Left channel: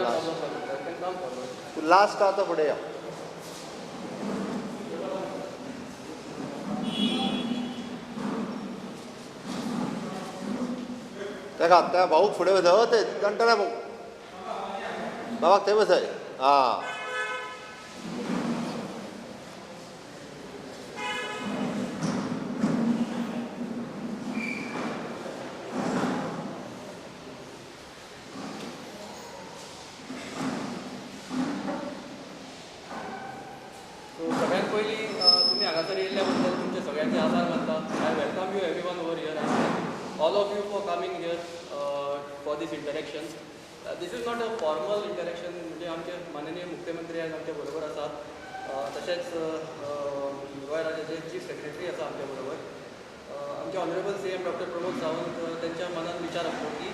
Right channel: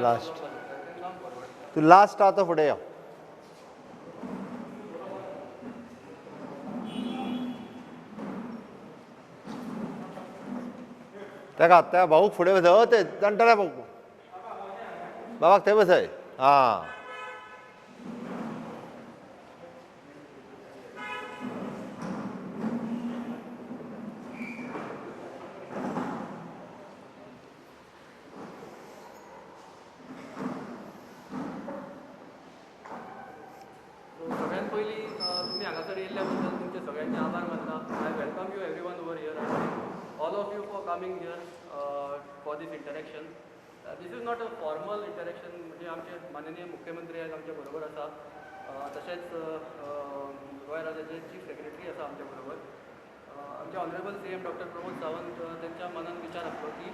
Last तू last आता फुडें यो त्या भाऊक फुडें वचय ते कंटाळा भाऊ बाबाक थंय बसय हां सगळ्यात पहिली तुम्ही हांगासर येयल्ल्याबद्दल तुमचे सगळ्यांचे आभार मानता. I welcome you everyone over here and all of you for coming here for this interaction. This is not a formal interaction. म्हणजे आमचे माननीय मुख्यमंत्री आज आमच्या बरोबर आसात. तशेंच गोंय राज्याचे चीफ सेक्रेटरी आसा आमच्या बरोबर. आमचे honourable C M doctor Pramod Sawant त्यांच्या मनात विचार आसलो की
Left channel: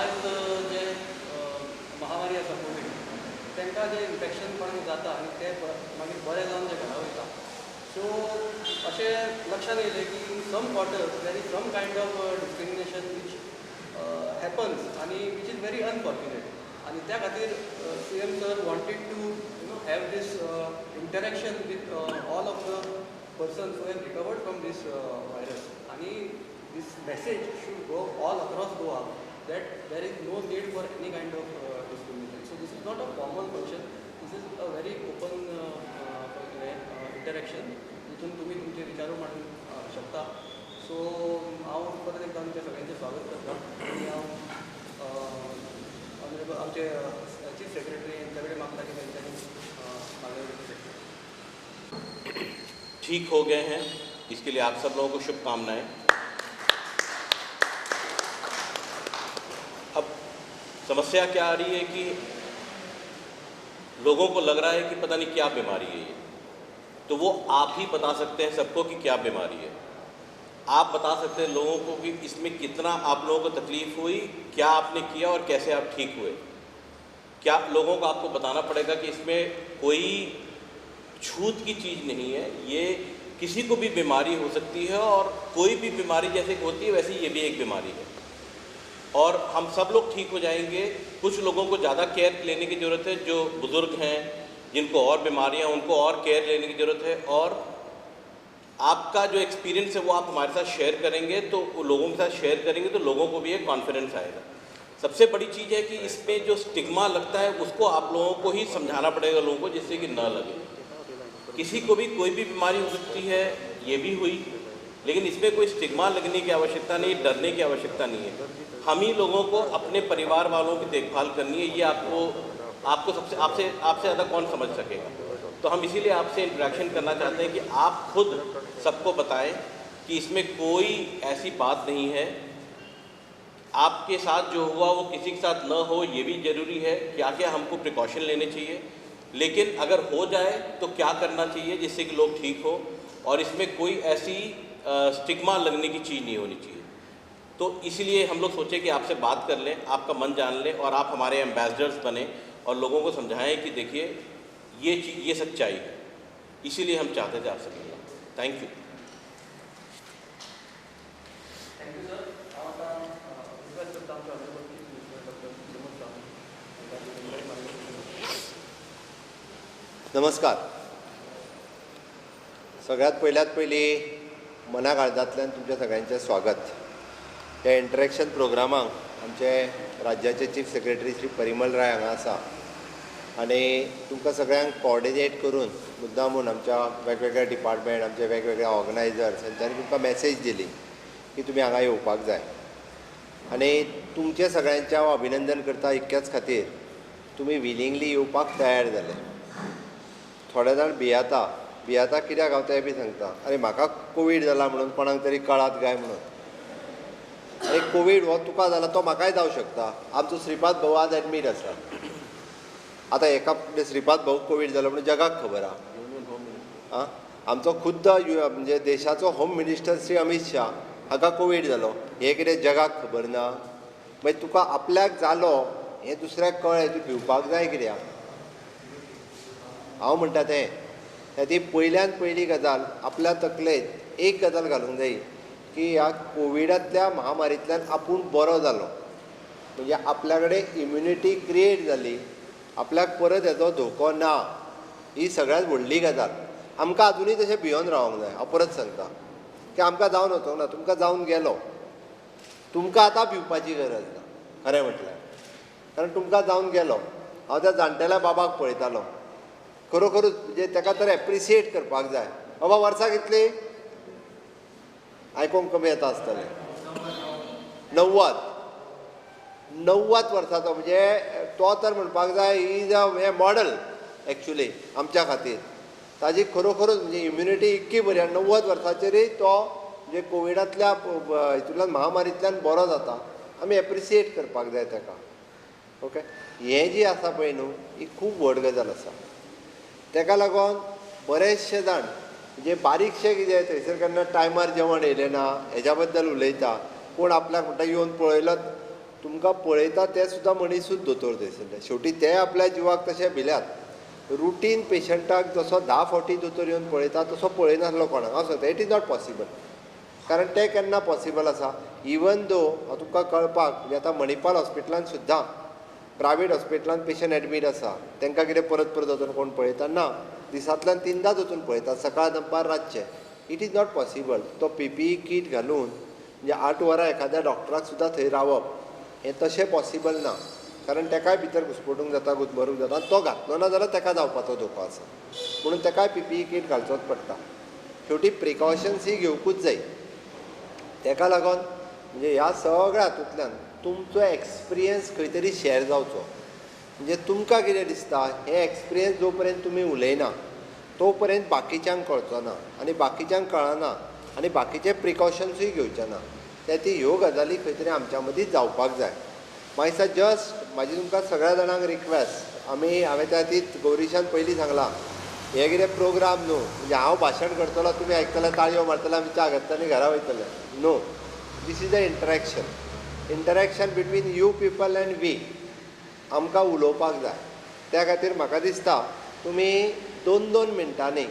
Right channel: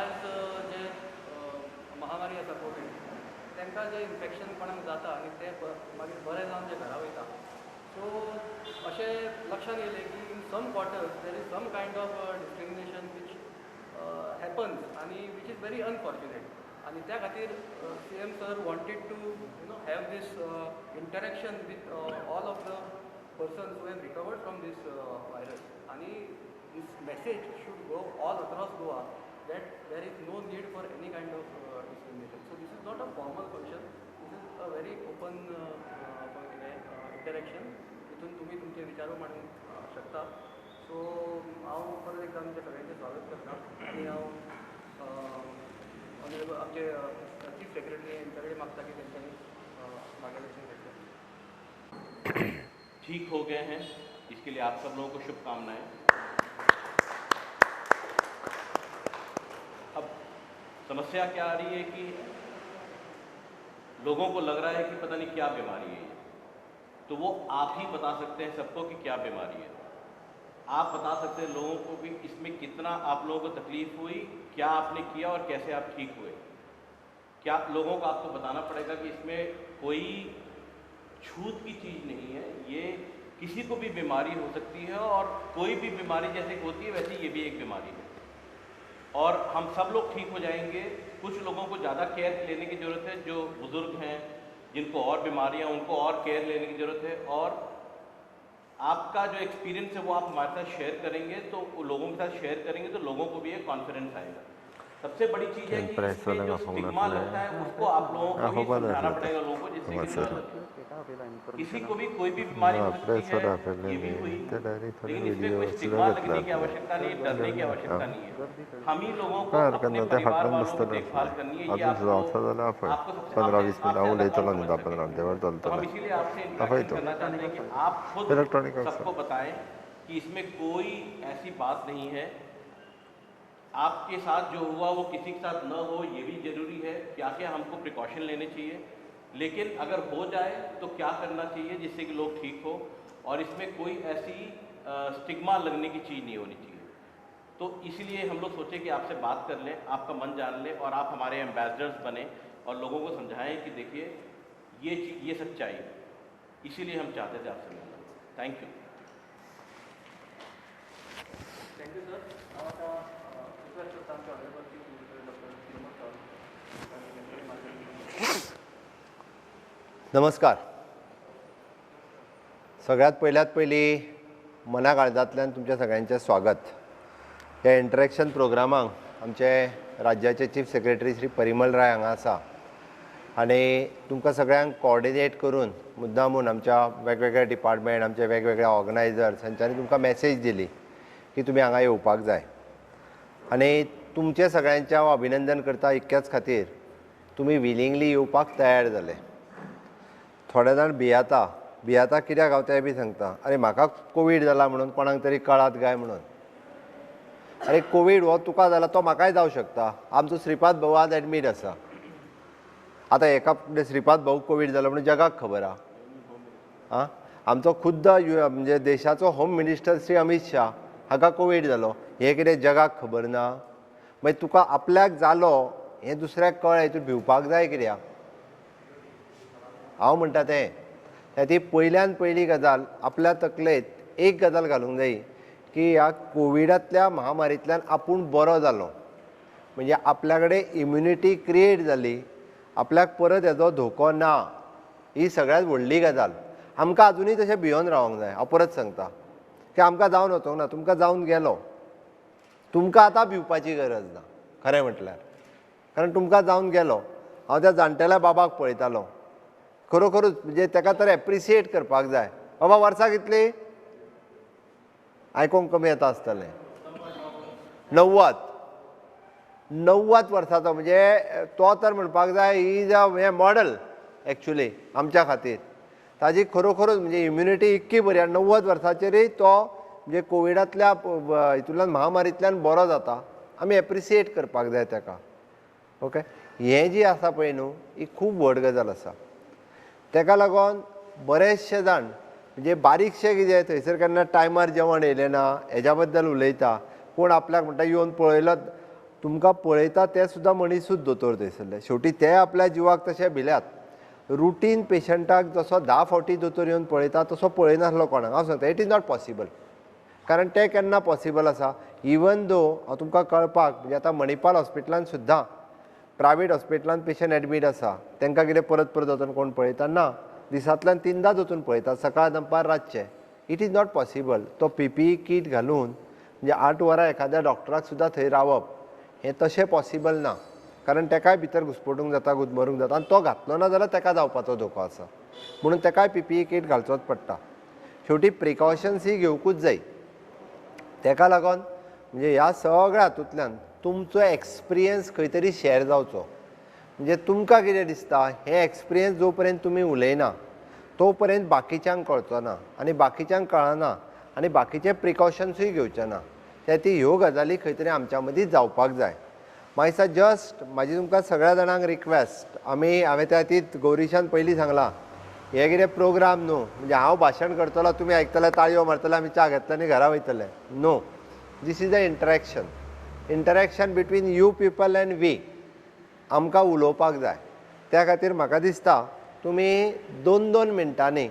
आज जे महामारी आसा कोवीड तांकां जे इन्फेक्शन कोणाक जाता आनी ते मागीर बरें जावन जे घरा वयता. सो अशें लक्षात येयलें की in some quarters there is some kind of discrimination which happens आनी वीच इज व्हेरी अनफॉर्च्युनेट. आनी त्या खातीर C M sir wanted to have this interaction with all of the persons who have recovered from this virus. And this message should go all across Goa that there is no need for any kind of discrimination. So this is not a formal function. This is a very open interaction. जिथून तुम्ही तुमचे विचार मांडू शकता. So हांव परत एकदा आमच्या सगळ्यांचे स्वागत करता आणि हांव आमचे चीफ सेक्रेटरी यांच्या कडेन मागता की त्यांच्यानी मार्गदर्शन करता. ठीक हो गए हैं, इसके लिए आप सब लोगों को शुभकामनाएं. अब समस्या क्या आ रही है कि लोगों को लग रहा है कि पता नहीं क्या बीमारी है ये, तो वो आप ही बता सकते हैं सबको कि क्या बीमारी है. आप बता सकते हैं लोगों को कि इसमें कितना आप लोगों को तकलीफ हुई, क्या आपने किया और कैसे आप ठीक हुए. क्या लोगों को आपको बताना पड़ेगा कि इसमें कोई छूत की चीज़ नहीं है. ये किसी को भी बीमारी हो सकती है और कोई भी बीमारी जैसे होती है वैसे ये भी एक बीमारी है और हम सब लोग ठीक हो जाएंगे. कुछ लोगों को ज़्यादा केयर लेने की ज़रूरत है. जो बुज़ुर्ग हैं, जिनको और बीमारियां, उनको और केयर लेने की ज़रूरत है. और आपका जो एक्सपीरियंस है वो आप हमारे साथ शेयर करेंगे तो लोगों के साथ शेयर करेंगे तो लोगों को भी एक कॉन्फिडेंस आएगा. सबसे बड़ी चीज़ है कि इसमें जो स्टिग्मा लगता है उसको आप लोगों को ही समझाना पड़ेगा लोगों को, जिससे कि न लगे. किसी को भी कोई भी बीमारी हो सकती है, ये भी हुई, लेकिन इसमें कोई स्टिग्मा लगने की आवश्यकता नहीं, डरने की आवश्यकता नहीं है. हम ही लोगों को अपने परिवार वालों की देखभाल करनी है. ये आपको सबसे आपसे ज़्यादा कौन समझ सके. तो हम इसीलिए आपसे इंटरेक्शन करना चाहते हैं कि आप खुद सबको बताएं कि इसमें कोई ऐसी बात नहीं है. आपके साथ जो हुआ वो किसी के साथ न हो, ये भी ज़रूरी है. क्या क्या हमको प्रिकॉशन लेने चाहिए, लेकिन अगर हो जाए तो क्या करना चाहिए जिससे कि लोग ठीक हो. और इसमें कोई ऐसी स्टिग्मा लगने की चीज़ नहीं होनी चाहिए. तो इसीलिए हम लोग सोचे कि आपसे बात कर लें, आपका मन जान लें और आप हमारे एम्बेसडर्स बने और लोगों को समझाएं कि देखिए ये चीज़, ये सच्चाई है. इसीलिए हम चाहते थे आपसे. Thank you. Thank you sir. आता रिक्वेस्ट करता आमच्या ऑनरेबल डॉक्टर प्रमोद सावंत. नमस्कार. सगळ्यात पयली मना काळजांतल्यान तुमच्या सगळ्यांचें स्वागत. ह्या इंटरॅक्शन प्रोग्रामाक आमचे राज्याचे चीफ सेक्रेटरी श्री परिमल राय हांगा आसा आनी तुमकां सगळ्यांक कोऑर्डिनेट करून मुद्दामून आमच्या वेगवेगळ्या डिपार्टमेंट, आमचे वेगवेगळ्या ऑर्गनायझर्स हांच्यांनी तुमकां मॅसेज दिली की तुमी हांगा येवपाक जाय. आनी तुमचे सगळ्यांचें हांव अभिनंदन करता इतक्याच खातीर तुमी विलिंगली येवपाक तयार जाले. थोडे जाण भियाता कित्याक हांव तें बी सांगता. आनी म्हाका कोवीड जाला म्हणून कोणाक तरी कळात काय म्हणून. आनी कोवीड हो तुका जाला तो म्हाकाय जावं शकता. आमचो श्रीपाद भाऊ आज एडमीट आसा. आतां एका श्रीपाद भाऊ कोवीड जालो म्हणून जगाक खबर आहा. आमचो खुद्द म्हणजे देशाचो होम मिनिस्टर श्री अमित शाह हाका कोवीड जालो. हें कितें जगाक खबर ना? मागीर तुका आपल्याक जालो हें दुसऱ्याक कळ्ळें तूं भिवपाक जाय कित्याक? हांव म्हणटा तें ती पयल्यान पयली गजाल आपल्या तकलेंत एक गजाल घालूंक जाय की ह्या कोविडांतल्या महामारींतल्यान आपूण बरो जालो म्हणजे आपल्या कडेन इम्युनिटी क्रिएट जाली, आपल्याक परत हेजो धोको ना, ही सगळ्यात व्हडली गजाल. आमकां अजुनूय तशें भियोन रावंक जाय. हांव परत सांगता की आमकां जावन वचोंक ना, तुमकां जावन गेलो, तुमकां आतां भिवपाची गरज ना खरें म्हटल्यार, कारण तुमकां जावन गेलो. हांव त्या जाणटेल्या बाबाक पळयतालो, खरोखरूच म्हणजे ताका तर एप्रिसिएट करपाक जाय. बाबा वर्सां कितली आयकूंक कमी येता आसतलें, 90 वर्सांचो, म्हणजे तो तर म्हणपाक जाय he is a model actually आमच्या खातीर. ताजी खरोखरूच म्हणजे इम्युनिटी इतकी बरी, आनी 90 वर्सांचेरूय तो म्हणजे कोविडांतल्या हितूंतल्यान महामारींतल्यान बरो जाता. आमी एप्रिसिएट करपाक जाय ताका. ओके, हें जी आसा पळय न्हू, ही खूब व्हड गजाल आसा. ताका लागून बरेचशे जाण म्हणजे बारीकशे कितें थंयसर केन्ना टायमार जेवण येयलें ना हेज्या बद्दल उलयता, कोण आपल्याक म्हणटा येवन पळयला. तुमकां पळयता ते सुद्दां मनीसूच दोतोर थंयसरले. शेवटी ते आपल्या जिवाक तशे भिल्यात. रुटीन पेशंटाक जसो 10 फावटी दोतोर येवन पळयता तसो पळयनासलो कोणाक. हांव सांगता इट इज नॉट पॉसिबल, कारण तें केन्ना पॉसिबल आसा. इवन दो हांव तुमकां कळपाक म्हणजे आतां मणिपाल हॉस्पिटलान सुद्दां प्रायवेट हॉस्पिटलान पेशंट एडमीट आसा, तांकां कितें परत परत वचून कोण पळयता ना, दिसांतल्यान 3दांच वचून पळयता, सकाळ दनपार रातचें. It is not possible. तो PPE कीट घालून म्हणजे 8 वरां एखाद्या डॉक्टराक सुद्दां थंय रावप हें तशें पॉसिबल ना, कारण ताकाय भितर घुस्पटूंक जाता, गुदमरूंक जाता, आनी तो घातलो ना जाल्यार ताका जावपाचो धोको आसा. म्हणून ताकाय PPE कीट घालचोच पडटा. शेवटी प्रिकॉशन्स ही घेवकूच जाय. ताका लागून म्हणजे ह्या सगळ्या हातूंतल्यान तुमचो एक्सपिरियन्स खंय तरी शेअर जावचो. म्हणजे तुमकां कितें दिसता हें एक्सपिरियन्स जो पर्यंत तुमी उलयना तो पर्यंत बाकीच्यांक कळचो ना, आनी बाकीच्यांक कळना, आनी बाकीचे प्रिकॉशन्सूय घेवचे ना. त्या ती ह्यो गजाली खंय तरी आमच्या मदीं जावपाक जाय. मागीर जस्ट म्हाजी तुमकां सगळ्या जाणांक रिक्वेस्ट, हांवें त्या खातीर गौरीशान पयलीं सांगलां हे कितें प्रोग्राम न्हू म्हणजे हांव भाशण करतलो, तुमी आयकतले, ताळयो मारतले, आमी च्या घेतले आनी घरा वयतले. No, this is a interaction between you people and we. आमकां उलोवपाक जाय. त्या खातीर म्हाका दिसता तुमी 2-2 मिनटांनी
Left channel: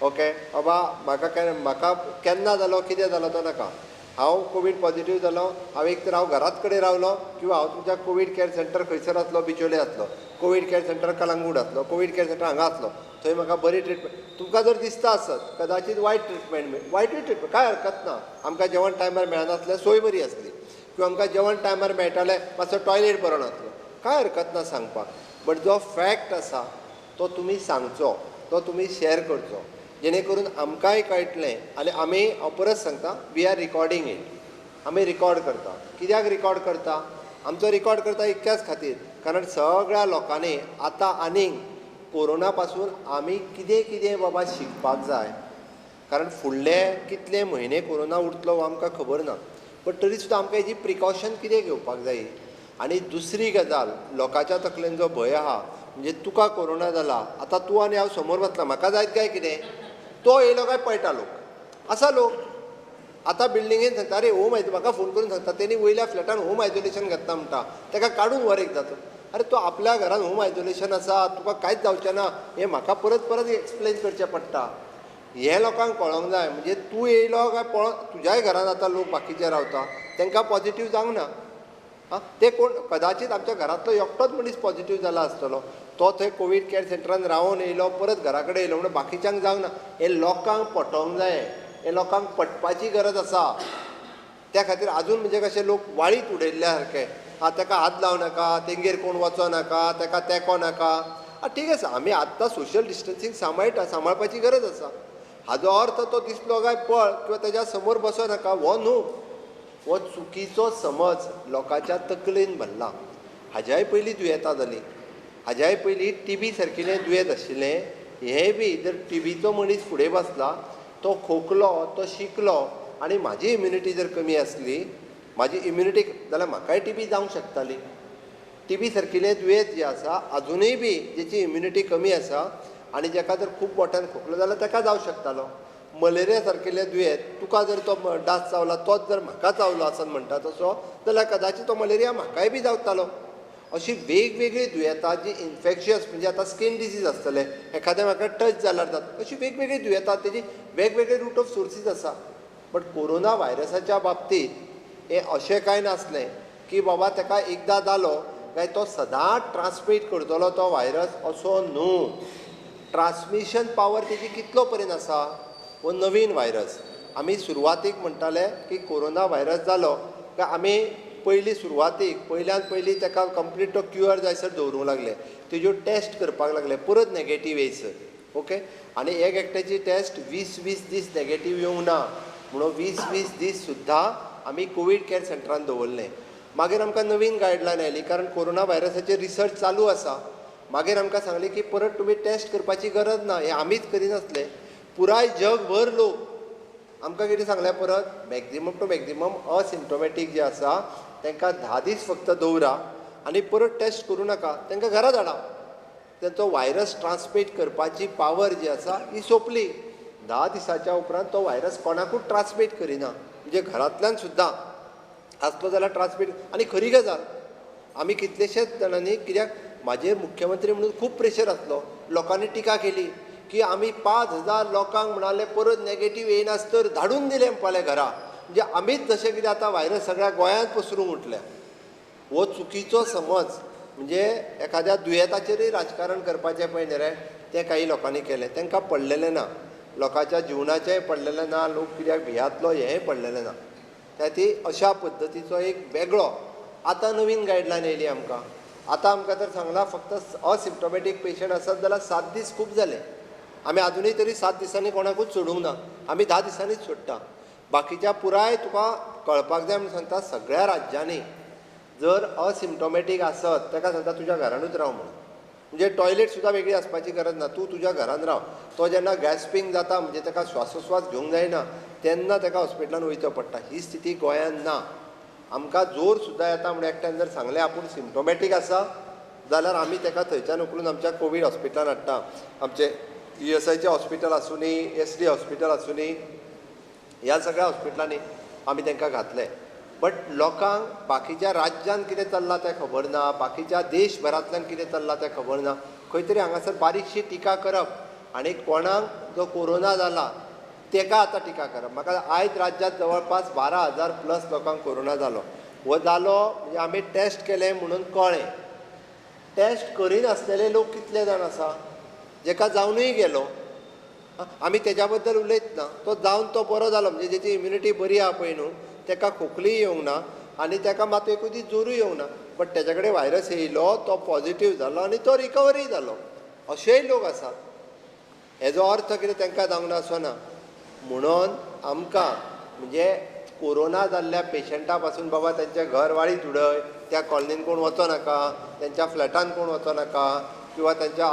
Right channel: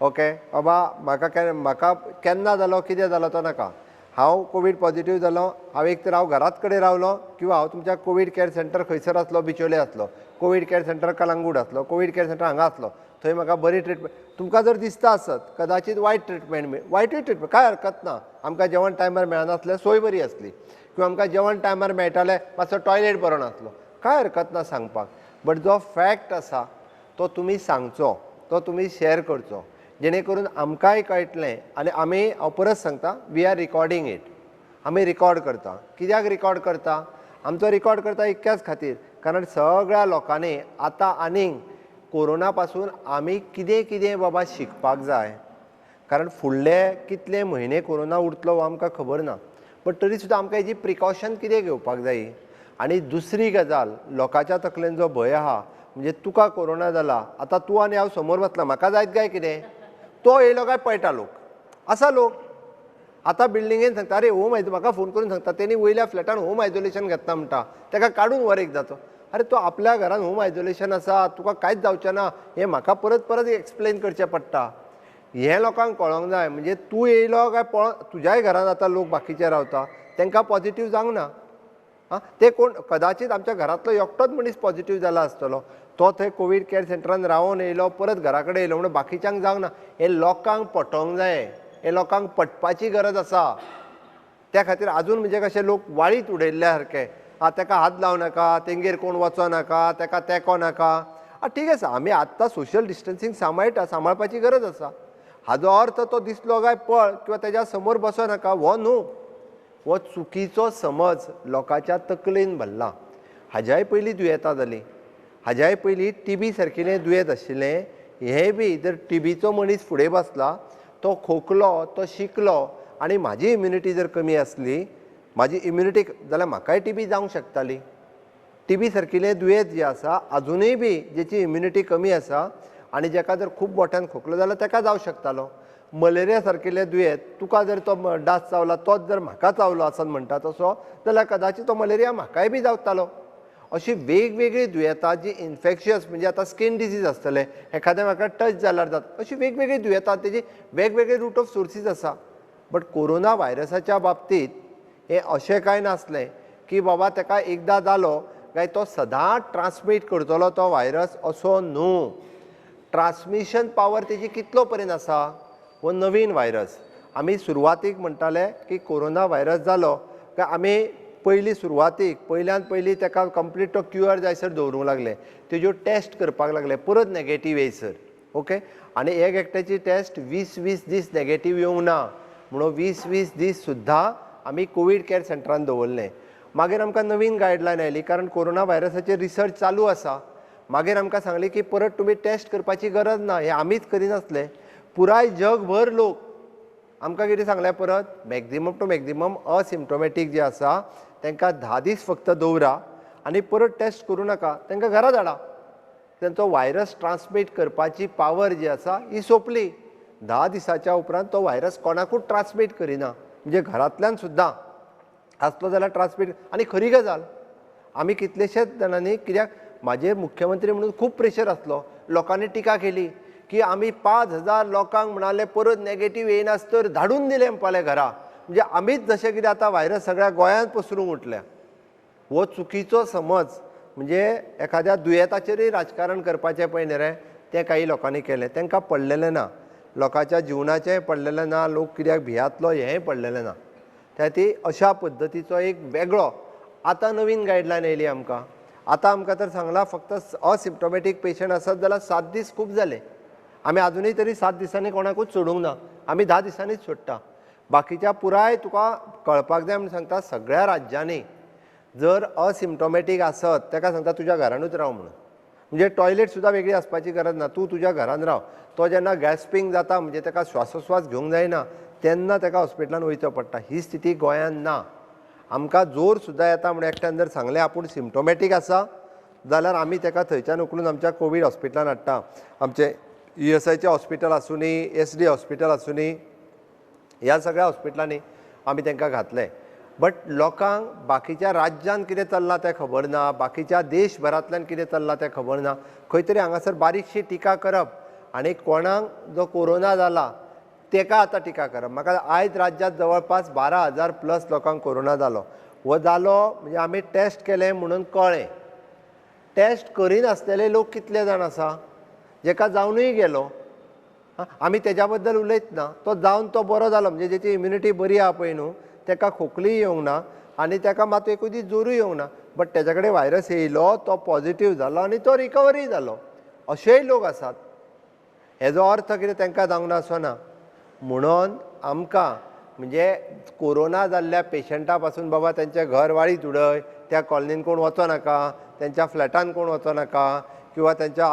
ओके बाबा म्हाका केन्ना जालो कितें जालो तो नाका. हांव कोवीड पॉझिटिव्ह जालो, एक तर हांव घराच कडेन रावलो किंवा हांव तुमच्या कोवीड केअर सेंटर खंयसर आसलो, बिचोले आसलो, कोवीड केअर सेंटर कलंगूट आसलो, कोवीड केअर सेंटर हांगा आसलो, थंय म्हाका बरी ट्रिटमेंट. तुमकां जर दिसता आसत कदाचित वायटूय ट्रिटमेंट काय हरकत ना. आमकां जेवण टायमार मेळनासलें, सोय बरी आसली, किंवा आमकां जेवण टायमार मेळटालें, मातसो टॉयलेट बरो नासलो, काय हरकत ना सांगपाक. बट जो फॅक्ट आसा तो तुमी सांगचो, तो तुमी शेअर करचो, जेणे करून आमकांय कळटलें. आनी आमी हांव परत सांगता वी आर रिकॉर्डिंग इट. आमी रिकॉर्ड करता. कित्याक रिकॉर्ड करता? आमचो रिकॉर्ड करता इतक्याच खातीर कारण सगळ्या लोकांनी आतां आनीक कोरोना पासून आमी कितें कितें बाबा शिकपाक जाय. कारण फुडले कितले म्हयने कोरोना उरतलो हो आमकां खबर ना. बट तरी सुद्दां आमकां हेजी प्रिकॉशन कितें घेवपाक जाय. आनी दुसरी गजाल, लोकांच्या तकलेन जो भंय आहा म्हणजे तुका कोरोना जाला, आतां तूं आनी हांव समोर वतला, म्हाका जायत काय कितें, तो येयलो काय पळयटा लोक. आसा लोक आतां बिल्डिंगेन सांगता अरे होम म्हाका फोन करून सांगता तेणी वयल्या फ्लॅटान होम आयसोलेशन घेतला म्हणटा, ताका काडून वर एक जातो. अरे तो आपल्या घरान होम आयसोलेशन आसा, तुका कांयच जावचें ना, हें म्हाका परत परत एक्सप्लेन करचें पडटा. हें लोकांक कळोंक जाय. म्हणजे तूं येयलो काय पळोवन तुज्याय घरान आतां लोक बाकीचे रावता, तांकां पॉझिटिव्ह जावंक ना. ते कोण कदाचित आमच्या घरांतलो एकटोच मनीस पॉझिटिव्ह जाला आसतलो, तो थंय कोवीड केअर सेंटरान रावून येयलो, परत घरा कडेन येयलो म्हणून बाकीच्यांक जावंक ना. हें लोकांक पटोवंक जाय, हें लोकांक पटपाची गरज आसा. त्या खातीर आजून म्हणजे कशें लोक वाळीत उडयल्ल्या सारके, ताका हात लावं नाका, तेंगेर कोण वचो नाका, ताका तेंको नाका. ठीक आसा, आमी आत्तां सोशल डिस्टन्सींग सांबाळपाची गरज आसा. हाजो अर्थ तो दिसलो काय पळ किंवा तेज्या समोर बसो नाका हो न्हू. हो चुकीचो समज लोकांच्या तकलेन भरला. हाज्याय पयलीं दुयेंतां जालीं, हाज्याय पयलीं TB सारकिलें दुयेंत आशिल्लें. हें बी जर TBचो मनीस फुडें बसला, तो खोंकलो, तो शिंकलो आनी म्हाजी इम्युनिटी जर कमी आसली, म्हाजी इम्युनिटी जाल्यार म्हाकाय TB जावंक शकताली. TB सारकिलें दुयेंत जें आसा अजुनूय बी जेची इम्युनिटी कमी आसा आनी जेका जर खूब मोठ्यान खोंकलो जाल्यार ताका जावंक शकतालो. मलेरिया सारकिल्लें दुयेंत तुका जर तो डास चावला, तोच जर म्हाका चावलो आसन म्हणटा तसो, जाल्यार कदाचित तो मलेरिया म्हाकाय बी जावतालो. अशी वेगवेगळी दुयेंतां जी इन्फेक्शियस म्हणजे आतां स्कीन डिजीज आसतले, एखाद्या म्हाका टच जाल्यार जाता, अशी वेगवेगळी दुयेंतां तेजी वेगवेगळे रूट ऑफ सोर्सीस आसा. बट कोरोना व्हायरसाच्या बाबतींत हें अशें कांय नासलें की बाबा ताका एकदां जालो काय तो सदांच ट्रान्समीट करतलो तो व्हायरस असो न्हू. ट्रान्समिशन पावर तेजी कितलो पर्यंत आसा हो नवीन व्हायरस. आमी सुरवातीक म्हणटाले की कोरोना व्हायरस जालो काय आमी पयल्यान पयली ताका कंप्लीट तो क्युअर जायसर दवरूंक लागले. तेज्यो टेस्ट करपाक लागले परत नॅगेटीव येयसर. ओके. आनी एक एकट्याची टेस्ट 20-20 दीस नॅगेटीव येवंक ना म्हणून 20-20 दीस सुद्दां आमी कोवीड कॅर सेंटरान दवरलें. मागीर आमकां नवीन गायडलायन आयली कारण कोरोना व्हायरसाचेर रिसर्च चालू आसा. मागीर आमकां सांगलें की परत तुमी टेस्ट करपाची गरज ना. हे आमीच करिनासले, पुराय जगभर लोक. आमकां कितें सांगलें परत मॅक्झिमम टू मॅक्झिमम असिम्टोमॅटीक जे आसा तांकां 10 दीस फक्त दवरा आनी परत टेस्ट करूं नाका, तांकां घरा धाडा. तांचो व्हायरस ट्रान्समीट करपाची पावर जी आसा ही सोंपली. 10 दिसाच्या उपरांत तो व्हायरस कोणाकूच ट्रान्समीट करिना. म्हणजे घरांतल्यान सुद्दां आसलो जाल्यार ट्रान्समीट. आनी खरी गजाल आमी कितलेशेच जाणांनी, कित्याक म्हाजे मुख्यमंत्री म्हणून खूब प्रेशर आसलो, लोकांनी टिका केली की आमी 5,000 लोकांक म्हणाले परत नॅगेटीव येयनासतर धाडून दिले म्हणपाले घरा. म्हणजे आमीच जशें कितें आतां व्हायरस सगळ्या गोंयांत पसरूंक उठल्या. हो चुकीचो समज. म्हणजे एखाद्या दुयेंताचेरय राजकारण करपाचें पळय न्ही रे, तें काही लोकांनी केलें. तांकां पडलेलें ना, लोकांच्या जिवनाचेंय पडलेलें ना, लोक कित्याक भियातलो हेंय पडलेलें ना. त्या ती अशा पद्दतीचो एक वेगळो आतां नवीन गायडलायन येयली आमकां. आतां आमकां तर सांगलां फक्त असिम्टोमॅटीक पेशंट आसत जाल्यार 7 दीस खूब जाले. आमी आजुनूय तरी 7 दिसांनी कोणाकूच सोडूंक ना. आमी 10 दिसांनीच सोडटा. बाकीच्या पुराय तुका कळपाक जाय म्हणून सांगता सगळ्या राज्यांनी जर असिम्टोमॅटीक आसत ताका सांगता तुज्या घरानूच राव म्हणून. म्हणजे टॉयलेट सुद्दां वेगळी आसपाची गरज ना, तूं तुज्या घरान राव. तो जेन्ना गॅस्पिंग जाता म्हणजे ताका श्वासोस्वास घेवंक जायना तेन्ना ताका हॉस्पिटलान वयचो पडटा. ही स्थिती गोंयांत ना. आमकां जोर सुद्दां येता म्हणून एकट्यान जर सांगलें आपूण सिम्टोमॅटीक आसा जाल्यार आमी ताका थंयच्यान उखलून आमच्या कोवीड हॉस्पिटलान हाडटा. आमचे ESIचें हॉस्पिटल आसूं नी, SD हॉस्पिटल आसूं नी, ह्या सगळ्या हॉस्पिटलांनी आमी तांकां घातले. बट लोकांक बाकीच्या राज्यांत कितें चल्लां तें खबर ना, बाकीच्या देशभरांतल्यान कितें चल्लां तें खबर ना. खंय तरी हांगासर बारीकशी टिका करप आनी कोणाक जो कोरोना जाला ताका आतां टिका करप. म्हाका आयज राज्यांत जवळपास 12,000+ लोकांक कोरोना जालो. हो जालो म्हणजे आमी टेस्ट केलें म्हणून कळ्ळें. टेस्ट करिनासलेले लोक कितले जाण आसा जेका जावनूय गेलो. आमी तेज्या बद्दल उलयत ना. तो जावन तो बरो जालो म्हणजे जेची इम्युनिटी बरी आहा पळय न्हू ताका खोकलीय येवंक ना आनी ताका मात एकूय दीस जोरूय येवंक ना. बट तेज्या कडेन व्हायरस येयलो, तो पॉझिटीव जालो आनी तो रिकवरी जालो. अशेय लोक आसात. हेजो अर्थ कितें तांकां जावंक ना असो ना. म्हणून आमकां म्हणजे कोरोना जाल्ल्या पेशंटा पासून बाबा तेंचें घर वाळीत उडय, त्या कॉलनीन कोण वचो नाका, तेंच्या फ्लॅटान कोण वचो नाका, किंवा तेंच्या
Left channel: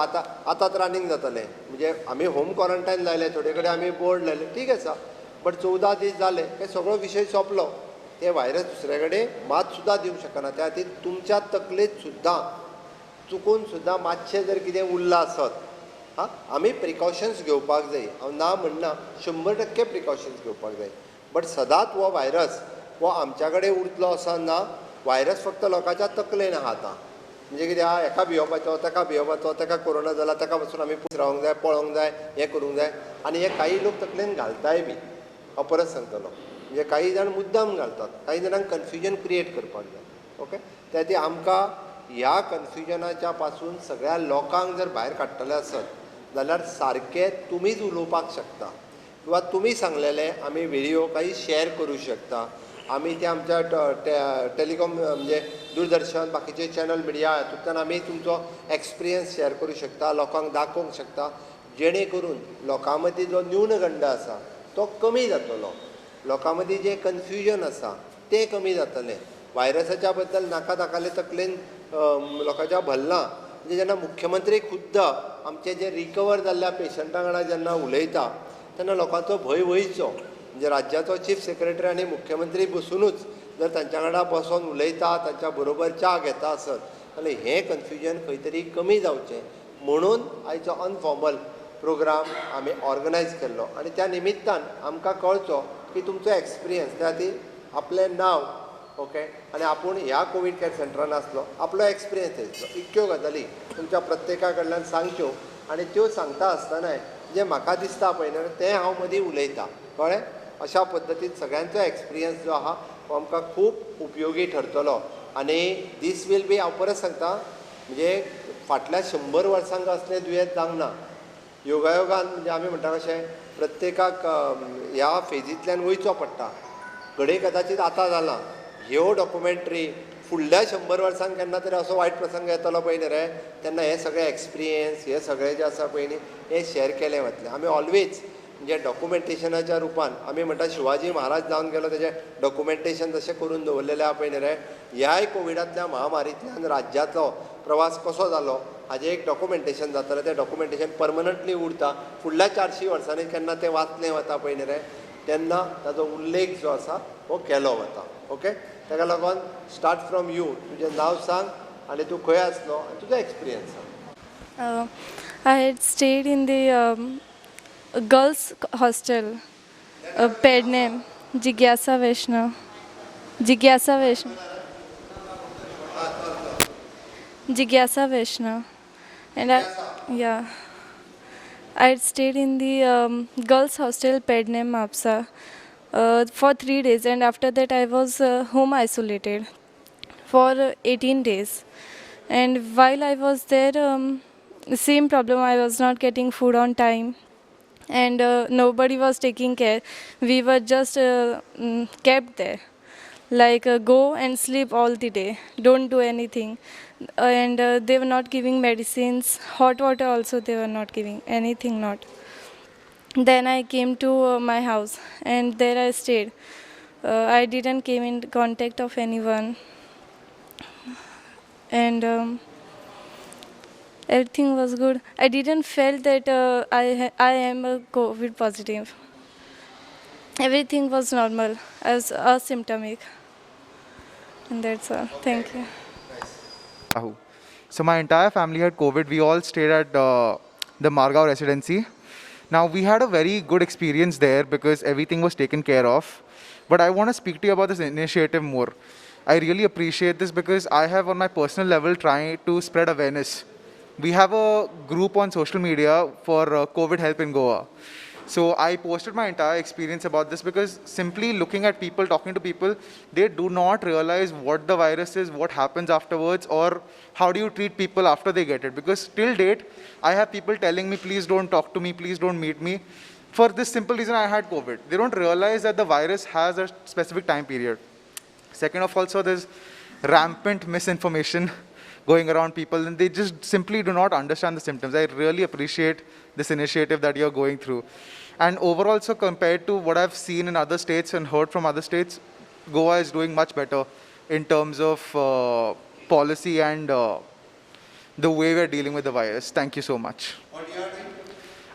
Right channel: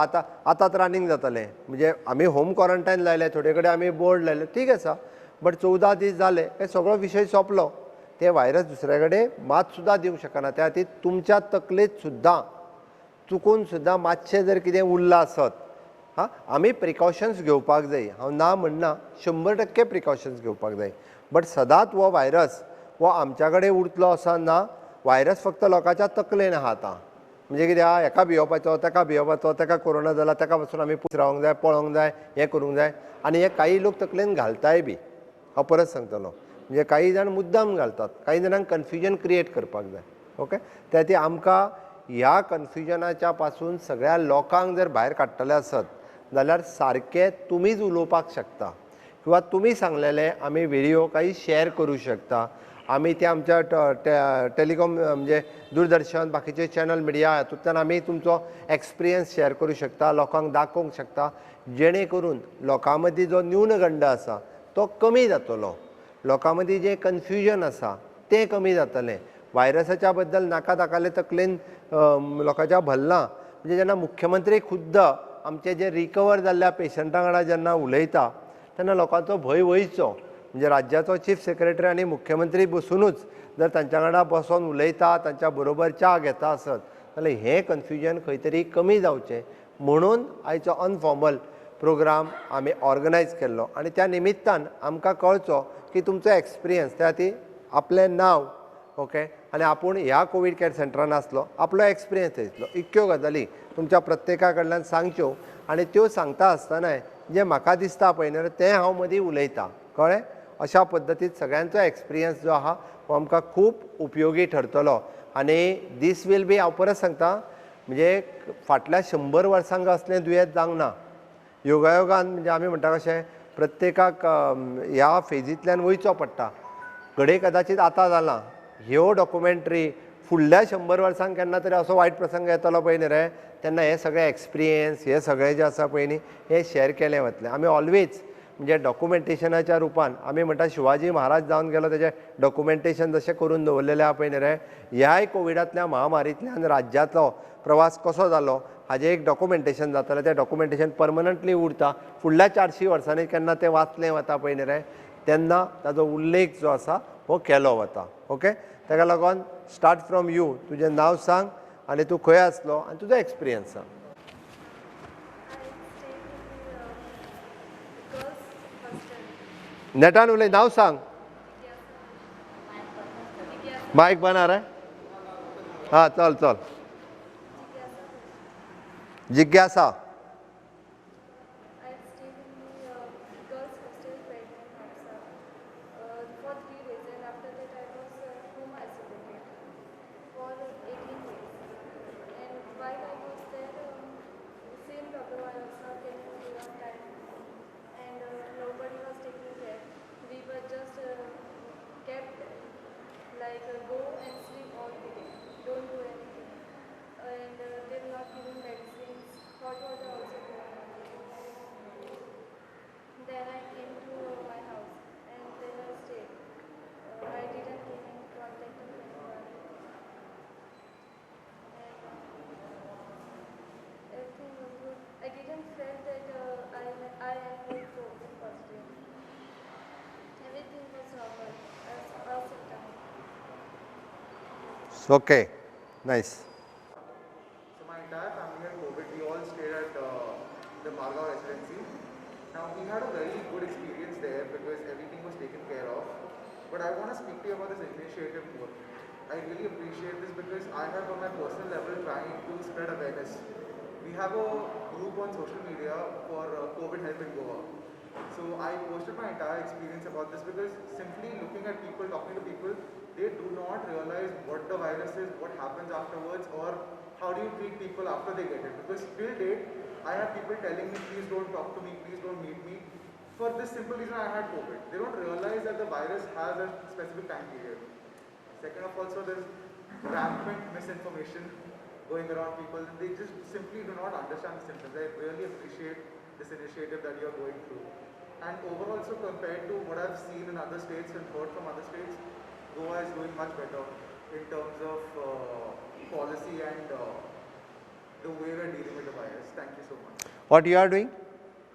आतांच रनिंग जातलें. म्हणजे आमी होम क्वॉरंटायन लायले, थोडे कडेन आमी बोर्ड लायले, ठीक आसा. बट 14 दीस जाले काय सगळो विशय सोंपलो. ते व्हायरस दुसरे कडेन मात सुद्दां दिवंक शकना. त्या खातीर तुमच्या तकलेत सुद्दां चुकून सुद्दां मातशें जर कितें उरलां आसत आमी प्रिकॉशन्स घेवपाक जाय. हांव ना म्हणना, 100% प्रिकॉशन्स घेवपाक जाय. बट सदांच हो व्हायरस हो आमच्या कडेन उरतलो असो ना. व्हायरस फक्त लोकांच्या तकलेन आहा आतां. म्हणजे कितें आहा, हेका भियोवपाचो, ताका भियोवपाचो, ताका कोरोना जाला ताका पासून आमी पयस रावंक जाय, पळोवंक जाय, हें करूंक जाय. आनी हे काही लोक तकलेन घालताय बी. हांव परत सांगतलो. म्हणजे काही जाण मुद्दाम घालतात, काही जाणांक कन्फ्युजन क्रिएट करपाक जाय. ओके. त्या खातीर आमकां ह्या कन्फ्युजनाच्या पासून सगळ्या लोकांक जर भायर काडटले आसत जाल्यार सारकें तुमीच उलोवपाक शकता किंवा तुमी सांगलेले आमी व्हिडिओ काही शेअर करूं शकता. आमी ते आमच्या टेलिकॉम म्हणजे दूरदर्शन बाकीचे चॅनल मिडिया हातूंतल्यान आमी तुमचो एक्सपिरियन्स शेअर करूं शकता, लोकांक दाखोवंक शकता, जेणे करून लोकां मदीं जो न्यूनगंड आसा तो कमी जातलो. लोकां मदीं जें कन्फ्युजन आसा तें कमी जातलें. व्हायरसाच्या बद्दल नाका ताकाले तकलेन लोकांच्या भरलां. म्हणजे जेन्ना मुख्यमंत्री खुद्द आमचे जे रिकवर जाल्ल्या पेशंटां वांगडा जेन्ना उलयता तेन्ना लोकांचो भंय वयचो. म्हणजे राज्याचो चीफ सेक्रेटरी आनी मुख्यमंत्री बसूनच जर तांच्या वांगडा बसोन उलयता, तांच्या बरोबर च्या घेता आसत जाल्यार हें कन्फ्युजन खंय तरी कमी जावचें म्हणून आयचो अनफॉर्मल प्रोग्राम आमी ऑर्गनायज केल्लो. आनी त्या निमित्तान आमकां कळचो की तुमचो एक्सपिरियन्स. त्या खातीर आपलें नांव ओके आनी आपूण ह्या कोवीड कॅर सेंटरान आसलो, आपलो एक्सपिरियन्स थंयतलो, इतक्यो गजाली तुमच्या प्रत्येका कडल्यान सांगच्यो. आनी त्यो सांगता आसतनाय जें म्हाका दिसता पळय न्हय तें हांव मदीं उलयतां. कळ्ळें. अशा पद्दतीन सगळ्यांचो एक्सपिरियन्स जो आहा हो आमकां खूब उपयोगी ठरतलो. आनी दीस वील बी हांव परत सांगता म्हणजे फाटल्या 100 वर्सांक असलें दुयेंस जावंक ना. योगायोगान म्हणजे आमी म्हणटा कशें प्रत्येकाक ह्या फेजींतल्यान वयचो पडटा. घडये कदाचित आतां जालां. ह्यो डॉक्युमेंटरी फुडल्या 100 वर्सांक केन्ना तरी असो वायट प्रसंग येतलो पळय न्ही रे, तेन्ना हे सगळे एक्सपिरियन्स हे सगळे जे आसा पळय न्ही हे शेअर केलें वतलें. आमी ऑलवेज म्हणजे डॉक्युमेंटेशनाच्या रुपान आमी म्हणटा शिवाजी महाराज जावन गेलो तेजें डॉक्युमेंटेशन जशें करून दवरलेलें आहा पळय न्ही रे, ह्याय कोविडांतल्या महामारींतल्यान राज्याचो प्रवास कसो जालो हाजें एक डॉक्युमेंटेशन जातलें. तें डॉक्युमेंटेशन परमनंटली उरता. फुडल्या 400 वर्सांनी केन्ना तें वाचलें वता पळय न्ही रे, तेन्ना ताजो उल्लेख जो आसा हो केलो वता. ओके, ताका लागून स्टार्ट फ्रॉम यू. तुजें नांव सांग आनी तूं खंय आसलो आनी तुजो एक्सपिरियन्स सांग. I had stayed in the girls' hostel. नेटार उलय, नांव सांग. Jigyasa Vaishnav. Jigyasa मायक Vaishnav. बना रे. हां, चल चल. Jigyasa Vaishnav. जिज्ञासा. Yeah. I had stayed in the girls' hostel Pednem Mapsa for 3 days, and after that I was home isolated for 18 days. And while I was there, same problem. I was not getting food on time, and nobody was taking care. We were just kept there, like go and sleep all the day, don't do anything. And they were not giving medicines, hot water also they were not giving, anything not. Then I came to my house, and there I stayed. I didn't came in contact of anyone, and everything was good. I didn't feel that I am a COVID positive. Everything was normal. I was asymptomatic, and that's all. Okay. Thank you. Nice. Rahul. So my entire family had COVID. We all stayed at the Margao residency. Now we had a very good experience there because everything was taken care of. But I want to speak to you about this initiative more. I really appreciate this because I have on my personal level trying to spread awareness. We have a group on social media for COVID help in Goa. So I posted my entire experience about this because simply looking at people, talking to people, they do not realize what the virus is, what happens afterwards, or how do you treat people after they get it. Because till date, I have people telling me, please don't talk to me, please don't meet me. For this simple reason, I had COVID. They don't realize that the virus has a specific time period. Second of all, so there's rampant misinformation going around people, and they just simply do not understand the symptoms. I really appreciate this initiative that you're going through. And overall, so compared to what I've seen in other states and heard from other states, Goa is doing much better in terms of policy and the way we're dealing with the virus. Thank you so much. What you are doing?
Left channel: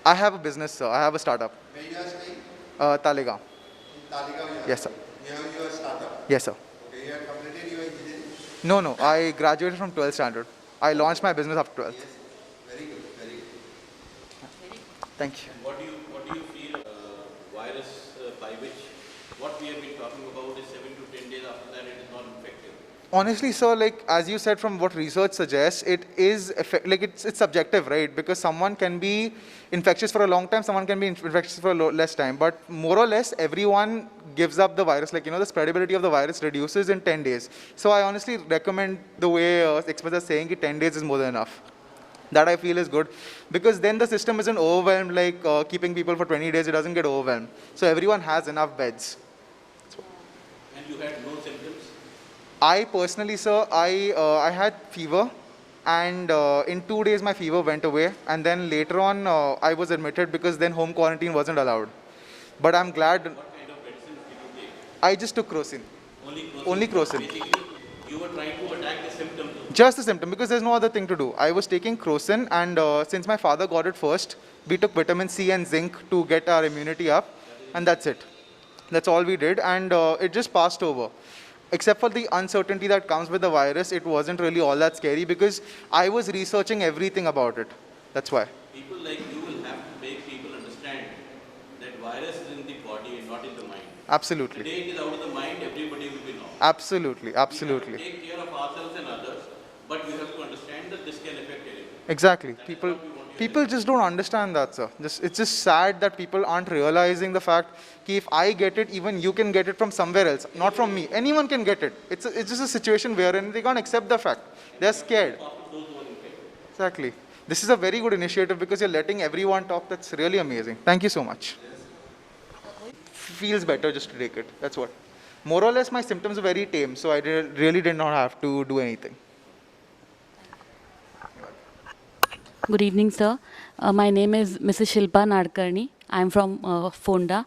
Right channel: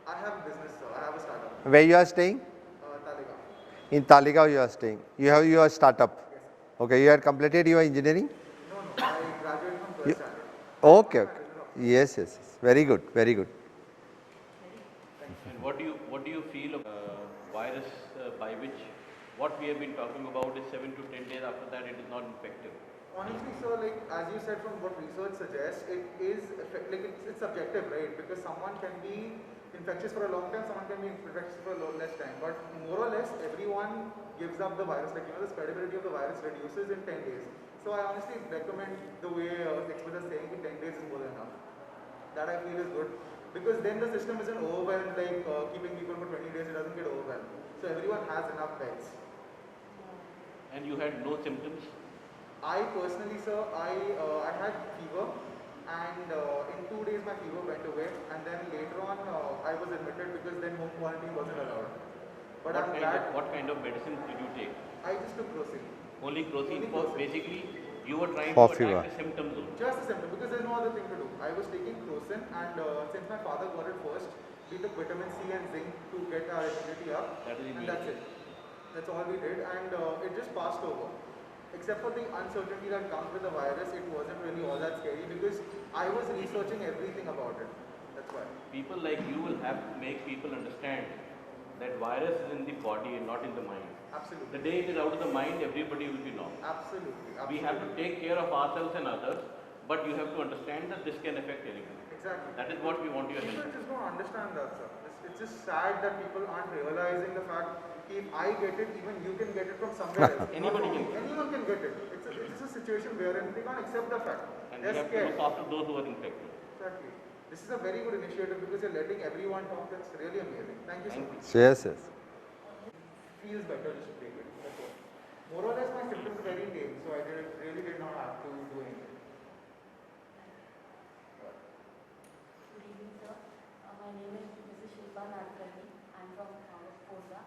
I have a business, sir. I have a startup. Where you are staying? Talegaon. In Talegaon you are Yes, sir. staying. You have your startup. Yes, sir. Okay, you have completed your engineering? No, no. I graduated from 12th standard. I Okay. launched my business after 12th. Yes, yes. Very good, very good. Thank you. What do you feel virus by which what we have been talking about is 7 to 10 days after that it is not infective? Honestly, sir, like as you said, from what research suggests, it is it's subjective, right? Because someone can be infectious for a long time, someone can be infectious for less time, but more or less everyone gives up the virus. Like, you know, the spreadability of the virus reduces in 10 days. So I honestly recommend the way experts are saying that 10 days is more than enough. That I feel is good, because then the system isn't overwhelmed like keeping people for 20 days. It doesn't get overwhelmed. So everyone has enough beds. And you had no symptoms? I personally, sir, I had fever, and in 2 days my fever went away, and then later on I was admitted because then home quarantine wasn't allowed. But I'm glad. What kind of medicines did you take? I just took Crocin. Only Crocin? Only Crocin. Basically, you were trying For to fever. attack the symptom though. Just the symptom, because there's no other thing to do. I was taking Crocin, and since my father got it first, we took vitamin C and zinc to get our immunity up, and that's it. That's all we did, and it just passed over. Except for the uncertainty that comes with the virus, it wasn't really all that scary because I was researching everything about it. That's why. People like you will have to make people understand that virus is in the body and not in the mind. The Absolutely. day it is out of the mind, everybody will be normal. Absolutely. We have to Absolutely. take care of ourselves and others. but you have to understand that this can affect anyone. Exactly. That is People, what we want you to people just don't understand that, sir. It's just sad that people aren't realizing the fact that if I get it, even you can get it from somewhere else, not from me. Anyone can get it. It's just a situation wherein they can't accept the fact. They're scared. talk to those who are infected. Exactly. This is a very good initiative because you're letting everyone talk. That's really amazing. Thank you so much. Yes, yes. Feels better just to take it. That's what. More or less, my symptoms are very tame, so I really did not have to do anything. Good evening, sir. My name is Mrs. Shilpa Nadkarni. I'm from Fonda.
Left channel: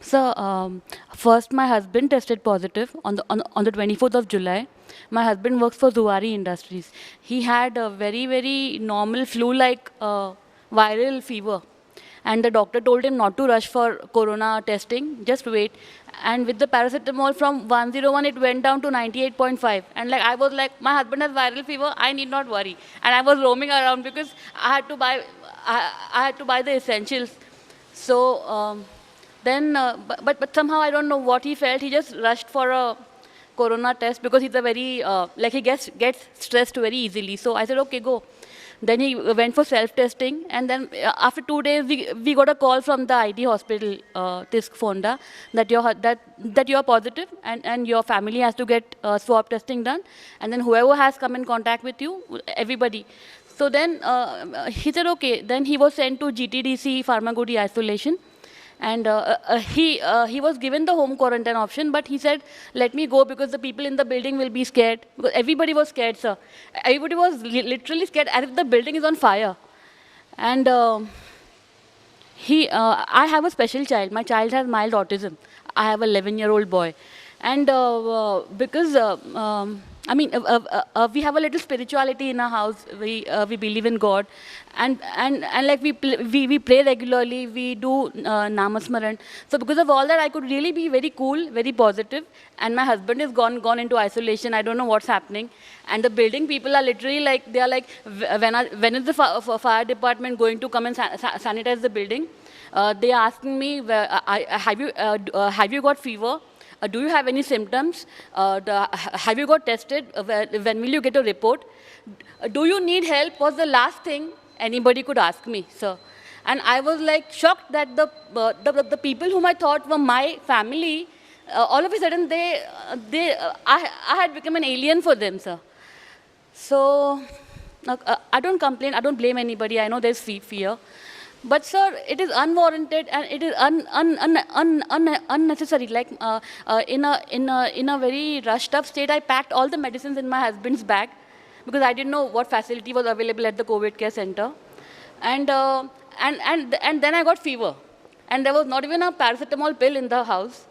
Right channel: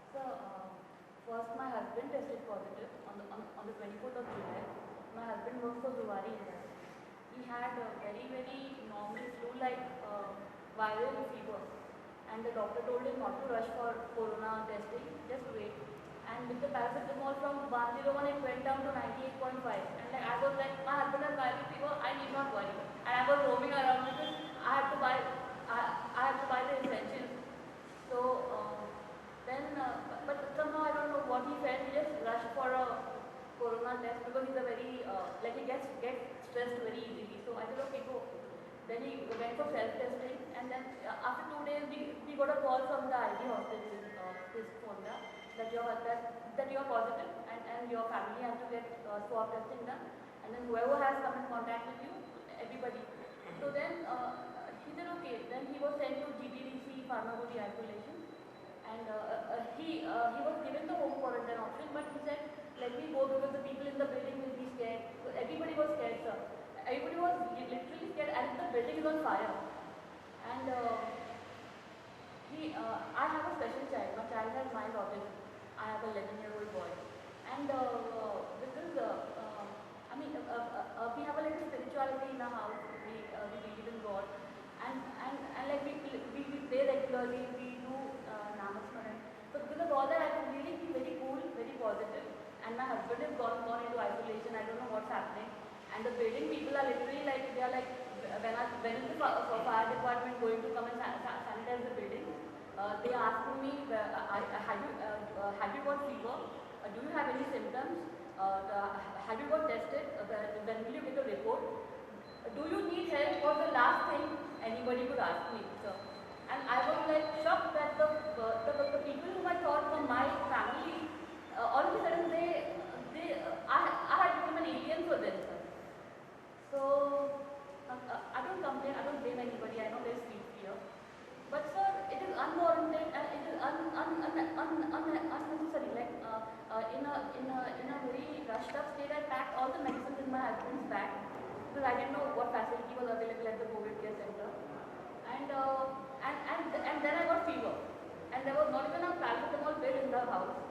Sir, first my husband tested positive on the 24th of July. My husband works for Zuari Industries. He had a very normal flu-like viral fever. And the doctor told him not to rush for corona testing, just wait. And with the paracetamol from 101, it went down to 98.5. And like I was like, my husband has viral fever, I need not worry. And I was roaming around because I had to buy, I had to buy the essentials. So but somehow I don't know what he felt. He just rushed for a corona test because he's a very like he gets stressed very easily. So I said, okay, go. Then he went for self-testing, and then after 2 days, we got a call from the ID hospital, TISC Fonda, that you're positive, and your family has to get swab testing done, and then whoever has come in contact with you, everybody. So then he said, okay. Then he was sent to GTDC Pharmagudi isolation. And he was given the home quarantine option, but he said, let me go because the people in the building will be scared. Because everybody was scared, sir. Everybody was literally scared as if the building is on fire. And I have a special child. My child has mild autism. I have an 11-year-old boy. And because we have a little spirituality in our house. We believe in God, and like we pray regularly. We do namasmaran. So because of all that, I could really be very cool, very positive. And my husband is gone into isolation. I don't know what's happening. And the building people are literally like, they are like, when is the fire department going to come and sanitize the building? They are asking me, have you got fever? Do you have any symptoms? Have you got tested? When will you get a report? Do you need help? Was the last thing anybody could ask me, sir. And I was like shocked that the people whom I thought were my family, all of a sudden I had become an alien for them, sir. So I don't complain. I don't blame anybody. I know there's fear. But sir, it is unwarranted and it is unnecessary. Like in a very rushed up state, I packed all the medicines in my husband's bag because I didn't know what facility was available at the COVID care center, and then I got fever, and there was not even a paracetamol pill in the house,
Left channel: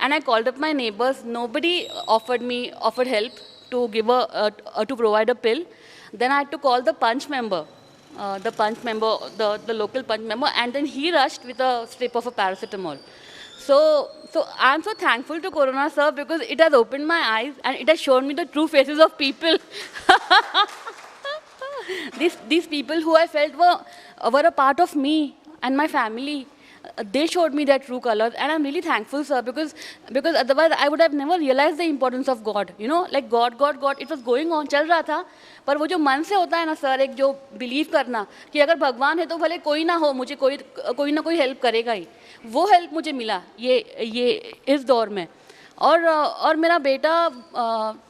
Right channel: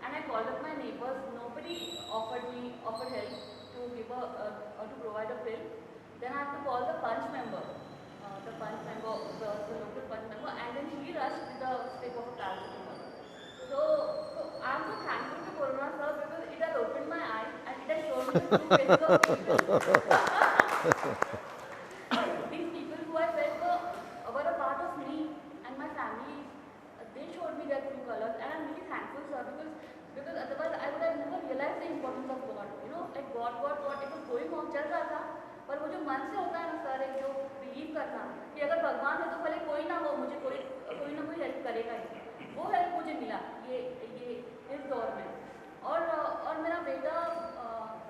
and I called up my neighbors. Nobody offered help to to provide a pill. Then I had to call the punch member. The local punch member, and then he rushed with a strip of a paracetamol. So I'm so thankful to Corona, sir, because it has opened my eyes and it has shown me the true faces of people. These people who I felt were a part of me and my family. They showed me their true colors, and I'm really thankful, sir, because otherwise I would have never realized the importance of God. You know, like God. It was going on, चल रहा था, पर वो जो मन से होता है ना, sir, एक जो बिलीव करना कि अगर भगवान है तो भले कोई ना हो, मुझे कोई ना कोई हेल्प करेगा ही. वो हेल्प मुझे मिला ये इस दौर में. और मेरा बेटा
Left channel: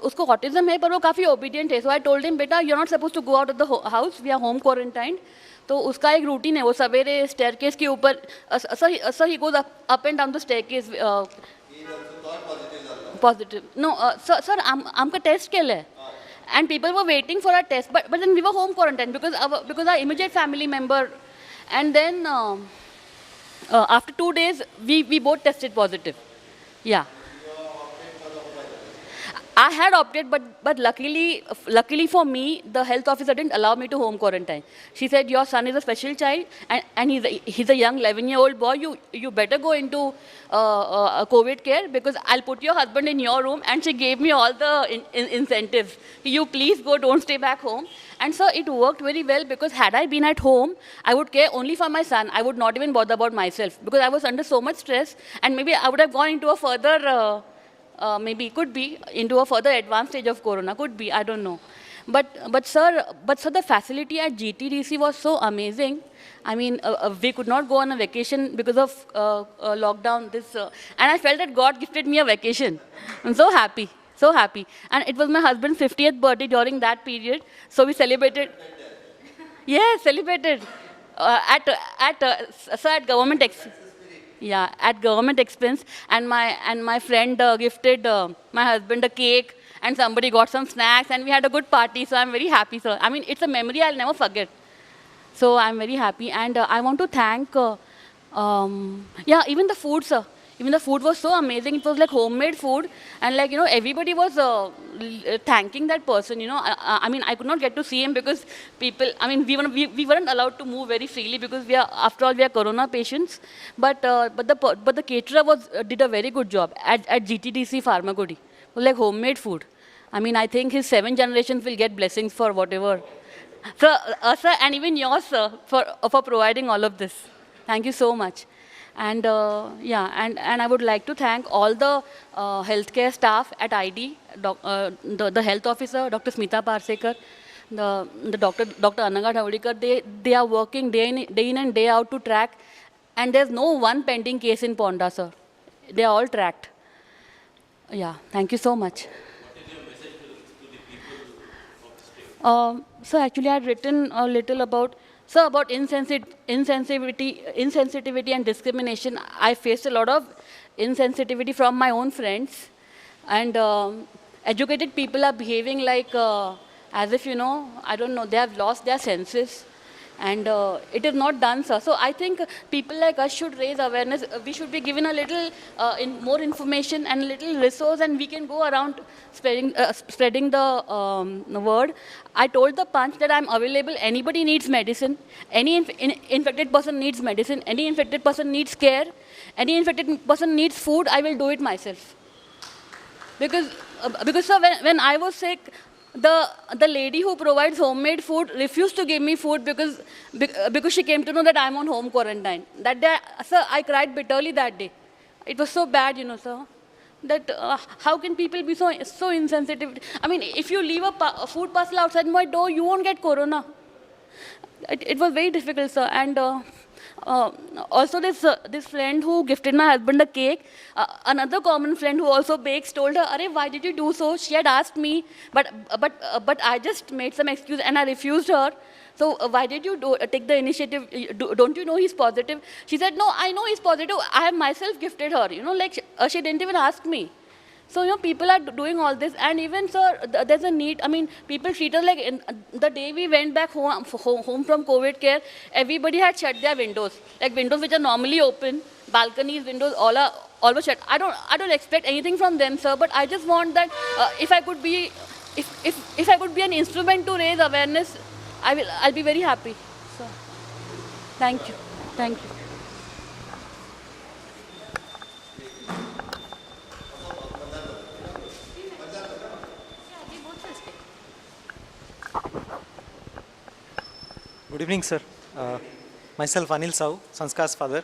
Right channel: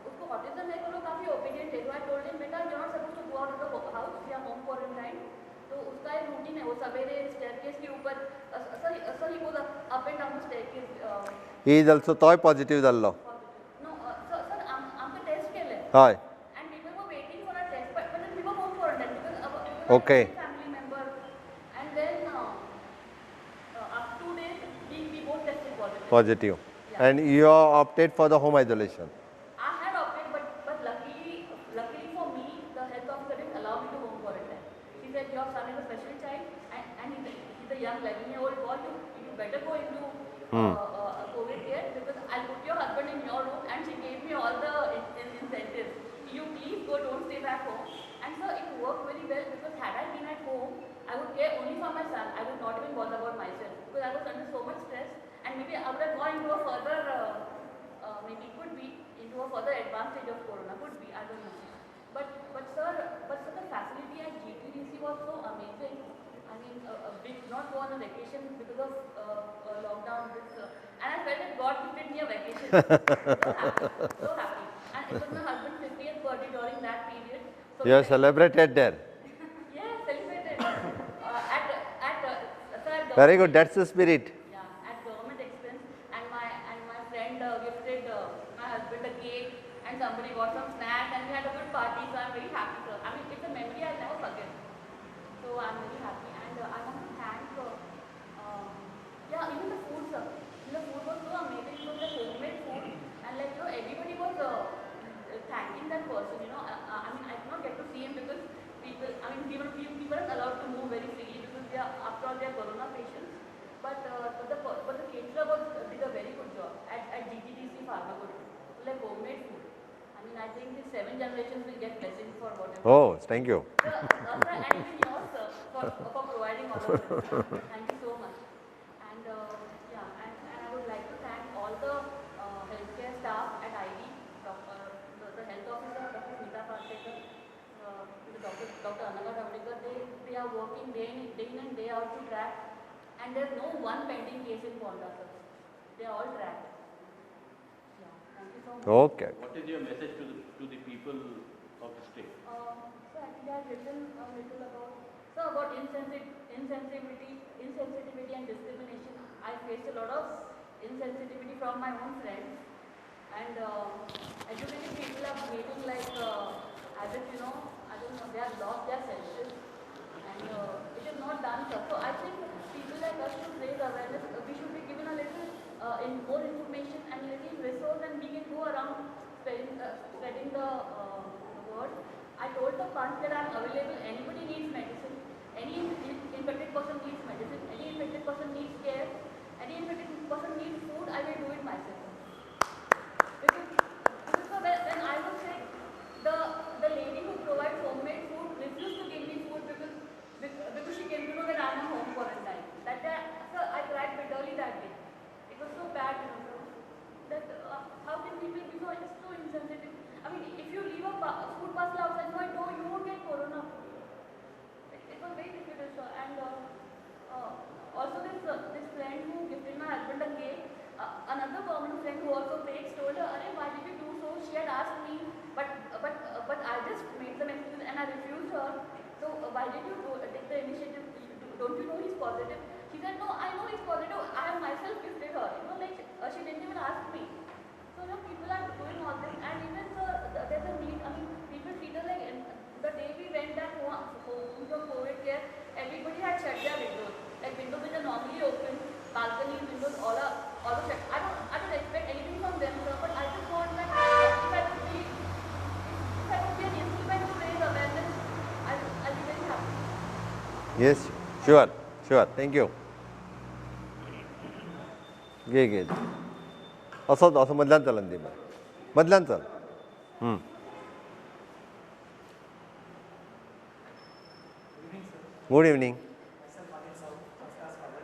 उसको ऑटिज्म है, पर वो काफ़ी ओबीडियंट है. सो आई टोल्ड हिम, बेटा, you are not suppose to go out of the house, we are home quarantined. तो उसका एक रूटीन है, वो सवेरे स्टेयरकेस के ऊपर sir he goes up end down the staircase. He is also तोय पॉझिटिव्ह जाल्लो. पॉझिटिव्ह नो सर आमकां टेस्ट केलें. हय. And people were waiting for our test, but then we were home quarantined because our immediate family member, and then after 2 days we both tested positive. Positive. Yeah. And you opted for the home isolation. I had opted, but luckily for me, the health officer didn't allow me to home quarantine. She said, your son is a special child, and he's a young 11-year-old boy. You better go into COVID care because I'll put your husband in your room. And she gave me all the incentives. You please go, don't stay back home. And so it worked very well because had I been at home, I would care only for my son. I would not even bother about myself because I was under so much stress, and maybe I would have gone into a further maybe could be into a further advanced stage of corona, could be, I don't know. But sir, the facility at GTDC was so amazing. I mean, we could not go on a vacation because of lockdown. And I felt that God gifted me a vacation. I'm so happy, so happy. And it was my husband's 50th birthday during that period, so we You are celebrated. celebrated there. Yes, celebrated at Very government. good. That's the spirit. Yeah, at government expense, and my friend gifted my husband a cake, and somebody got some snacks, and we had a good party. So I'm very happy, sir. I mean, it's a memory I'll never forget. So I'm very happy, and I want to thank. Yeah, even the food, sir. Even the food was so amazing. It was like homemade food, and like everybody was thanking that person. I mean, I could not get to see him because people. I mean, we weren't allowed to move very freely because after all we are corona patients. But the caterer did a very good job at GTDC Pharmagudi. It was like homemade food. I mean, I think his 7 generations will get blessings for whatever. Oh, thank you. Sir, and even yours, sir, for providing all of this. Thank you so much. And yeah, and I would like to thank all the healthcare staff at ID, the health officer, Dr. Smita Parsekar, the Dr. Ananga Thavadikar. They are working day in and day out to track, and there's no one pending case in Ponda, sir. They are all tracked. Yeah, thank you so much. Okay. So actually, I had written a little about insensitivity and discrimination. I faced a lot of insensitivity from my own friends, and educated people are behaving like as if I don't know, they have lost their senses. And it is not done, sir. So I think people like us should raise awareness. We should be given a little more information and a little resource, and we can go around spreading the word. I told the Punch that I'm available. Anybody needs medicine. Any infected person needs medicine. Any infected person needs care. Any infected person needs food. I will do it myself. Because sir, when I was sick, the lady who provides homemade food refused to give me food because she came to know that I'm on home quarantine. That day, sir, I cried bitterly that day. It was so bad, sir. That how can people be so insensitive? I mean, if you leave a food parcel outside my door, you won't get corona. It was very difficult, sir. And also this friend who gifted my husband a cake, another common friend who also bakes told her, "Arey, why did you do so?" She had asked me, but I just made some excuse and I refused her. So why did you take the initiative? Don't you know he's positive? She said, "No, I know he's positive. I have myself gifted her. Like she didn't even ask me." So, people are doing all this. And even, sir, there's a need. I mean, people treat us like the day we went back home from COVID care, everybody had shut their windows. Like windows which are normally open, balconies, windows, all were shut. I don't expect anything from them, sir, but I just want that if I could be an instrument to raise awareness, I'll be very happy. So, Yes. Thank Sure. you. Sure. Thank Thank you. घे असं मधल्यान चलन दिलं मधल्यान चल Good evening, sir. Good evening Myself, Anil Sahu, Sanskar's father.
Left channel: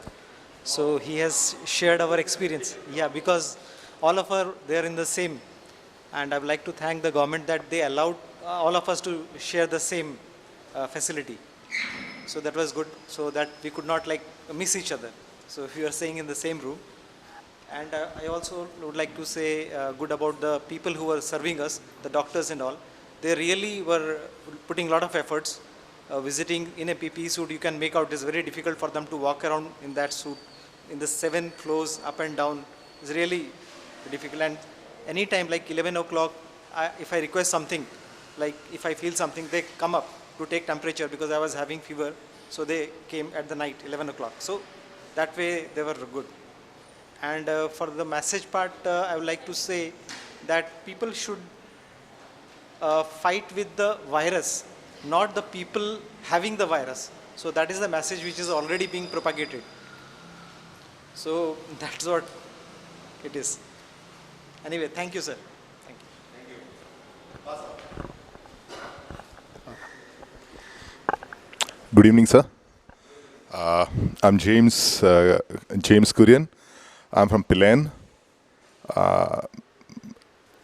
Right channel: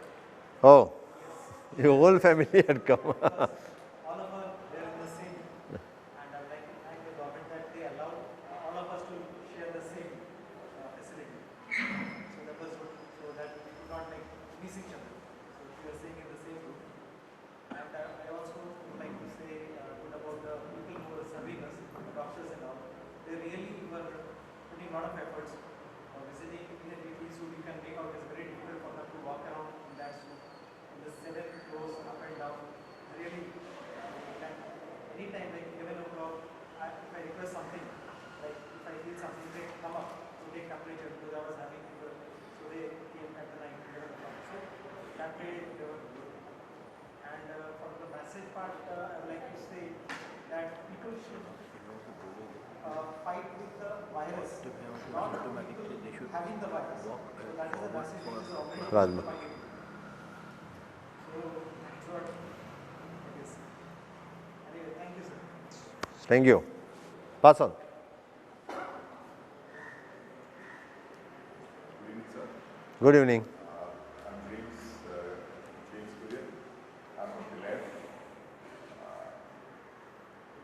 Oh. So he has shared whole our family experience. had come. Yeah, because all of us, they are in the same. And I would like to thank the government that they allowed all of us to share the same facility. So that was good, so that we could not miss each other. So if you are staying in the same room. And I also would like to say good about the people who were serving us, the doctors and all. They really were putting a lot of efforts. Visiting in a PPE suit, you can make out it's very difficult for them to walk around in that suit. In the 7 floors, up and down, it's really difficult. And anytime, like 11 o'clock, if I request something, like if I feel something, they come up to take temperature because I was having fever. So they came at the night, 11 o'clock. So that way they were good. And for the message part, I would like to say that people should fight with the virus, not the people having the virus. So that is the message which is already being propagated. So that's what it is. Anyway, thank you, sir. Thank you. Pass on. Good evening, sir. Good evening. I'm James Kurian. I'm from Pilan.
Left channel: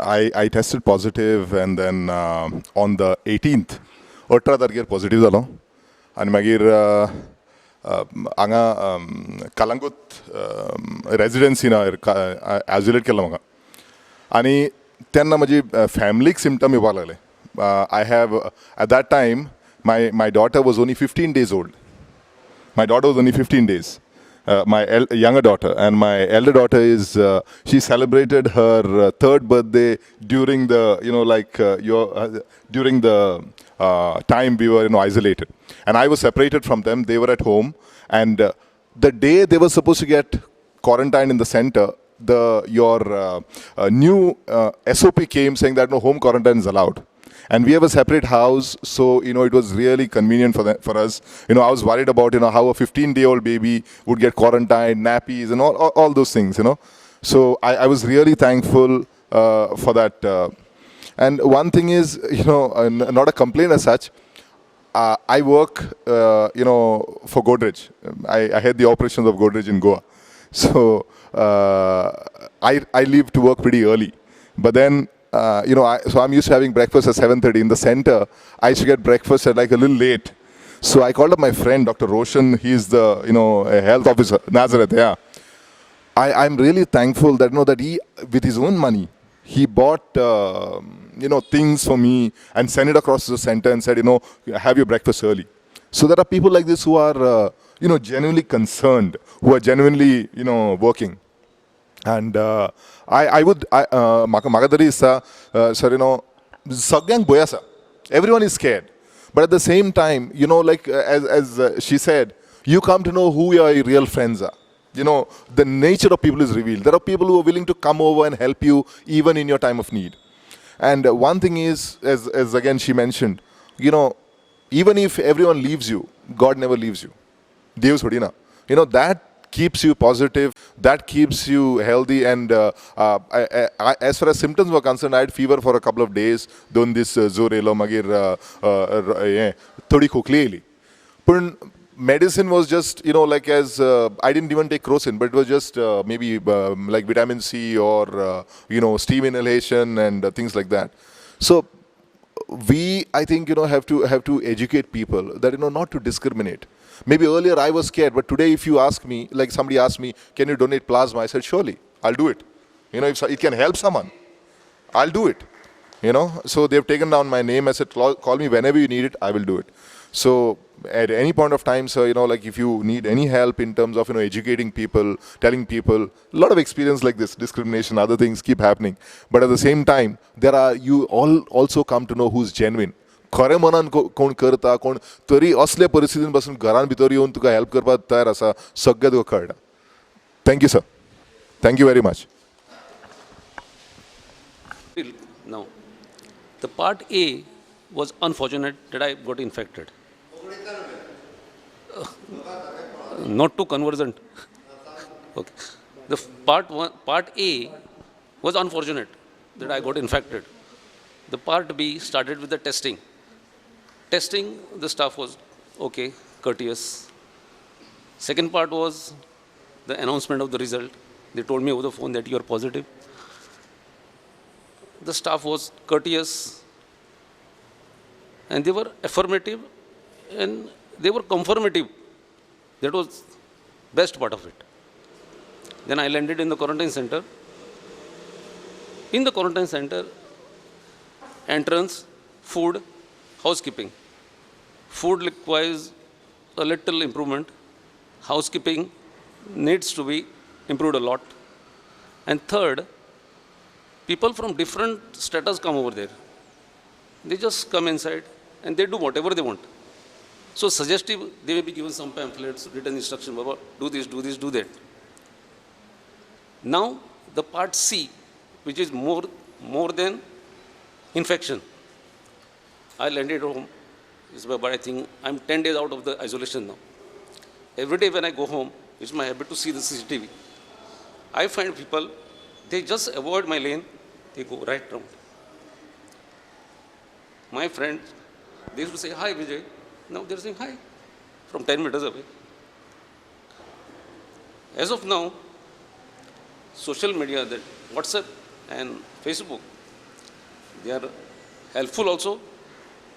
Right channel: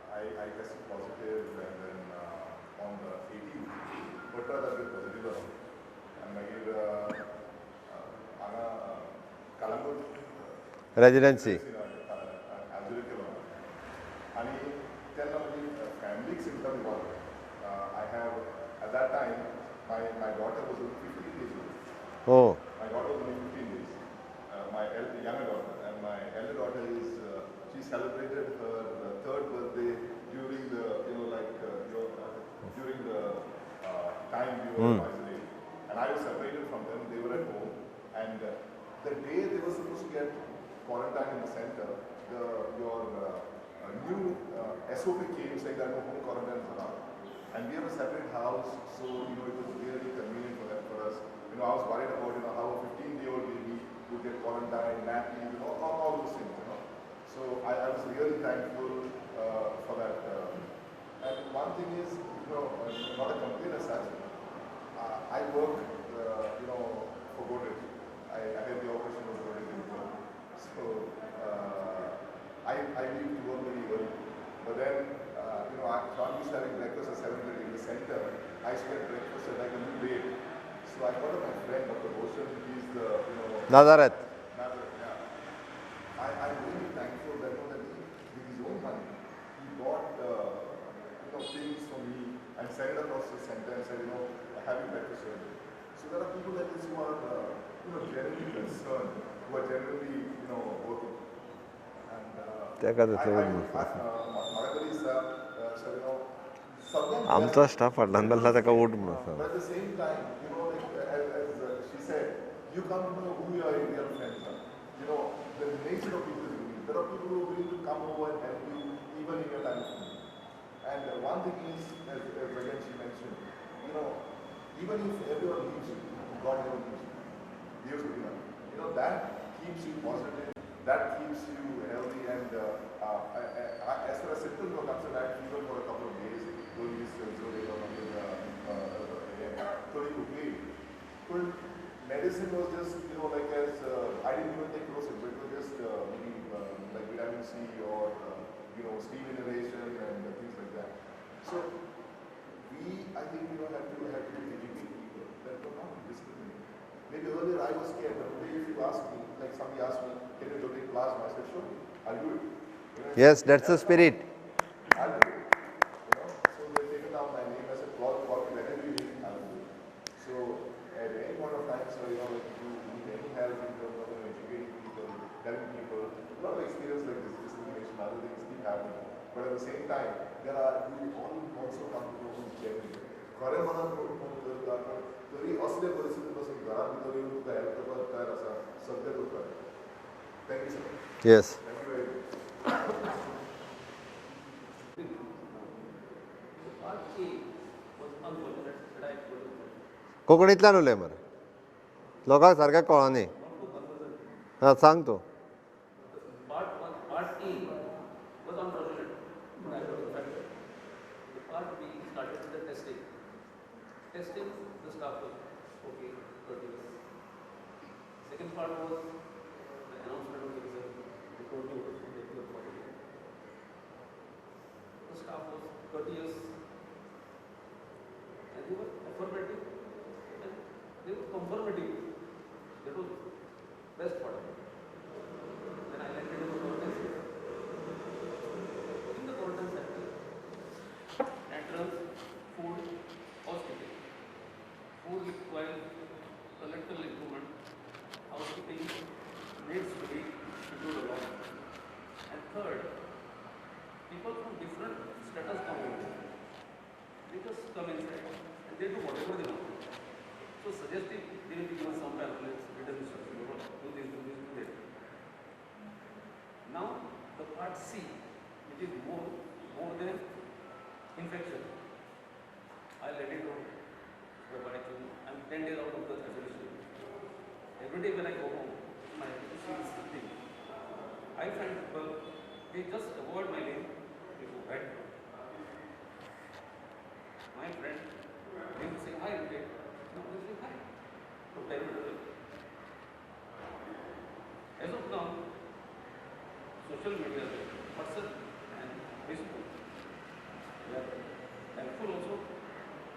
I tested positive and then on the 18th, 18 तारखेर positive जालो आनी मागीर हांगा Calangute रेजिडेंसीन isolate केलो म्हाका आनी तेन्ना म्हजी फॅमिलीक सिम्टम येवपाक लागले I have at that time my daughter was only 15 days old. Oh. My daughter was only 15 days. My younger daughter and my elder daughter is she celebrated her third birthday during the during the time we were isolated, and I was separated from them. They were at home, and the day they were supposed to get quarantined in the center, your new SOP came saying that no home quarantine is allowed. And we have a separate house, so it was really convenient for us. I was worried about how a 15-day-old baby would get quarantined, nappies, and all those things. So I was really thankful for that. And one thing is, not a complaint as such. I work, for Godrej. I head the operations of Godrej in Goa. So I leave to work pretty early, but then. So I'm used to having breakfast at 7:30 in the center. I used to get breakfast at like a little late. So I called up my friend, Dr. Roshan. He's the, health officer, Nazareth, yeah. I'm really thankful that, that he, with his own money, he bought, things for me and sent it across to the center and said, have your breakfast early. So there are people like this who are, genuinely concerned, who are genuinely, working. And I would, Magadari is, sir, everyone is scared. But at the same time, as she said, you come to know who your real friends are. The nature of people is revealed. There are people who are willing to come over and help you even in your time of need. And one thing is, as again she mentioned, even if everyone leaves you, God never leaves you. Deus Hodina. That keeps you positive, that keeps you healthy, and as far as symptoms were concerned, I had fever for a couple of days, doing this zorelo magir thodi khokhli. But medicine was just, as I didn't even take crocin, but it was just maybe like vitamin C or, steam inhalation and things like that. So we, I think, have to educate people that, not to discriminate. Maybe earlier I was scared, but today if you ask me, like somebody asked me, can you donate plasma? I said, surely, I'll do it. If somebody can help someone, I'll do it. So they've taken down my name. I said, call me whenever you need it, I will do it. So at any point of time, sir, like if you need any help in terms of, educating people, telling people, a lot of experience like this, discrimination, other things keep happening. But at the same time, you all also come to know who's genuine. खरें मनान कोण करता कोण तरी असले परिस्थितीन पासून घरान भितर येवन तुका हेल्प करपाक तयार आसा सगळें तुका कळटा. Thank you sir. Yes. Thank you very much. Now, the part A was unfortunate that I got infected. कोंकणीतल्यान उलय मरे लोकांक सारकें कळना. Not too conversant. सांग तूं. Okay. The part A was unfortunate that I got infected. The part B started with the testing. Testing, the staff was okay, courteous. Second part was the announcement of the result. They told me over the phone that you are positive. The staff was courteous, and they were affirmative, and they were confirmative. That was best part of it. Then I landed in the quarantine center. In the quarantine center, entrance, food, housekeeping. Food requires a little improvement. Housekeeping needs to be improved a lot. And third, people from different status come over there. They just come inside and they do whatever they want. So suggestive, they may be given some pamphlets, written instruction, do this, do this, do that. Now, the part C, which is more than infection. I landed home, but I think I'm 10 days out of the isolation now. Every day when I go home, it's my habit to see the CCTV. I find people, they just avoid my lane, they go right round. My friends, they used to say, hi Vijay. Now they're saying hi from 10 meters away. As of now, social media, that WhatsApp and Facebook, they are helpful also,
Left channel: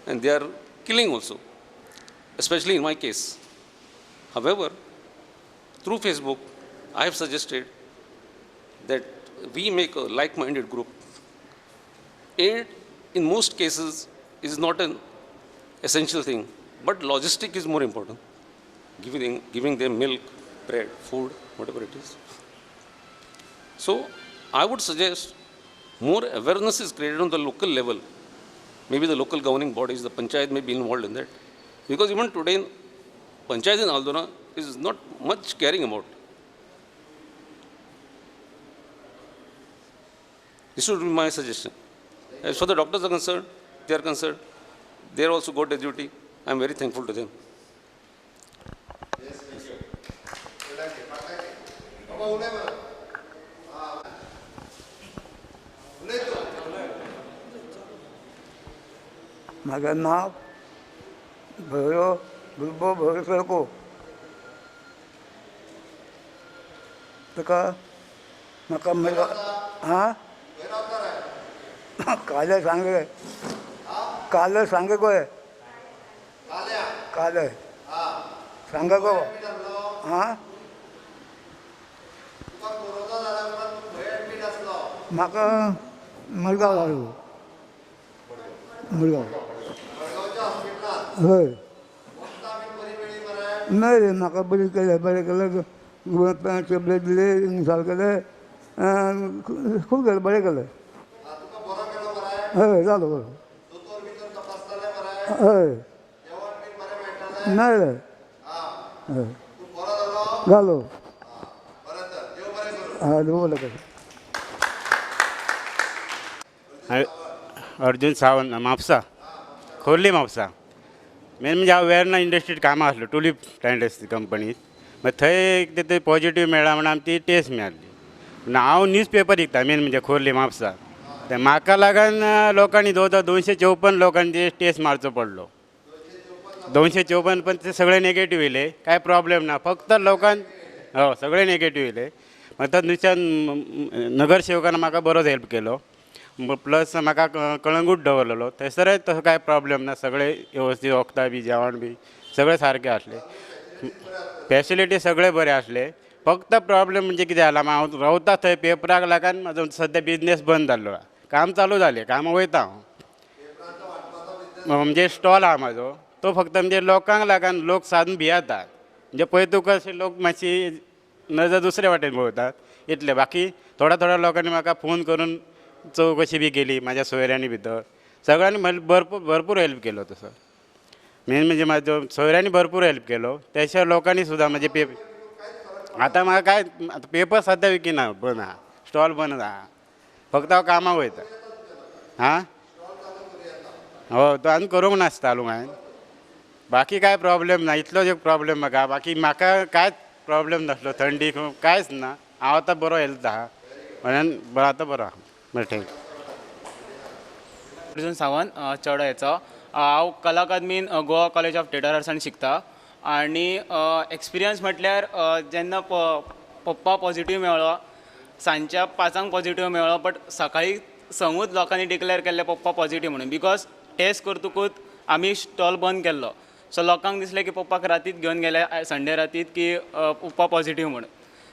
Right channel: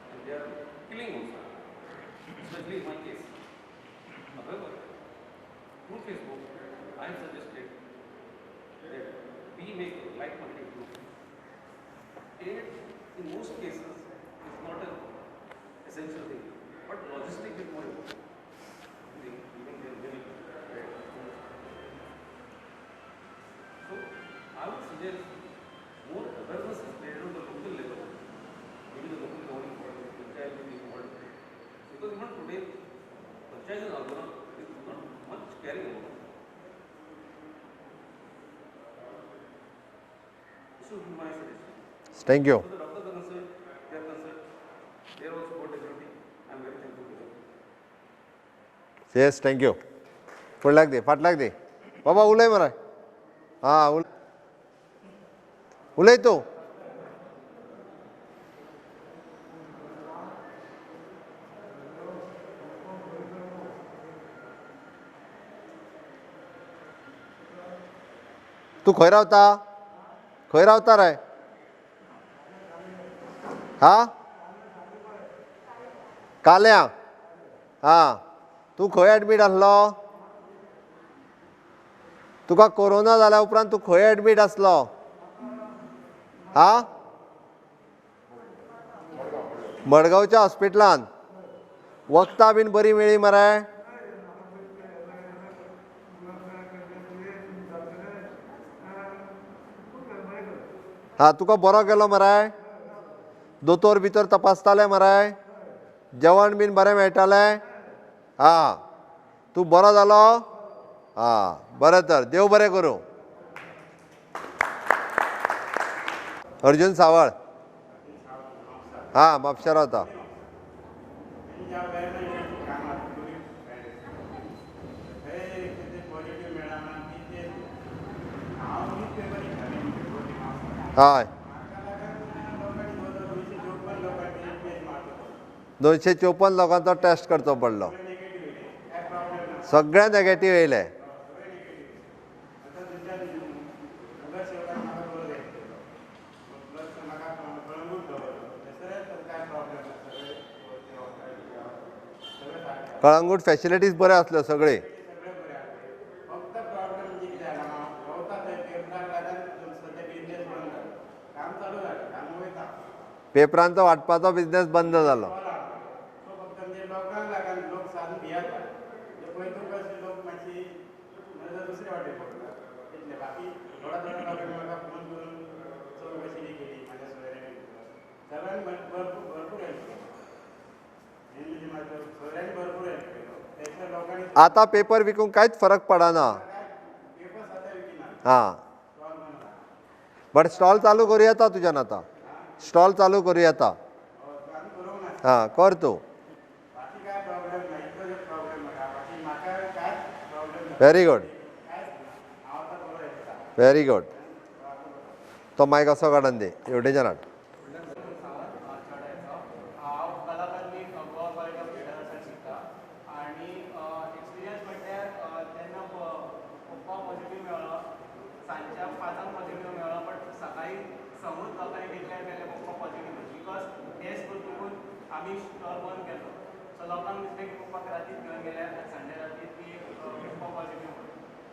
and they are killing also, especially in my case. However, through Facebook, I have suggested that we make a like-minded group. Aid, in most cases, is not an essential thing, but logistic is more important. Giving them milk, bread, food, whatever it is. So, I would suggest more awareness is created on the local level. Maybe the local governing bodies, the panchayat may be involved in that. Because even today, panchayat in Aldona is not much caring about. This would be my suggestion. Thank you. As far the doctors are concerned, they also got a duty. I am very thankful to them. Yes thank you फुडल्याक दी फाटल्याक दी बाबा उलय मरे हां उलय तूं म्हाजें नांव भैरव भुरगो भैरव तुका तूं खंय रावता हां खंय रावता रे काले सांगे हां काले सांगे गोय काल्या काले हां तूं सांगा खंय गो. एडमीट आसलो हां तुका कोरोना जाल्या उपरांत तूं खंय एडमीट आसलो म्हाका मडगांव हां? मडगांव मडगांवच्या हॉस्पिटलान हय वखदां बीन बरी मेळ्ळी मरे नाही रे म्हाका बरें केलें टॅबलेट दिले इन्स्टॉल केले खूब केलें बरें केलें हां तुका बरो केलो मरे हय जालो बरो दोतोर भितर तपासताले मरे हय जेवण बीन बरें मेळटालें नाही रे हां हय तूं बरो जालो जालो हां बरें तर देव बरें करूं हय बरें केलें अर्जुन सावळ अर्जुन सावंत म्हापसा हां म्हापशा रावता खोर्ली म्हापसा मेन म्हणजे हांव वेर्ना इंडस्ट्रीट कामां आसलो टुलीप इंडस्ट्री कंपनीत मागीर थंय ते पॉजिटीव मेळ्ळा म्हणून आमची टेस्ट मेळ्ळी पूण हांव न्यूज पेपर विकता मेन म्हणजे खोर्ली म्हापसा हय ते म्हाका लागून लोकांनी जवळ 254 लोकांनी टेस्ट मारचो पडलो 254 लोकांचो test 254 करचो पण ते पडलो. सगळे नेगेटिव्ह येले काय प्रॉब्लेम ना फक्त सगळे लोकांनी नेगेटिव्ह येयले हो सगळे नेगेटिव्ह येले मागीर थंयच्यान नगरसेवकान म्हाका बरोच हेल्प केलो प्लस म्हाका कळंगूट दवरलेलो थंयसरय तसो काय प्रॉब्लेम ना सगळे व्यवस्थित वखदां बी जेवण बी सगळे सारकें आसलें कळंगूट फॅसिलिटीज बऱ्यो आसल्यो सगळे फॅसिलिटी सगळे बरे आसले फक्त प्रॉब्लेम म्हणजे कितें जाला हांव रावता थंय पेपराक लागून म्हाजो सद्या बिझनेस बंद जाल्लो काम चालू जालें काम वयता हांव पेपरांचो वाटपाचो बिझनेस बंद म्हणजे जालो स्टॉल आहा म्हाजो तो फक्त म्हणजे लोकांक लागून लोक सादून भियेता म्हणजे पळय तुका अशे लोक मातशी नजर दुसरे वाटेन पळयतात इतले बाकी थोड्या लोकांनी म्हाका फोन करून चवकशी बी केली म्हाज्या सोयऱ्यांनी भितर सगळ्यांनी म्हाका भरपूर हेल्प केलो तसो मेन म्हणजे म्हाजो सोयऱ्यांनी भरपूर हेल्प केलो त्याशिवाय लोकांनी सुद्दां आतां म्हणजे पेपर विकूंक कांयच फरक आतां पडना म्हाका काय पेपर सद्या विकिना स्टॉल बंद आहा बट फक्त हांव स्टॉल कामां चालू वयता. करूं येता तुज्यान आतां हा स्टॉल चालू करूं येता हो तो आनी करूंक नासता कर तूं बाकी काय प्रॉब्लेम ना इतलोच एक प्रॉब्लेम म्हाका कांयच प्रॉब्लेम ना Very good. थंडी कांयच ना हांव आतां बरो हेल्थ आहा व्हेरी गुड म्हणून आतां बरो आहा तो मायक असो काडून दे एवढेच्यान अर्जुन सावंत चेडो हांव कला अकादमीन गोवा कॉलेज ऑफ थिएटर आर्ट्सान शिकता आनी एक्सपिरियन्स म्हटल्यार जेन्ना पप्पा पॉझिटीव मेळ्ळो सांजच्या 5 पॉझिटीव मेळ्ळो बट सकाळी 9 लोकांनी डिक्लेअर केल्ले पप्पा पॉझिटीव म्हणून बिकॉज टेस्ट करतकूच आमी स्टॉल बंद केल्लो सो लोकांक दिसलें की पप्पाक रातीत घेवन गेले संडे रातीत की पप्पा पॉझिटीव म्हणून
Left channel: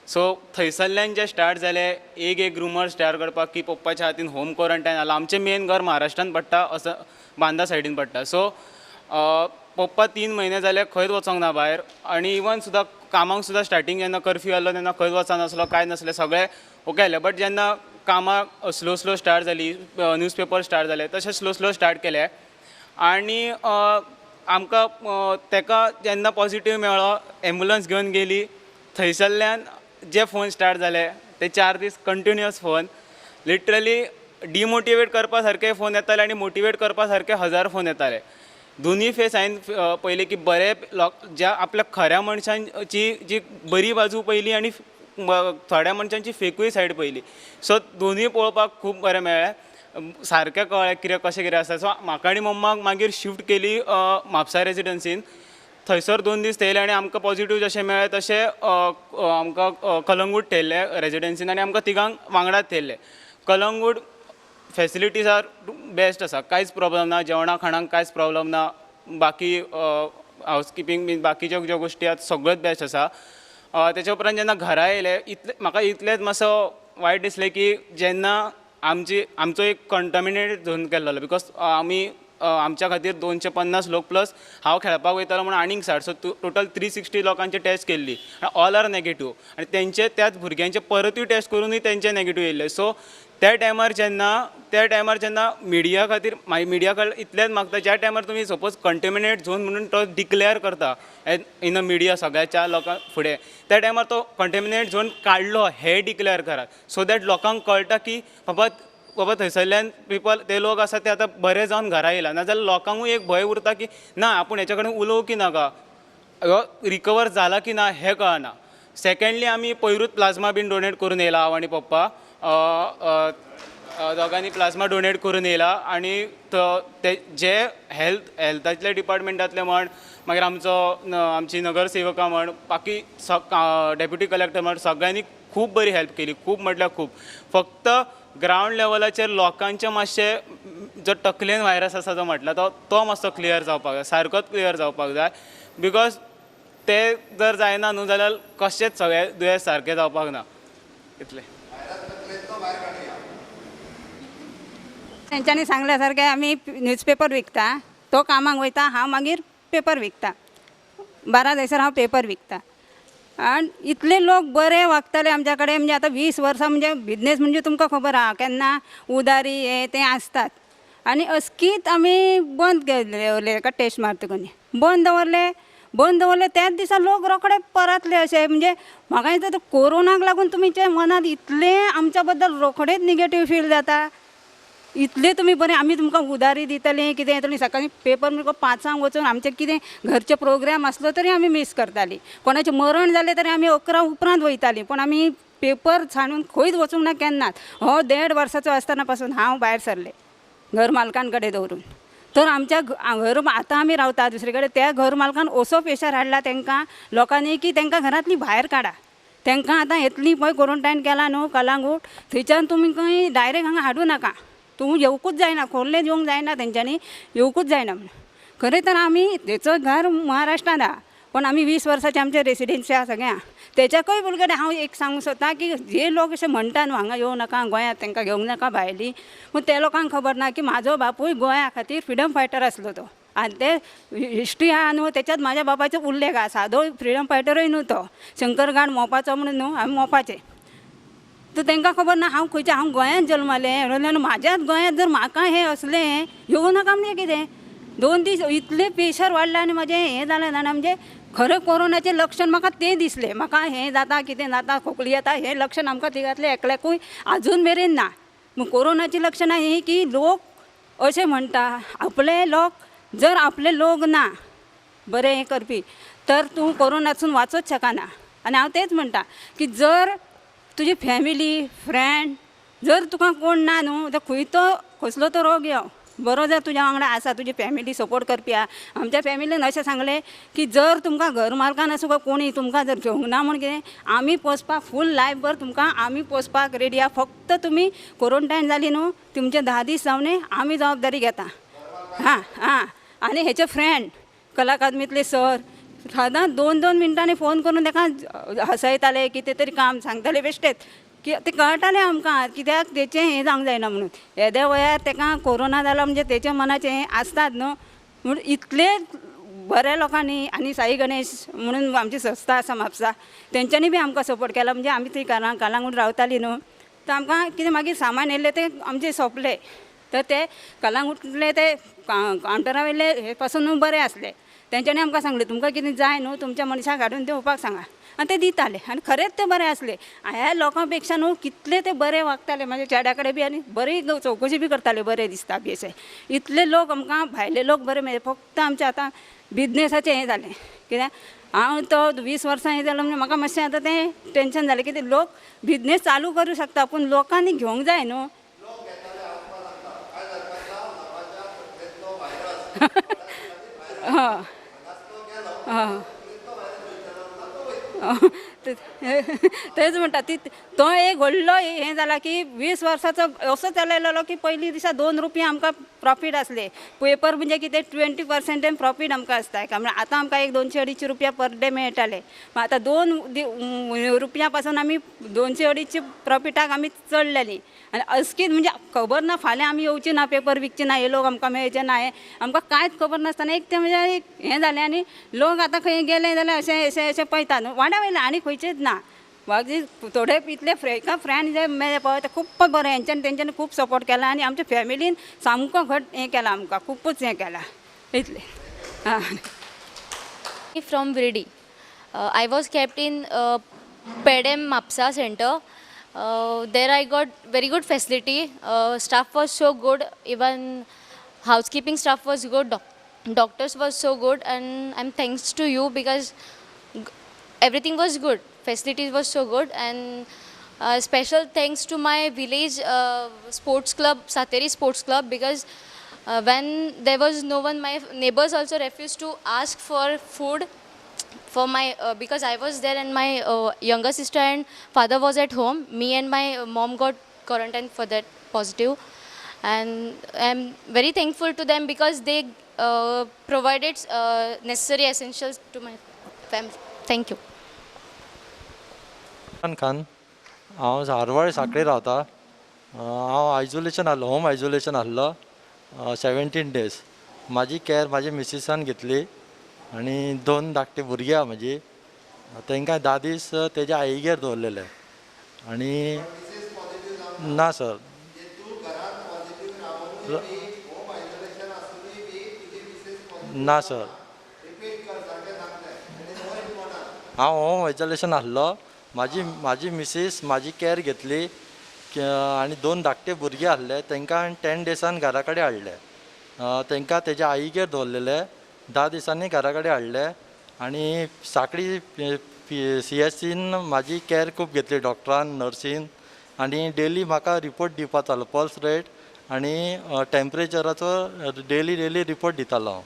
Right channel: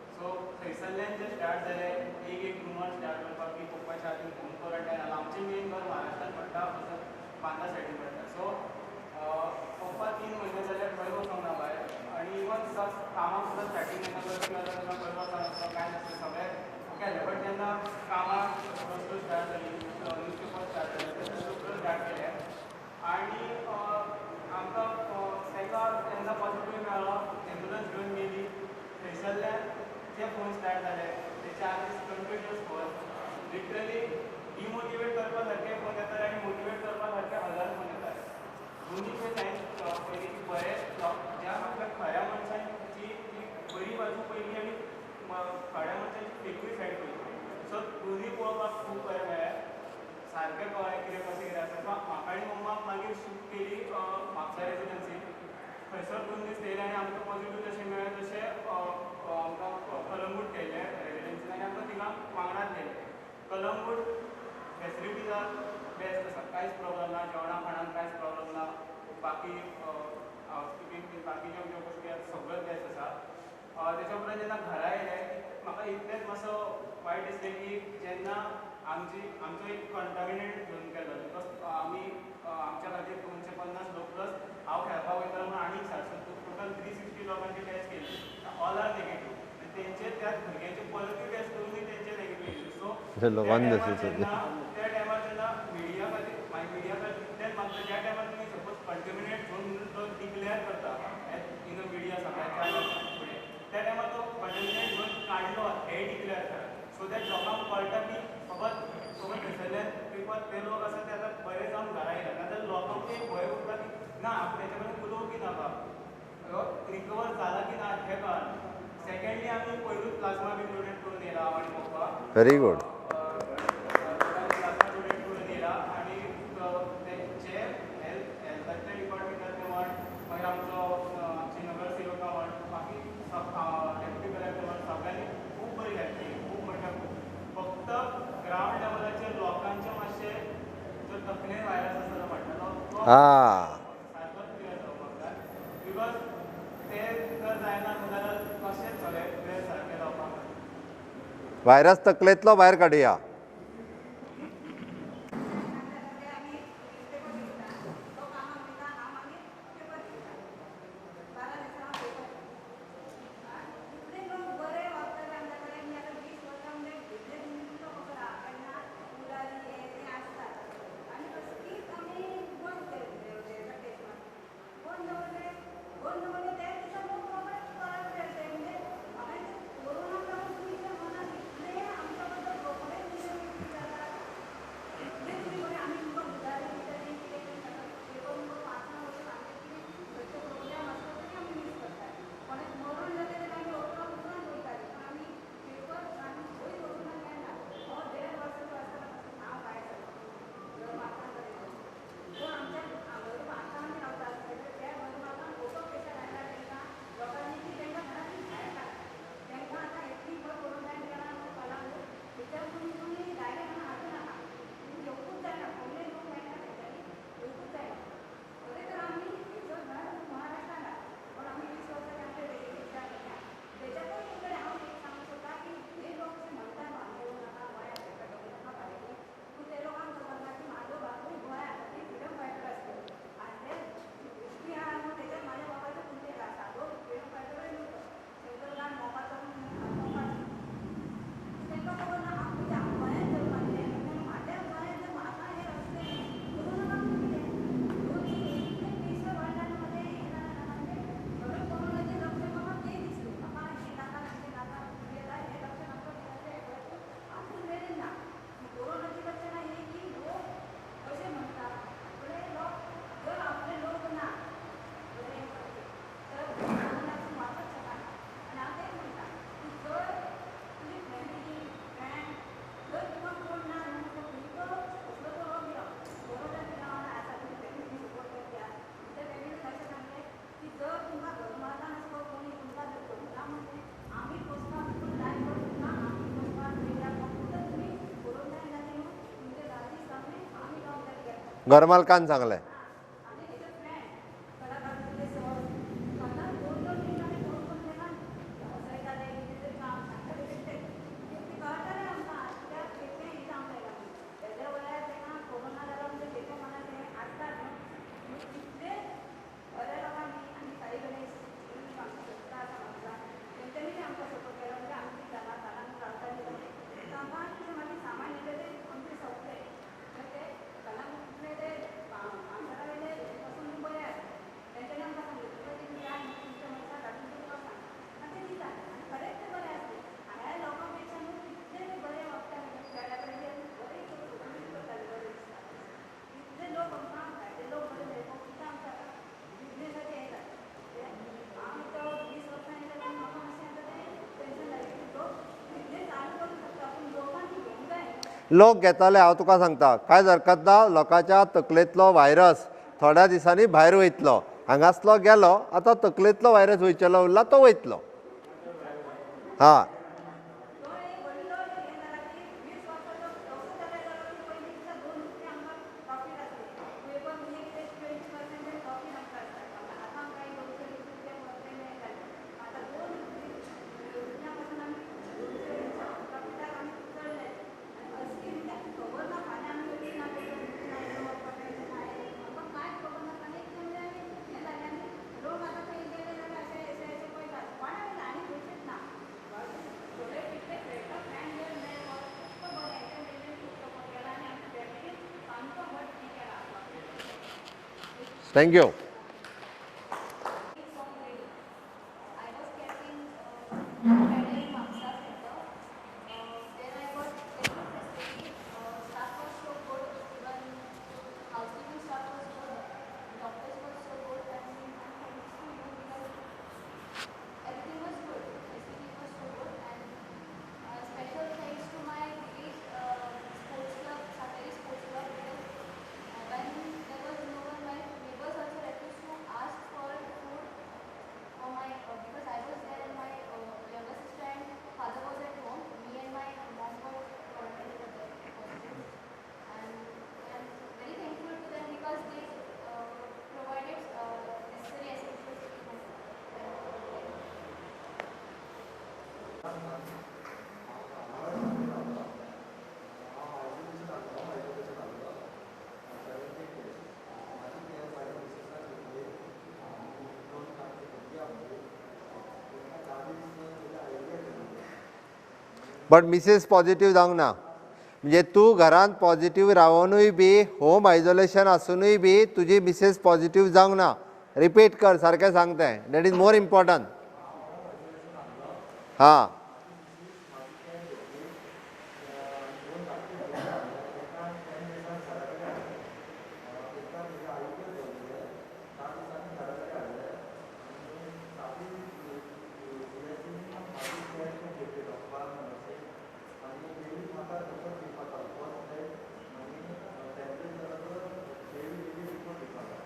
सो थंयसरल्यान जे स्टार्ट जाले एक रुमर स्टार्ट करपाक की पप्पाच्या हातीन होम क्वॉरंटायन जालां आमचें मेन घर महाराष्ट्रान पडटा असं बांदा सायडीन पडटा सो पप्पा 3 म्हयने जाले खंयच वचोंक ना भायर आनी इवन सुद्दां कामाक सुद्दां स्टार्टींग जेन्ना कर्फ्यू आसलो तेन्ना खंयच वचनासलो काय नासलें सगळें ओके आसलें बट जेन्ना कामाक स्लो स्टार्ट जाली न्यूजपेपर स्टार्ट जाले तशें स्लो स्टार्ट केलें आनी आमकां ताका जेन्ना पॉझिटीव मेळ्ळो एम्बुलन्स घेवन गेली थंयसरल्यान जे फोन स्टार्ट जाले ते 4 दीस कंटिन्युअस फोन लिटरली डिमोटिवेट करपा सारके फोन येताले आनी मोटिवेट करपा सारके 1000 फोन येताले दोनूय फेस हांवें पयले की बरे ज्या आपल्या खऱ्या मनशांची जी बरी बाजू पयली आनी थोड्या मनशांची फेकूय सायड पयली सो दोनूय पळोवपाक खूब बरें मेळ्ळें सारकें कळ्ळें कितें आसा सो म्हाका आनी मम्माक मागीर शिफ्ट केली म्हापसा रेजिडन्सीन थंयसर 2 दीस थेयले आनी आमकां पॉझिटीव जशें मेळ्ळें तशें आमकां कलंगूट थेयल्ले रेजिडन्सीन आनी आमकां तिगांक वांगडाच थेयल्ले कलंगूट फॅसिलिटीज आर बेस्ट आसा, कांयच प्रॉब्लम ना, जेवणा खाणांक कांयच प्रॉब्लम ना, बाकी हावजकिपींग बीन बाकीच्यो ज्यो गोश्टी आसा सगळ्योच बेस्ट आसा. तेच्या उपरांत जेन्ना घरा येयले म्हाका इतलेंच मातसो वायट दिसलें की जेन्ना आमचो एक कंटामिनेटेड झोन केल्लो बिकॉज आमी आमच्या खातीर 250 लोक प्लस हांव खेळपाक वयतालो म्हणून आनीक 60, सो टोटल 360 लोकांची टेस्ट केल्ली, ऑल आर नेगेटीव, आनी तेंचे त्याच भुरग्यांचे परतूय टेस्ट करूनय तेंचे नेगेटीव येयल्ले. सो त्या टायमार जेन्ना मिडिया खातीर मिडिया कडल्यान इतलेंच मागता, ज्या टायमार तुमी सपोज कंटेमिनेट झोन म्हणून तो डिक्लेअर करता इन अ मिडिया सगळ्याच्या लोकां फुडें, त्या टायमार तो कंटेमिनेट झोन काडलो हे डिक्लेअर करात, सो दॅट लोकांक कळटा की बाबा थंयसरल्यान ते लोक आसा ते आतां बरे जावन घरा येयला, नाजाल्यार लोकांकूय एक भंय उरता की ना आपूण हेच्या कडेन उलोवं की नाका, रिकवर जाला की ना हें कळना. सेकंडली आमी पयरूच प्लाझ्मा बीन डोनेट करून येयला, हांव आनी पप्पा दोगांनी प्लाझ्मा डोनेट करून येयला. आनी ते जे हेल्थातले डिपार्टमेंटातले म्हण, मागीर आमची नगरसेवकां म्हण, बाकी डेप्युटी कलेक्टर म्हण, सगळ्यांनी खूब बरी हेल्प केली, खूब म्हटल्यार खूब. फक्त ग्रावंड लेवलाचेर लोकांचे मातशें जो तकलेन व्हायरस आसा जो म्हटला तो मातसो क्लियर जावपाक जाय, सारकोच क्लियर जावपाक जाय, बिकॉज ते जर जायना न्हू जाल्यार कशेंच सगळे दुयेंस सारकें जावपाक ना. इतलें. व्हायरस तकलेंतलो भायर काडया. तेंच्यांनी सांगल्या सारकें आमी न्यूजपेपर विकता, तो कामाक वयता, हांव मागीर पेपर विकता, 12 थंयसर हांव पेपर विकता. आनी इतले लोक बरे वागताले आमच्या कडेन, म्हणजे आतां 20 वर्सां म्हणजे बिजनेस म्हणजे तुमकां खबर आहा केन्ना उदारी हे ते आसतात. आनी अस्कीत आमी बंद केले एका टेस्ट मारतकनी बंद दवरले त्याच दिसा लोक रोखडे परतले अशे. म्हणजे म्हाका दिसता कोरोनाक लागून तुमचे मनात इतले आमच्या बद्दल रोखडेच निगेटीव फील जाता, इतले तुमी बरें आमी तुमकां उदारी दितलीं कितें येतलीं, सकाळीं पेपर म्हणजे 5 वचून आमचें कितें घरचे प्रोग्राम आसलो तरी आमी मिस करतालीं, कोणाचें मरण जालें तरी आमी 11 उपरांत वयतालीं, पूण आमी पेपर छाडून खंयच वचूंक ना केन्नाच. 1.5 वर्साचो आसतना पासून हांव भायर सरलें घर मालकान कडेन दवरून. तर आमच्या आतां आमी रावता दुसरे कडेन, त्या घर मालकान असो प्रेशर हाडला तेंकां लोकांनी की तेंकां घरांतलीं भायर काडा. तेंकां आतां येतलीं पळय क्वॉरंटायन केला न्हू कलांगूट, थंयच्यान तुमी खंय डायरेक्ट हांगा हाडूं नाका, तूं येवकूच जायना, खोर्लें येवंक जायना तेंच्यांनी, येवकूच जायना. खरें तर आमी तेचो घर महाराष्ट्रान आहा, पण आमी 20 वर्सांचे आमचे रेसिडेन्सी आहा सगळ्यां. तेच्याकय पयलीं हांव एक सांगूंक सोदतां की जे लोक अशे म्हणटा न्हू हांगा येवं नाका, गोंयांत तेंकां घेवंक नाका भायलीं, पूण ते लोकांक खबर ना की म्हाजो बापूय गोंया खातीर फ्रिडम फायटर आसलो तो, आनी ते हिस्ट्री आहा न्हू तेच्यात म्हाज्या बापाचो उल्लेख आहा. सादो फ्रिडम फायटरूय न्हू तो, शंकरगाड मोपाचो म्हणून न्हू, आमी मोपाचे. तर तांकां खबर ना हांव खंयचें, हांव गोंयांत जल्मलें, म्हाज्याच गोंयांत जर म्हाका हें असलें येवं नाका म्हणजे कितें. 2 दीस इतलें प्रेशर वाडलें आनी म्हाजें हें जालें जाणा, म्हणजे खरें कोरोनाचें लक्षण म्हाका तें दिसलें. म्हाका हें जाता कितें जाता खोकली येता हें लक्षण आमकां तिगांतलें एकल्याकूय आजून मेरेन ना. कोरोनाची लक्षणां ही की लोक अशें म्हणटा आपले लोक ना बरें हें करपी तर तूं कोरोनासून वाचूच शकना. आनी हांव तेंच म्हणटा की जर तुजी फॅमिली फ्रेंड जर तुका कोण ना न्हू तर खंयचो कसलो तो रोग यो बरो जर तुज्या वांगडा आसा, तुजी फॅमिली सपोर्ट करपी आहा. आमच्या फॅमिलीन अशें सांगलें की जर तुमकां घर मालकान आसूं कोणी तुमकां जर घेवंक ना म्हण कितें आमी पोसपाक फूल लायफभर तुमकां आमी पोसपाक रेडी आहा. फक्त तुमी क्वॉरंटायन जाली न्हू तुमचे 10 दीस जावने आमी जबाबदारी घेता. घर मालकान सांगलें. हां आनी हेचे फ्रेंड कला अकादमींतले सर सादारण 2-2 मिनटांनी फोन करून ताका हसयताले, कितें तरी काम सांगताले बेश्टेच की ते कळटालें आमकां कित्याक तेचें हें जावंक जायना म्हणून. येद्या वयार ताका कोरोना जाला म्हणजे तेच्या मनाचें हें आसताच न्हू. म्हणून इतले बऱ्या लोकांनी आनी साई गणेश म्हणून आमची संस्था आसा म्हापसा तेंच्यांनी बी आमकां सपोर्ट केला. म्हणजे आमी थंय कालांगूट रावतालीं न्हू तर आमकां कितें मागीर सामान येयलें ते आमचे सोंपले तर ते कलांगूटले ते कावंटरा वयले हे पासून न्हू बरें आसले. तेंच्यांनी आमकां सांगलें तुमकां कितें जाय न्हू तुमच्या मनशाक हाडून दिवपाक सांगा आनी ते दिताले आनी खरेंच ते बरे आसले. ह्या लोकां पेक्षा न्हू कितले ते बरे वागताले म्हाज्या चेड्या कडेन बी आनी बरी चवकशी बी करताले बरें दिसता बी अशें. इतले लोक आमकां भायले लोक बरे मेळ्ळे. फक्त आमचें आतां बिजनेसाचें हें जालें कित्याक हांव तो 20 वर्सां हें जालो म्हणजे म्हाका मातशें आतां तें टेंशन जालें कितें लोक बिजनेस चालू करूं शकता पूण लोकांनी घेवंक जाय न्हू. लोक घेताले हांव तुका सांगता कांयच हरकत ना. लोकांच्या तकलेंतलो व्हायरस थोड्या दिसांनी भायर वयतलो हांगासलो गेलो आतां तकलेंतलो व्हायरस वयचलो उरला तो वयतलो. तेच म्हणटा ती तो एक व्हडलो हें जाला की 20 वर्साचो असो चलयलो की पयलीं दिसा 2 रुपया आमकां प्रॉफीट आसले. पेपर म्हणजे कितें 20% प्रॉफीट आमकां आसता म्हणजे आतां आमकां एक 200-250 रुपया पर डे मेळटाले. आतां 2 रुपया पासून आमी 200-250 प्रॉफिटाक आमी चडलेलीं आनी अस्कीत म्हणजे खबर ना फाल्यां आमी येवची ना पेपर विकचे ना हे लोक आमकां मेळचे ना हें आमकां कांयच खबर नासतना एक तें म्हणजे एक हें जालें आनी लोक आतां खंय गेले जाल्यार अशें पळयतात वाड्या वयले आनी खंयचेच ना. बाकी थोडे इतले फ्रेंड जे मेळ्ळे पळय ते खूब बरें हेंच्यांनी तेंच्यांनी खूब सपोर्ट केला आनी आमच्या फॅमिलीन सामको घट हें केलां आमकां खूबच हें केलां इतलें. Thank you. From Viridi. I was kept in Pedem Mapsa center. There I got very good facility. Staff was so good. Even housekeeping staff was good. Doctors was so good, and I'm thanks to you because everything was good. Facilities was so good, and special thanks to my village sports club, Sateri Sports Club, because when there was no one, my neighbors also refused to ask for food for my because I was there and my younger sister and father was at home. Me and my mom got quarantined for that positive, and I'm very thankful to them because they provided necessary essentials to my family. Thank you. Khan हांव हारवाळ सांकळे रावता. हांव isolation आहलो, home isolation आहलो 17 days. म्हाजी care म्हाजी मिसिसान घेतली आनी 2 धाकटे भुरगीं आहा म्हाजी तांकां 10 दीस तेज्या आईगेर दवरलेले आनी बट मिसेस पॉझिटिव्ह जावंक ना. ना सर. म्हणजे तूं घरांत पॉझिटिव्ह रावनूय बी होम आयसोलेशन आसुनूय बी तुजी मिसेस पॉझिटिव्ह ना, जावंक सर. ना. रिपीट कर सारकें सांगताय. That is more important. हांव होम आयसोलेशन आहलो. म्हाजी मिसीस म्हाजी कॅर घेतली आनी 2 धाकटे भुरगीं आहले तांकां 10 डेसान घरा कडेन हाडले. तांकां तेज्या आईगेर दवरलेले 10 दिसांनी घरा कडेन हाडले आनी साकळी CSCन म्हाजी कॅर खूब घेतली डॉक्टरान नर्सीन आनी डेली म्हाका रिपोर्ट दिवपाक जालो पल्स रेट आनी टेम्परेचराचो डेली रिपोर्ट दितालो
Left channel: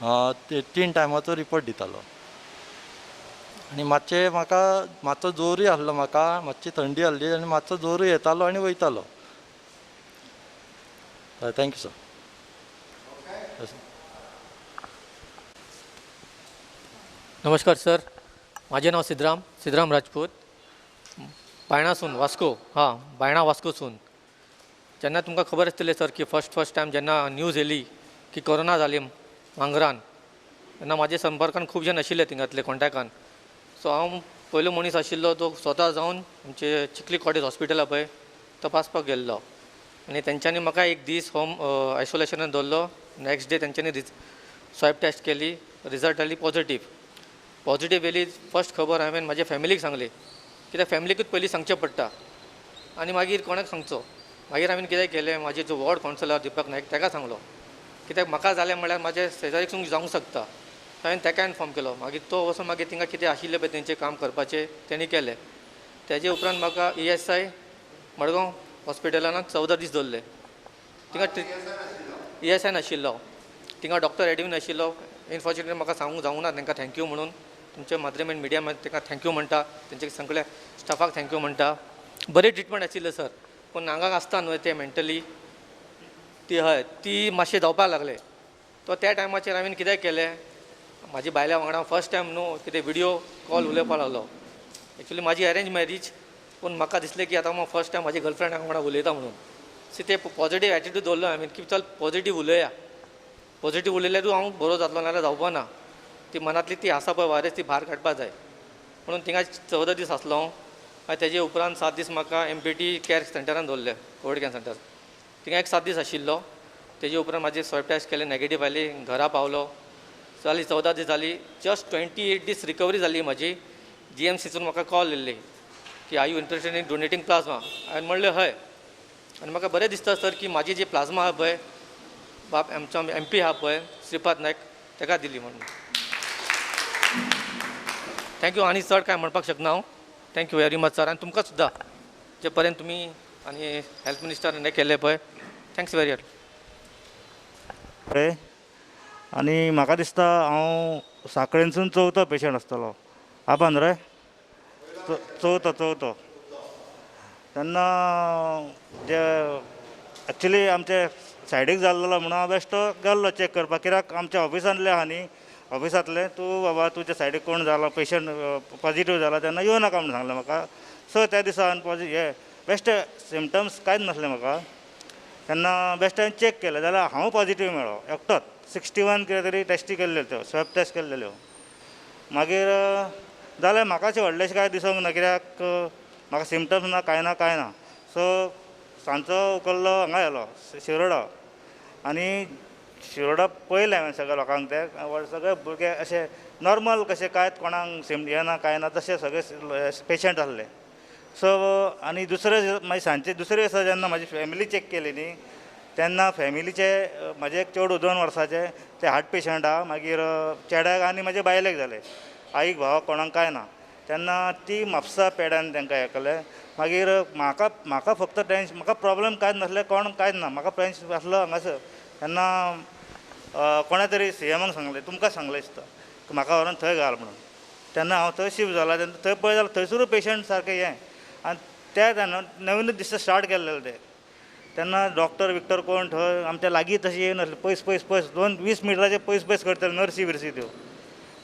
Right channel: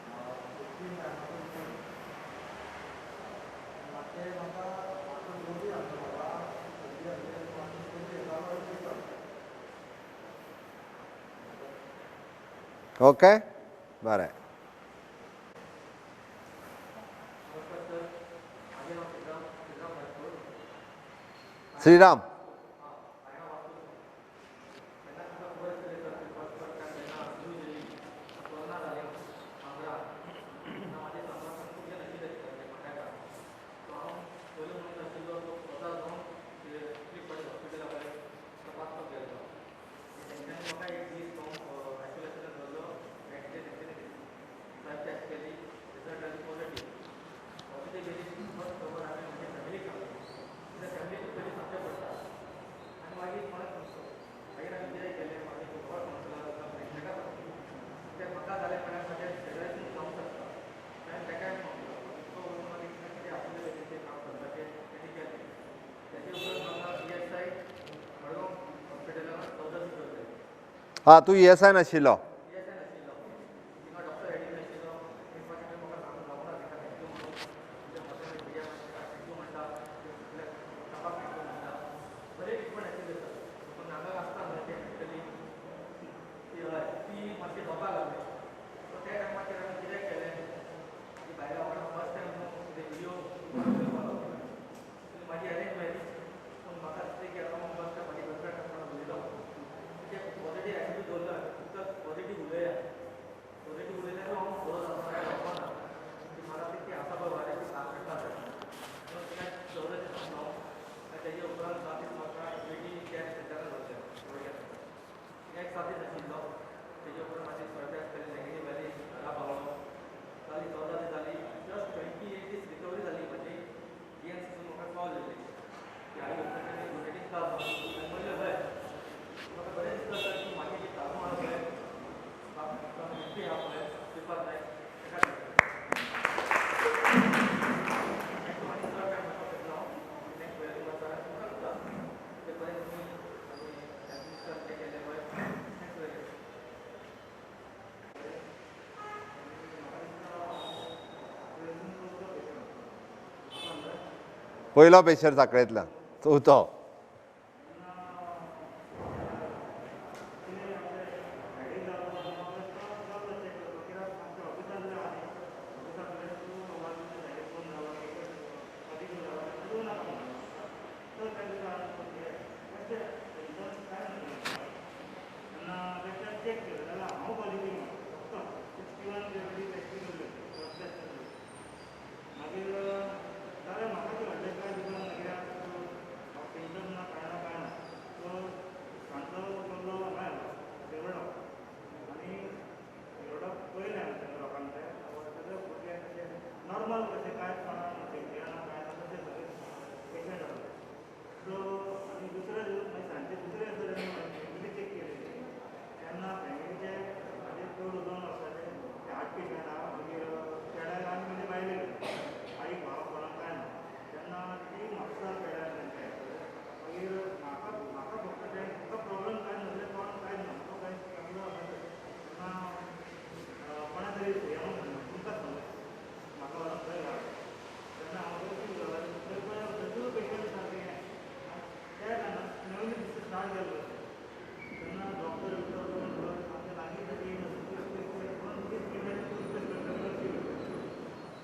हांव. 3 टायमाचो रिपोर्ट दितालो आनी मातशें म्हाका मातसो जोरूय आहलो म्हाका मातशी थंडी आहली आनी मातसो जोरूय येतालो आनी वयतालो. Thank you sir. ओके बरें. नमस्कार सर, माझे नाव सिद्धराम राजपूत, बायणा वास्को. बायणा वास्कोसून. जेन्ना तुमकां खबर आसतलें सर की फर्स्ट टायम जेन्ना न्यूज येयली की कोरोना जाली मांगरान, तेन्ना म्हाजे संपर्कान खूब जण आशिल्ले थिंगातले कॉन्टॅक्टान. सो हांव पयलो मनीस आशिल्लो तो स्वता जावन आमचे चिखली कॉटेज हॉस्पिटला पळय तपासपाक गेल्लो आनी तेंच्यांनी म्हाका एक दीस होम आयसोलेशनान दवरलो. नेक्स्ट डे तेंच्यांनी स्वॅब टेस्ट केली, रिजल्ट आयली पॉझिटीव येयली. फर्स्ट खबर हांवें म्हाज्या फॅमिलीक सांगली कित्याक फॅमिलीकूच पयलीं सांगचें पडटा आनी मागीर कोणाक सांगचो. मागीर हांवें कितें केलें, म्हाजे जो वॉर्ड कावन्सिलर दिपक नायक ताका सांगलो कित्याक म्हाका जालें म्हळ्यार म्हाजे शेजारीक सुद्दां जावंक शकता. हांवें ताका इन्फॉर्म केलो. मागीर तो वचून मागीर तिंगा कितें आशिल्लें पळय तेंचें काम करपाचें तेणी केलें. तेजे उपरांत म्हाका ESI मडगांव हॉस्पिटलान 14 दीस दवरले. तूं ESI नाशिल्लो? ESI नाशिल्लो. तिंगा डॉक्टर एडवीन नाशिल्लो. इनफॉर्च्युनेटली म्हाका सांगूंक जावंक ना तांकां थँक्यू म्हणून. तुमच्या माध्यम आनी मिडिया तांकां थँक्यू म्हणटा, तेंचे सगळ्या स्टाफाक थँक्यू म्हणटा. बरी ट्रिटमेंट आशिल्लें सर, पूण हांगा आसता न्हय तें मेंटली ती मातशें जावपाक लागले. तो त्या टायमाचेर हांवें कितें केलें, म्हाजी बायल्या वांगडा फर्स्ट टायम न्हू कितें विडियो कॉल उलयपाक लागलो. एक्चुली म्हाजी अरेंज मॅरेज, पूण म्हाका दिसलें की आतां हांव फर्स्ट टायम म्हाज्या गर्लफ्रेंडा वांगडा उलयता म्हणून. सो ते पॉझिटीव एटिट्यूड दवरलो हांवें की चल पॉझिटीव उलया. पॉझिटीव उलयल्यारूच हांव बरो जातलो नाल्यार जावपा ना. ती मनांतली ती आसा पळय वायरस ती भायर काडपाक जाय म्हणून थिंगा 14 दीस आसलो हांव. आनी तेजे उपरांत 7 दीस म्हाका MPT कॅर सेंटरान दवरले, कोवीड कॅर सेंटर. थिंगा एक 7 दीस आशिल्लो. तेजे उपरांत म्हाजी स्वॅब टेस्ट केले, नॅगेटीव आयली, घरा पावलो. जाली 14 दीस जाली. जस्ट 28 दीस रिकवरी जाली म्हाजी. GMCसून म्हाका कॉल येयल्ली की are you interested in donating plasma. हांवें म्हणलें हय. आनी म्हाका बरें दिसता सर की म्हाजी जी प्लाझ्मा आहा पळय बाब आमचो MP आहा पळय श्रीपाद नायक ताका दिली म्हणून. थँक्यू. आनी चड कांय म्हणपाक शकना हांव. Thank you very much sir. आनी तुमकां सुद्दां जे पर्यंत तुमी आनी हेल्थ मिनिस्टरान हें केलें पळय, थँक्स वेरी मच. आनी म्हाका दिसता हांव सांखळेनसून चवथो पेशंट आसतलो आबा न्हू रे पयलो पेशंट चवथो तेन्ना जे एक्चुली आमचे सायडीक जाल्लो म्हणून हांव बेश्टो गेल्लो चॅक करपाक कित्याक आमच्या ऑफिसांतले आहा न्ही ऑफिसांतले तूं बाबा तुज्या सायडीक कोण जाला पेशंट पॉजिटीव जाला तेन्ना येवं नाका म्हणून सांगलें म्हाका सो त्या दिसा हे बेश्टे सिमटम्स कांयच नासले म्हाका तेन्ना बेश्टे चॅक केलें जाल्यार हांव पॉजिटीव मेळ्ळो एकटोच 61 कितें तरी टेस्टी केल्ल्यो त्यो स्वॅब टेस्ट केल्ल्यो मागीर जाल्यार म्हाका अशें व्हडलेशें कांय दिसोंक ना कित्याक म्हाका सिमटम्स ना कांय ना सो सांजचो उकल्लो हांगा येयलो शिरोडा आनी शिरोडा पळयलें हांवें सगळ्या लोकांक ते सगळे भुरगे अशे नॉर्मल कशे कांयच कोणाक हें ना कांय ना तशे सगळे पेशंट आसले सो आनी दुसरे मागीर सांजचे दुसरे दिसा जेन्ना म्हाजी फॅमिली चॅक केली न्ही तेन्ना फॅमिलीचे म्हाजे एक चेडूं 2 वर्साचे ते हार्ट पेशंट आहा मागीर चेड्याक आनी म्हाजे बायलेक जाले आईक भावाक कोणाक कांय ना तेन्ना ती म्हापसा पेड्यान तांकां हें केलें मागीर म्हाका फक्त टेन्शन म्हाका प्रॉब्लम कांयच नासलें कोण कांयच ना म्हाका टेन्शन आसलो हांगासर तेन्ना कोणा तरी सीएमाक सांगलें तुमकां सांगलें दिसता म्हाका व्हरोन थंय घाल म्हणून तेन्ना हांव थंय शिफ्ट जाला तेन्ना थंय पळय जाल्यार थंयसरूय पेशंट सारकें हें आनी त्या तेन्ना नवीनच दिसता स्टार्ट केल्लें तें तेन्ना डॉक्टर विक्टर कोण थंय आमच्या लागीं तशें येयनासलें पयस 20 मिटराचे पयस करतले नर्सी बिर्सी त्यो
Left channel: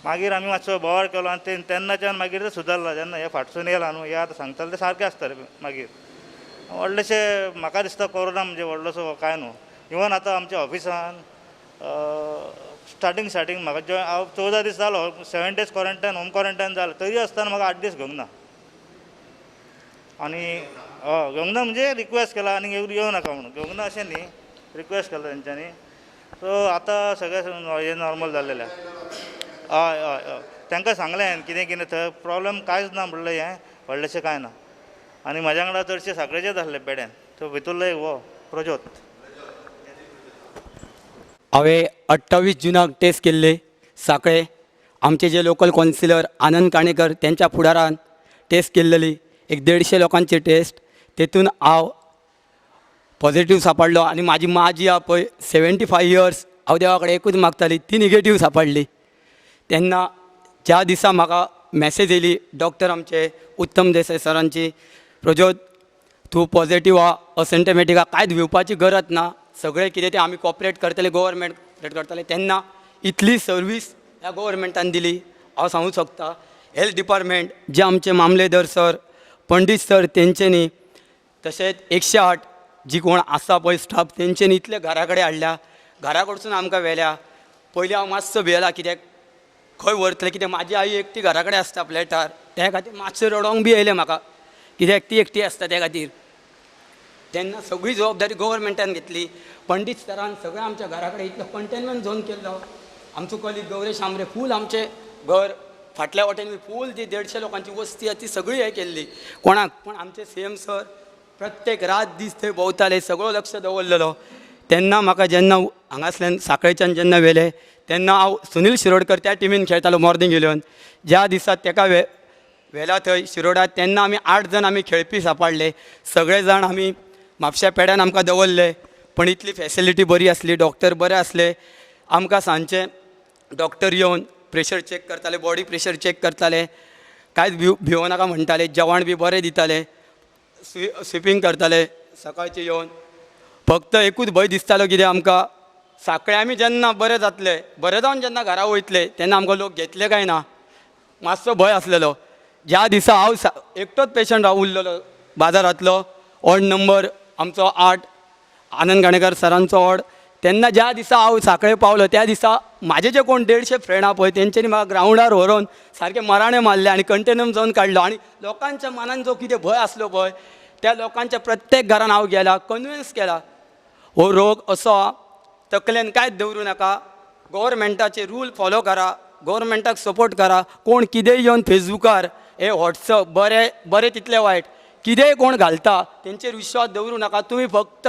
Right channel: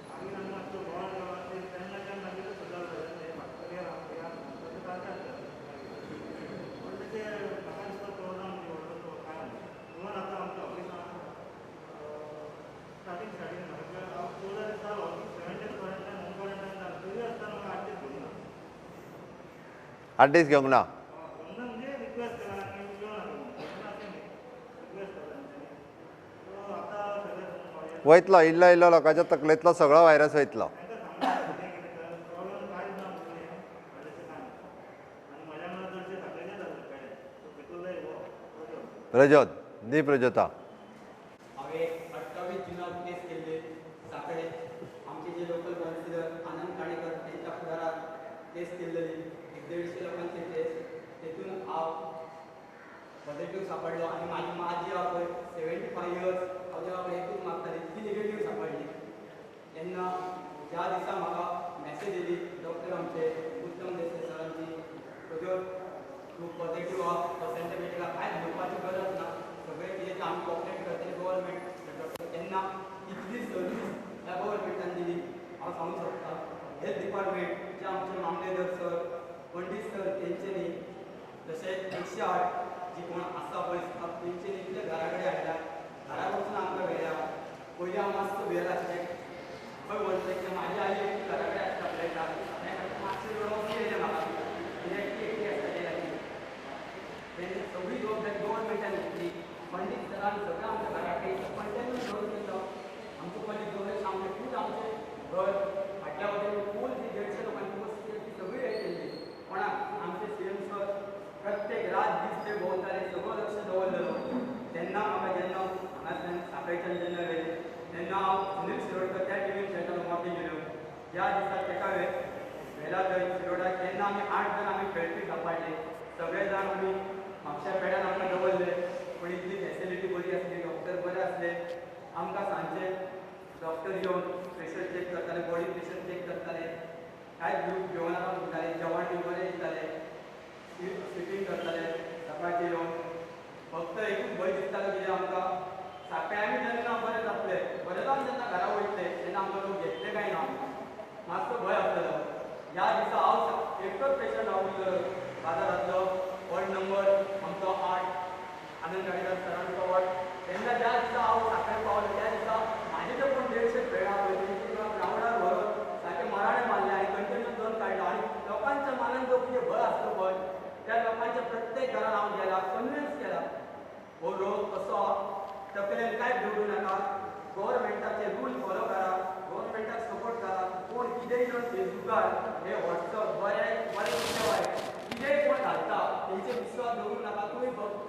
मागीर आमी मातसो बोवाळ केलो आनी तेन्नाच्यान मागीर ते सुदारला जेन्ना हे फाटसून येयला न्हू हे आतां सांगताले ते सारकें आसतालें मागीर व्हडलेशें म्हाका दिसता कोरोना म्हणजे व्हडलोसो कांय न्हू इवन आतां आमच्या ऑफिसान स्टार्टींग म्हाका हांव 14 दीस जालो 7 डेज क्वॉरंटायन होम क्वॉरंटायन जालो तरी आसतना म्हाका 8 दीस घेवंक ना 8 दीस घेवंक ना घेवंक ना म्हणजे रिक्वेस्ट केला आनी येवं नाका म्हणून घेवंक ना अशें न्ही रिक्वेस्ट केला तेंच्यांनी सो आतां सगळें वयतलो इल्लो लोकांच्या तकलेंतलो सगळो व्हायरस वयतलो तांकां सांगलें हांवें कितें थंय प्रॉब्लम कांयच ना म्हणलें हें व्हडलेशें कांय ना आनी म्हाज्या वांगडा चडशे साखळेचेच आसले पेड्यान तो भितरलो एक वो प्रज्योत हांवें 28 जुनाक टेस्ट केल्ले साखळे आमचे जे लोकल कावन्सिलर आनंद काणेकर त्यांच्या फुडारान टेस्ट केल्लेली एक 150 लोकांची टेस्ट तेतून हांव पॉझिटिव्ह सांपडलो आनी म्हाजी मां जी आहा पळय 75 इयर्स हांव देवा कडेन एकूच मागताली ती निगेटीव सांपडली तेन्ना ज्या दिसा म्हाका मॅसेज येयली डॉक्टर आमचे उत्तम देसाय सरांची प्रज्योत तूं पॉझिटिव्ह आहा असिम्टमॅटीक आहा कांयच भिवपाची गरज ना सगळें कितें तें आमी कॉपरेट करतले गव्हर्मेंट करतले तेन्ना इतली सर्वीस ह्या गव्हर्मेंटान दिली हांव सांगूंक शकता हेल्थ डिपार्टमेंट जे आमचे मामलेदार सर पंडीत सर तेंच्यांनी तशेंच 108 जी कोण आसा पळय स्टाफ तेंच्यांनी इतले घरा कडेन हाडल्या घरा कडसून आमकां व्हेल्या पयलीं हांव मातसो भियेला कित्याक खंय व्हरतलें कित्याक म्हाजी आई एकटी घरा कडेन आसता फ्लॅटार त्या खातीर मातशें रडोंक बी येयलें म्हाका कित्याक ती एकटी आसता त्या खातीर तेन्ना सगळी जबाबदारी गव्हर्मेंटान घेतली पंडीत सरान सगळें आमच्या घरा कडेन इतलो कंटेनमेंट झोन केल्लो आमचो कॉलेज गौरेश आमरे फूल आमचें घर फाटल्या वटेन फूल जी 150 लोकांची वस्ती आसा ती सगळी हें केल्ली कोणाक पूण आमचे सीएम सर प्रत्येक रात दीस थंय भोंवताले सगळो लक्ष दवरलेलो तेन्ना म्हाका जेन्ना हांगासल्यान साखळेच्यान जेन्ना व्हेले तेन्ना हांव सुनील शिरोडकर त्या टिमीन खेळटालो मॉर्निंग इलेवन ज्या दिसा ताका व्हेला थंय शिरोडात तेन्ना आमी 8 जण आमी खेळपी सांपाडले सगळे जाण आमी म्हापश्या पेड्यान आमकां दवरले पण इतली फॅसिलिटी बरी आसली डॉक्टर बरे आसले आमकां सांजचे डॉक्टर येवन प्रेशर चॅक करताले बॉडी प्रेशर चॅक करताले कांयच भिवो नाका म्हणटाले जेवण बी बरें दिताले स्विपींग करताले सकाळचे येवन फक्त एकूच भंय दिसतालो कितें आमकां साखळे आमी जेन्ना बरें जातले बरें जावन जेन्ना घरा वयतले तेन्ना आमकां लोक घेतले काय ना मातसो भंय आसलेलो ज्या दिसा हांव एकटोच पेशंट हांव उरलेलो बाजारांतलो ऑड नंबर आमचो 8 आनंद गाणेकर सरांचो ऑड तेन्ना ज्या दिसा हांव साखळे पावलो त्या दिसा म्हाजे जे कोण 150 फ्रेंड आहा पळय तेंच्यांनी म्हाका ग्रावंडार व्हरोन सारके मराणे मारले आनी कंटेनमेंट झोन काडलो आनी लोकांच्या मनान जो कितें भंय आसलो पळय त्या लोकांच्या प्रत्येक घरान हांव गेला कन्विन्स केला हो रोग असो तकलेन कांयच दवरूं नाका गव्हर्मेंटाचे रूल फॉलो करा गव्हर्मेंटाक सपोर्ट करा कोण कितेंय येवन फेसबुकार हे व्हॉट्सअप बरें तितलें वायट कितेंय कोण घालता तेंचेर विश्वास दवरूं नाका तुमी फक्त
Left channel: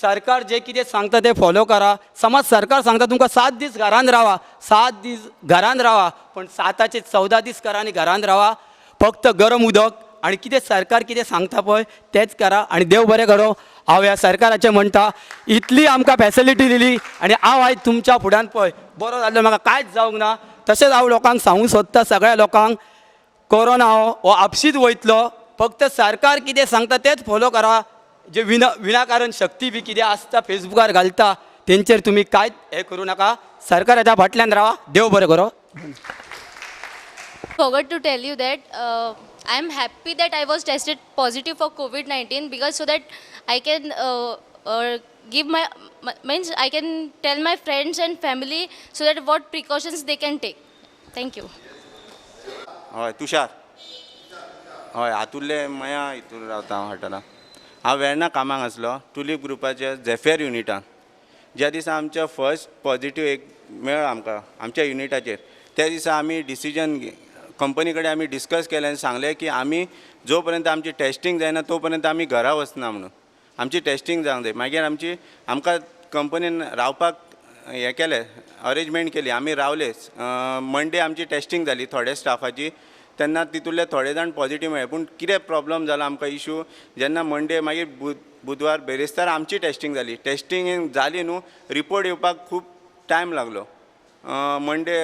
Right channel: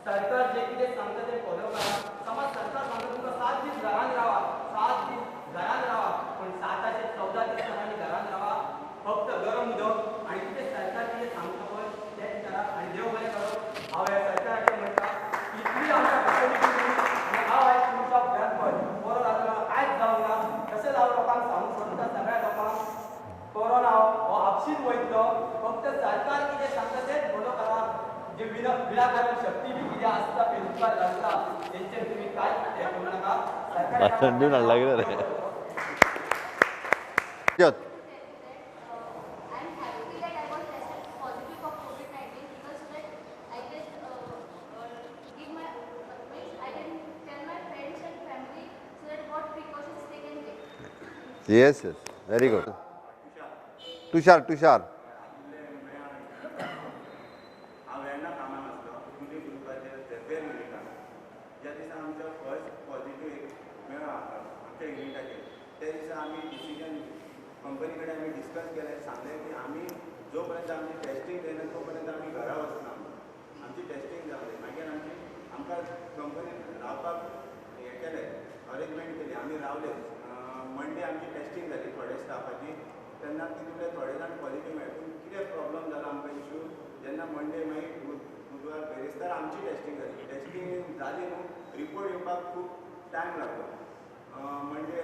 सरकार जे कितें सांगता ते फॉलो करा समज सरकार सांगता तुमकां 7 दीस घरान रावा 7 दीस घरान रावा पण 7चे 14 दीस करा आनी घरान रावा फक्त गरम उदक आनी कितें सरकार कितें सांगता पळय तेंच करा आनी देव बरें करो हांव ह्या सरकाराचें म्हणटा इतली आमकां फॅसिलिटी दिली आनी हांव आयज तुमच्या फुड्यान पळय बरो जाल्लो म्हाका कांयच जावंक ना. तशेंच हांव लोकांक सांगूंक सोदता, सगळ्या लोकांक, कोरोना हो आपशीच वयतलो. फक्त सरकार कितें सांगता तेच फॉलो करा. जे विनाकारण शक्ती बी कितें आसता फेसबुकार घालता तेंचेर तुमी कांयच हे करूं नाका. सरकाराच्या फाटल्यान रावा. देव बरें करो. Forgot to tell you that I'm happy that I was tested positive for COVID-19 because so that I can give my means I can tell my friends and family so that what precautions they can take. Thank you. Yes yes very good. हय तुषार तुषार हय हातुर्ले मया हितूर रावता हांव हॉटेलांत. हांव वेर्णा कामाक आसलो tulip ग्रुपाच्या झेफेर युनिटान. ज्या दिसा आमच्या फर्स्ट पॉझिटिव्ह एक मेळ्ळो आमकां आमच्या युनिटाचेर, त्या दिसा आमी डिसिजन कंपनी कडेन आमी डिस्कस केलें आनी सांगलें की आमी जो पर्यंत आमची टेस्टींग जायना तो पर्यंत आमी घरा वचना म्हणून. आमची टेस्टींग जावंक जाय. मागीर आमकां कंपनीन रावपाक हें केलें, अरेंजमेंट केली. आमी रावले. मंडे आमची टेस्टींग जाली थोड्या स्टाफाची. तेन्ना तितूंतले थोडे जाण पॉझिटीव मेळ्ळे. पूण कितें प्रॉब्लम जालो आमकां इशू, जेन्ना मंडे मागीर बुधवार बेरेस्तार आमची टेस्टींग जाली. टेस्टींग जाली न्हू, रिपोर्ट येवपाक खूब टायम लागलो. मंडे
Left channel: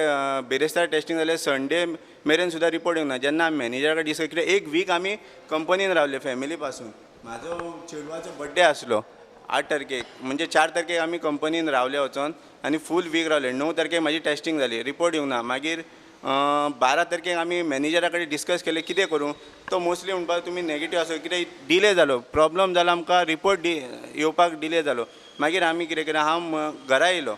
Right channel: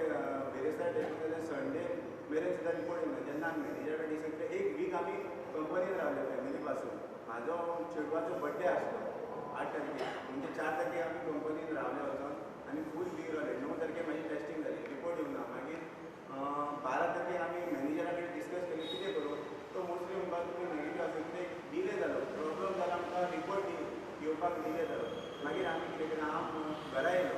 बेरेस्तार टेस्टींग जालें, संडे मेरेन सुद्दां रिपोर्ट येवंक ना. जेन्ना आमी मॅनेजरा कडेन डिस्कस केलें, एक वीक आमी कंपनीन रावले फॅमिली पासून. म्हाजो चेडवाचो बड्डे आसलो 8 तारखेक, म्हणजे 4 तारखेक आमी कंपनीन रावले वचोन आनी फूल वीक रावले. 9 तारखेक म्हाजी टेस्टींग जाली, रिपोर्ट येवंक ना. मागीर 12 तारखेक आमी मॅनेजरा कडेन डिस्कस केलें कितें करूं. तो मोस्टली म्हणपाक तुमी नेगेटीव आसो, कितें डिले जालो, प्रॉब्लम जालो, आमकां रिपोर्ट येवपाक डिले जालो. मागीर आमी कितें केलें, हांव घरा येयलो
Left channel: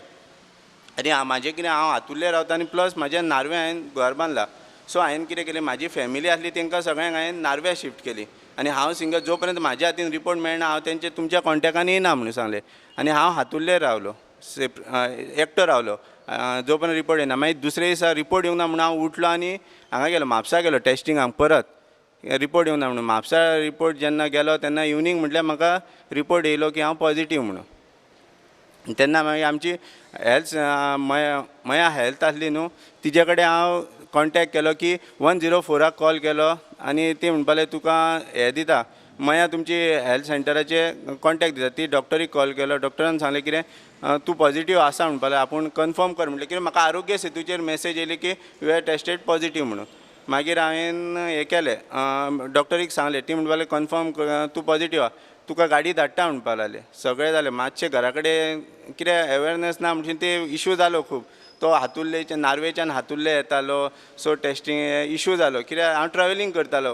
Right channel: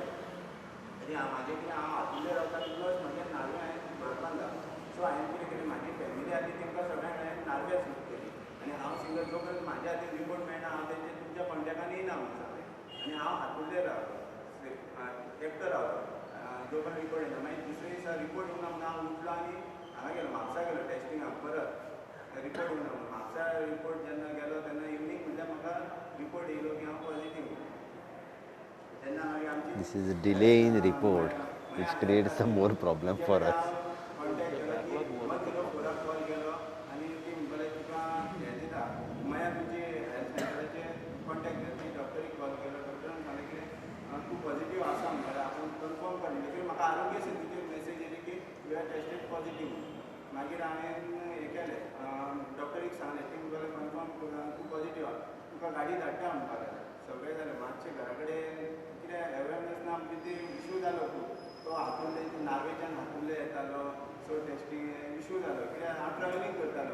आनी म्हाजें कितें हांव हातुर्ले रावता आनी प्लस म्हाज्या नार्वे हांवें घर बांदलां. सो हांवें कितें केलें, म्हाजी फॅमिली आसली तांकां सगळ्यांक हांवें नार्व्या शिफ्ट केली आनी हांव सिंगल जो पर्यंत म्हाज्या हातीन रिपोर्ट मेळना हांव तेंचे तुमच्या कॉन्टॅक्टान येना म्हणून सांगलें. आनी हांव हातुर्ले रावलो, एकटो रावलो जो पर्यंत रिपोर्ट येना. मागीर दुसरे दिसा रिपोर्ट येवंक ना म्हणून हांव उठलो आनी हांगा गेलो, म्हापसा गेलो टेस्टिंगाक. परत रिपोर्ट येवंक ना म्हणून म्हापसा रिपोर्ट जेन्ना गेलो तेन्ना इवनिंग म्हटल्यार म्हाका रिपोर्ट येयलो की हांव पॉझिटीव म्हणून. तेन्ना मागीर आमची हेल्थ मया हेल्थ आसली न्हू, तिजे कडेन हांव कॉन्टॅक्ट केलो की 104 कॉल केलो आनी ती म्हणपाले तुका हें दिता, मया तुमची हेल्थ सेंटराचे कॉन्टॅक्ट दिता. ती डॉक्टरीक कॉल केलो, डॉक्टरान सांगलें कितें तूं पॉझिटीव आसा म्हणपालें, आपूण कन्फर्म कर म्हणलें. कित्याक म्हाका आरोग्य सेतूचेर मेसेज येयली की यू हॅव टेस्टेड पॉझिटीव म्हणून. मागीर हांवें हें केलें, डॉक्टरीक सांगलें. ती म्हणपालें कन्फर्म तूं पॉझिटीव आहा, तुका गाडी धाडटा म्हणपा लागले. सगळें जालें. मातशें घरा कडेन कितें अवेरनस ना म्हणजे ते इशू जालो खूब. तो हातुर्लेच्यान नार्वेच्यान हातुर्ले येतालो, सो टेस्टींग इशू जालो. कित्याक हांव ट्रॅवलिंग करतालो,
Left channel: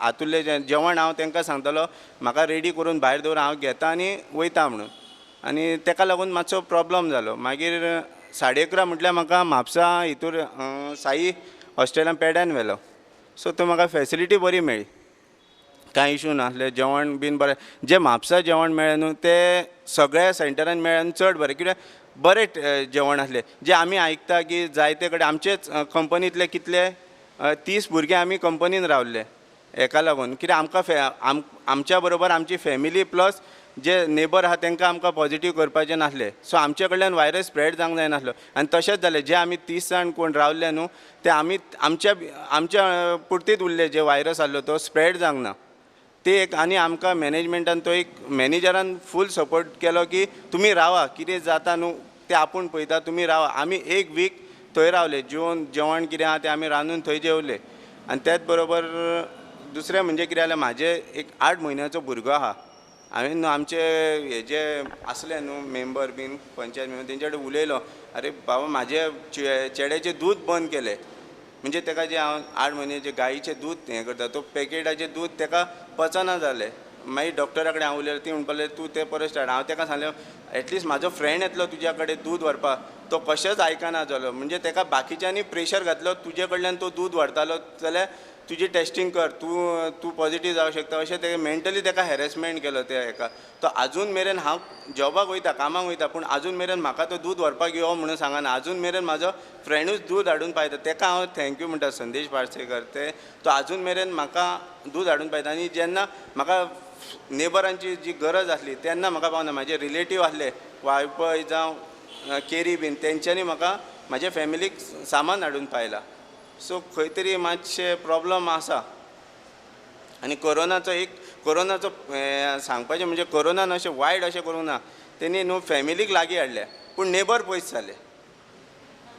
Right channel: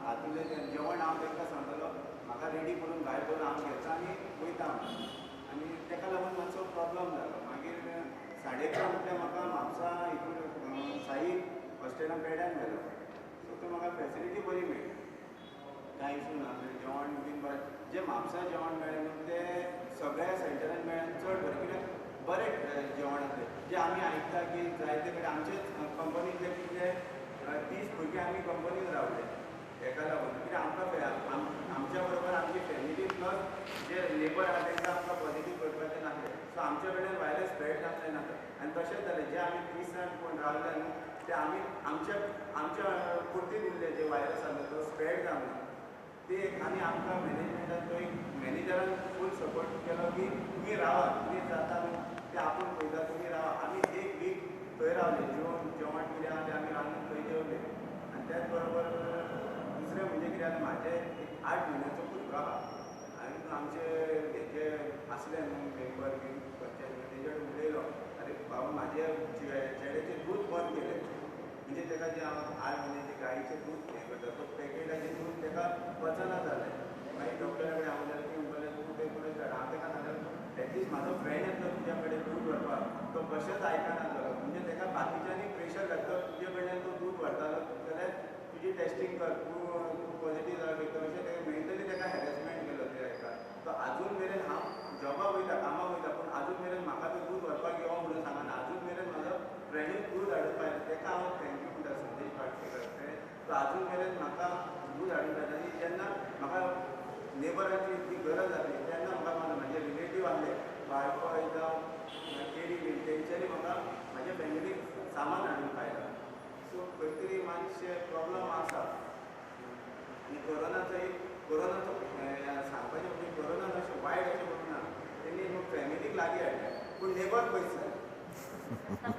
हातुर्लेच्यान जेवण हांव तांकां सांगतालो म्हाका रेडी करून भायर दवर, हांव घेता आनी वयता म्हणून. आनी ताका लागून मातसो प्रॉब्लम जालो. मागीर 11:30 म्हटल्यार म्हाका म्हापसा हितूर साई हॉस्टेलान पेड्यान व्हेलो. सो थंय म्हाका फॅसिलिटी बरी मेळ्ळी, कांय इशू नासलें. जेवण बीन बरें, जें म्हापसा जेवण मेळ्ळें न्हू तें सगळ्या सेंटरान मेळ्ळें आनी चड बरें. कित्याक बरें जेवण आसलें. जें आमी आयकता की जायते कडेन आमचेच कंपनींतले कितले 30 भुरगे आमी कंपनीन रावल्ले हेका लागून. कित्याक आमकां आमच्या बरोबर आमची फॅमिली प्लस जे नेबर आहा तांकां आमकां पॉझिटीव करपाचें नासलें. सो आमचे कडल्यान वायरस स्प्रेड जावंक जायनासलो. आनी तशेंच जालें, जे आमी 30 जाण कोण रावल्ले न्हू ते आमी आमच्या पुरतीत उरले. जे वायरस आसलो तो स्प्रेड जावंक ना ते एक. आनी आमकां मॅनेजमेंटान तो एक मॅनेजरान फूल सपोर्ट केलो की तुमी रावा, कितें जाता न्हू तें आपूण पळयता, तुमी रावा. आमी एक वीक थंय रावले, जेवण कितें आहा तें आमी रांदून थंय जेवले. आनी त्याच बरोबर दुसरें म्हणजे कितें जालें, म्हाजे एक 8 म्हयन्याचो भुरगो आहा. हांवें न्हू आमचे हे जे आसले न्हू मेंबर बीन पंचायत मेंबर तेंचे कडेन उलयलो, अरे बाबा म्हाजे चेड्याचें दूद बंद केलें. म्हणजे ताका जे हांव 8 म्हयन्याचे गायीचें दूद हें करता तो पॅकेटाचें दूद ताका पचना जालें. मागीर डॉक्टरा कडेन हांव उलयलो, ती म्हणपालें तूं तें परत स्टार्ट. हांव ताका सांगलें एटलिस्ट म्हाजो फ्रेंड येतलो तुज्या कडेन दूद व्हरपाक, तो कशेंच आयकना जालो. म्हणजे ताका बाकीच्यांनी प्रेशर घातलो तुजे कडल्यान तो दूद व्हरतालो जाल्यार तुजी टेस्टींग कर, तूं पॉझिटीव जावंक शकता. अशें तेका मेंटली ताका हॅरेसमेंट केलो त्या हेका. तो आजून मेरेन हांव जॉबाक वयता, कामाक वयता, पूण आजून मेरेन म्हाका तो दूद व्हरपाक यो म्हणून सांगना. आजून मेरेन म्हाजो फ्रेंडूच दूद हाडून पावयता. ताका हांव थँक्यू म्हणटा, संदेश पार्सेकर. तो आजून मेरेन म्हाका दूद हाडून पावयता. आनी जेन्ना म्हाका नेबरांची जी गरज आसली तेन्ना म्हाका पावना. म्हाजे रिलेटीव आसले वायपय जावं केरी बीन, तेंच्यांनी म्हाका म्हाज्या फॅमिलीक सामान हाडून पावयलां. सो खंय तरी मातशें प्रॉब्लम आसा. आनी कोरोनाचो सांगपाचें म्हणजे कोरोनान अशें वायट अशें करूंक ना. तेणी न्हू फॅमिलीक लागीं हाडल्या, पूण नेबर पयस जाले.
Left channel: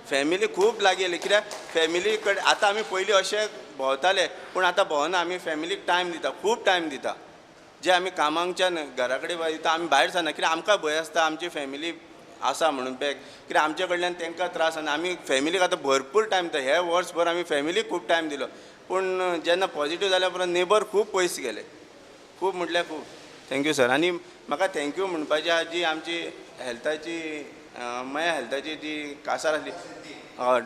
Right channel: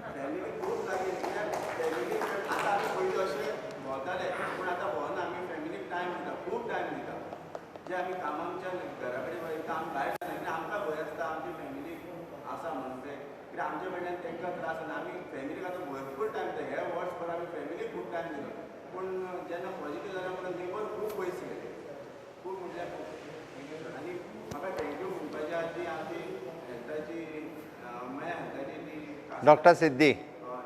फॅमिली खूब लागीं येयली कित्याक फॅमिली कडेन आतां आमी पयलीं अशे भोंवताले पूण आतां भोंवना आमी फॅमिलीक टायम दिता खूब टायम दिता जे आमी कामांच्यान घरा कडेन दिता आमी भायर सरना कित्याक आमकां भंय आसता आमची फॅमिली आसा म्हणून पॅक कित्याक आमचे कडल्यान तांकां त्रास जायना आमी फॅमिलीक आतां भरपूर टायम दिता हे वर्सभर आमी फॅमिलीक खूब टायम दिलो पूण जेन्ना पॉझिटीव जाल्या उपरांत नेबर खूब पयस गेले खूब म्हटल्यार खूब थँक्यू सर आनी म्हाका थँक्यू म्हणपाची आहा जी आमची हेल्थाची माया हेल्थाची जी आसा डॉक्टर सिद्धी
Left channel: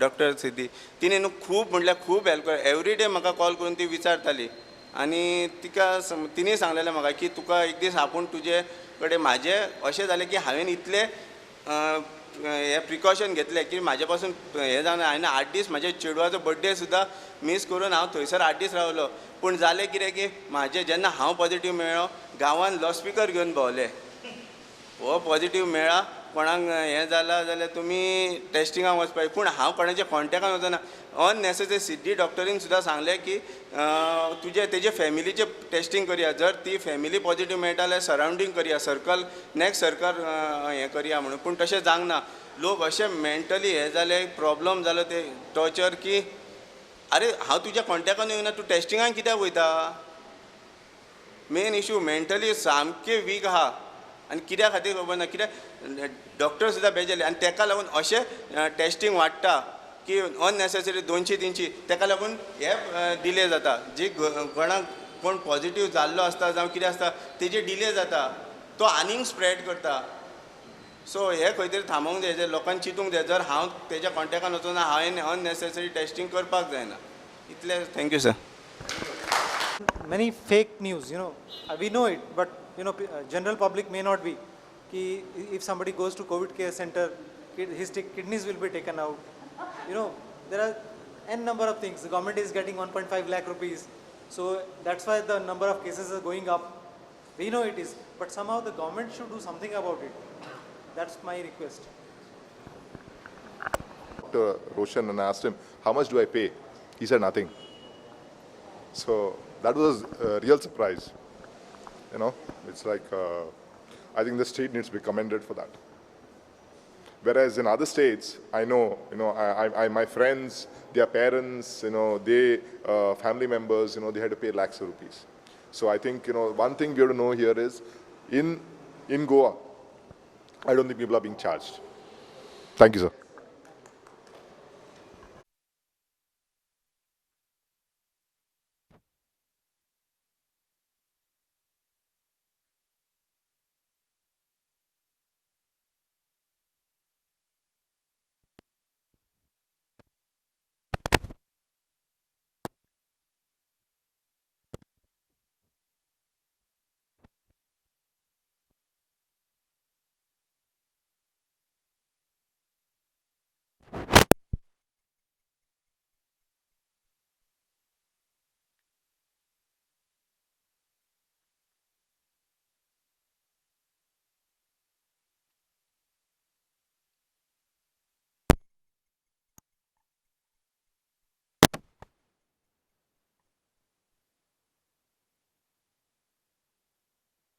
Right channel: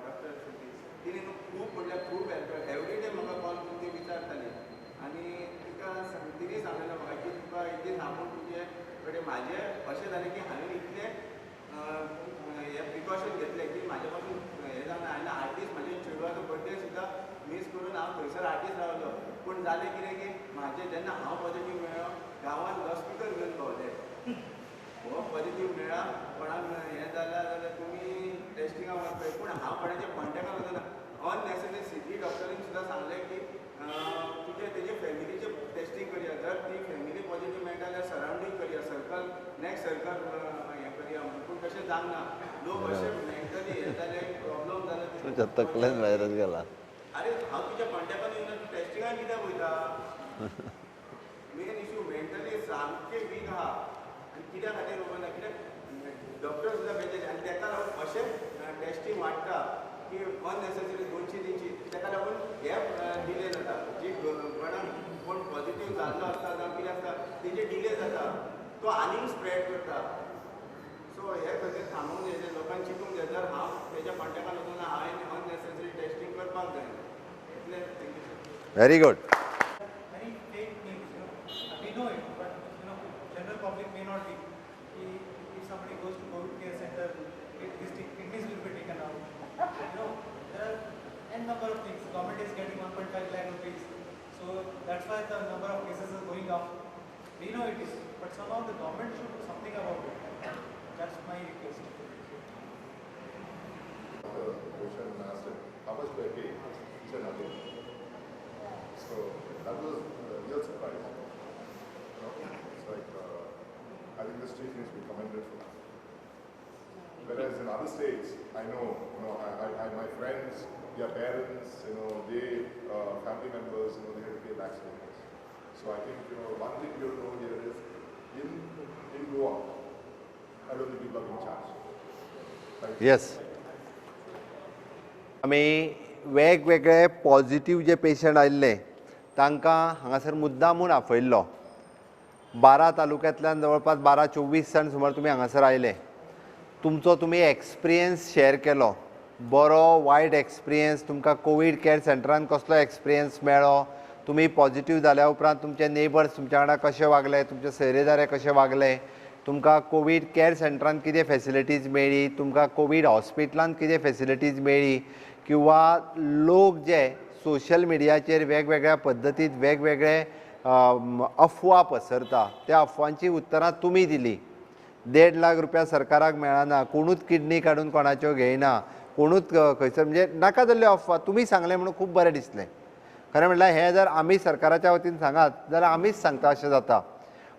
डॉक्टर सिद्धी तिणे न्हू खूब म्हटल्यार खूब हेल्प कर एवरी डे म्हाका कॉल करून ती विचारताली आनी तिका तिणें सांगलेलें म्हाका की तुका एक दीस आपूण तुजे कडेन म्हाजें अशें जालें की हांवें इतलें हे प्रिकॉशन घेतले की म्हाजे पासून हें जावना हांवें 8 दीस म्हाज्या चेडवाचो बड्डे सुद्दां मिस करून हांव थंयसर 8 दीस रावलो पूण जालें कितें की म्हाजें जेन्ना हांव पॉझिटीव मेळ्ळो गांवान लावडस्पिकर घेवन भोंवले हो पॉझिटीव मेळ्ळा कोणाक हें जालां जाल्यार तुमी टेस्टिंगाक वचपाचें पूण हांव कोणाच्या कॉन्टेक्टान वचना अननेसेसरी सिद्धी डॉक्टरीन सुद्दां सांगलें की तुजे तेजे फॅमिलीचें टेस्टींग करया जर ती फॅमिली पॉझिटीव मेळटा जाल्यार सरावंडींग करया सर्कल नॅक्स्ट सर्कल हें करया म्हणून पूण तशें जावंक ना लोक अशे मेंटली हे जाले प्रॉब्लम जालो ते टॉर्चर की अरे हांव तुज्या कॉन्टेक्टान येवना तूं टेस्टिंगाक कित्याक वयता मेन इशू मेंटली सामके वीक आहा आनी कित्या खातीर खबर ना कित्याक डॉक्टर सुद्दां बेजारले आनी ताका लागून अशें टेस्टींग वाडटा की अननेसेसरी 200-300 ताका लागून हे डिले जाता जी कोणाक कोण पॉझिटीव जाल्लो आसता जावं कितें आसता तेजे डिले जाता तो आनीक स्प्रेड करता सो हे खंय तरी थांबोवंक जाय लोकांनी चिंतूंक जाय जर हांव तेज्या कॉन्टेक्टान वचून हांवें अननेसेसरी टेस्टींग करपाक जायना इतलें thank you sir very good Many fake news, we know it, but general public may not be. If somebody goes to COVID care center, his kidneys will be taken out. There are n number of things. The government is getting 1.5 lakh rupees, so that's why the number of cases are going up. We know it is, but somehow the government should do something about it. That's my request. Dr. Roshan and asked him, how much do I pay? He said nothing. So that was a real surprise. It's like, I think the state needs to be commended for that. Whereas in other states, I know, my friends, their parents, they, family members, they had to pay lakhs of rupees. So I think, one thing we have to know here is, in Goa, I don't think people are being charged. Thank you, sir. Yes. आमी वेगवेगळे positive जे patient आयिल्ले तांकां हांगासर मुद्दामून आपयल्लो 12 तालुक्यांतल्यान जवळपास 12-24 जाण सुमार तुमी हांगासर आयले तुमचो तुमी एक्सपिरियन्स शेअर केलो बरो वायट एक्सपिरियन्स तुमकां कोवीड केअर सेंटरान कसलो एक्सपिरियन्स मेळ्ळो तुमी पॉझिटीव जाल्या उपरांत तुमचे नेबर्स तुमच्या वांगडा कशे वागले तुमचे सोयरेदारे कशे वागले तुमकां कोवीड केअर सेंटरान कितें फेसिलिटीज मेळ्ळी तुमकां कोवीड हॉस्पिटलांत कितें फेसिलिटीज मेळ्ळी किंवा लोक जे सोशल मिडियाचेर वेगवेगळ्या पद्दतीन वेगवेगळे अफवा पसरता त्या अफवांची उतरां तुमी दिली 1.5 लाख रुपया सरकाराक मेळना कोणूच किडनी काडून कोणाच्यो घेयना कोणूच खंयसर म्हणजे नाका जाल्ल्यो अफवा तुमी सांगले म्हणून खूब बरें दिसलें खरें म्हणल्यार हें जर आमी सरकाराच्या वतीन सांगात जाल्यार आमीच सांगता अशें जाता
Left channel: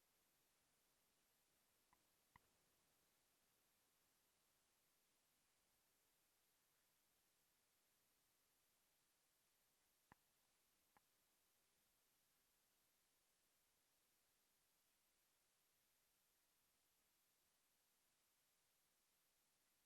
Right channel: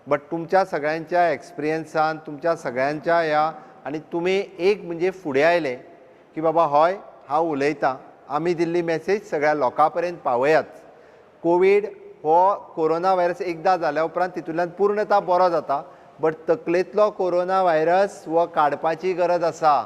बट तुमच्या सगळ्यांच्या एक्सपिरियन्सान तुमच्या सगळ्यांच्या ह्या आनी तुमी एक म्हणजे फुडें आयले की बाबा हय हांव उलयतां आमी दिल्ली मॅसेज सगळ्या लोकां पर्यंत पावयात कोवीड हो कोरोना व्हायरस एकदां जाल्या उपरांत तितूंतल्यान पूर्णता बरो जाता बट तकलेंतलो कोरोना व्हायरस हो काडपाची गरज आसा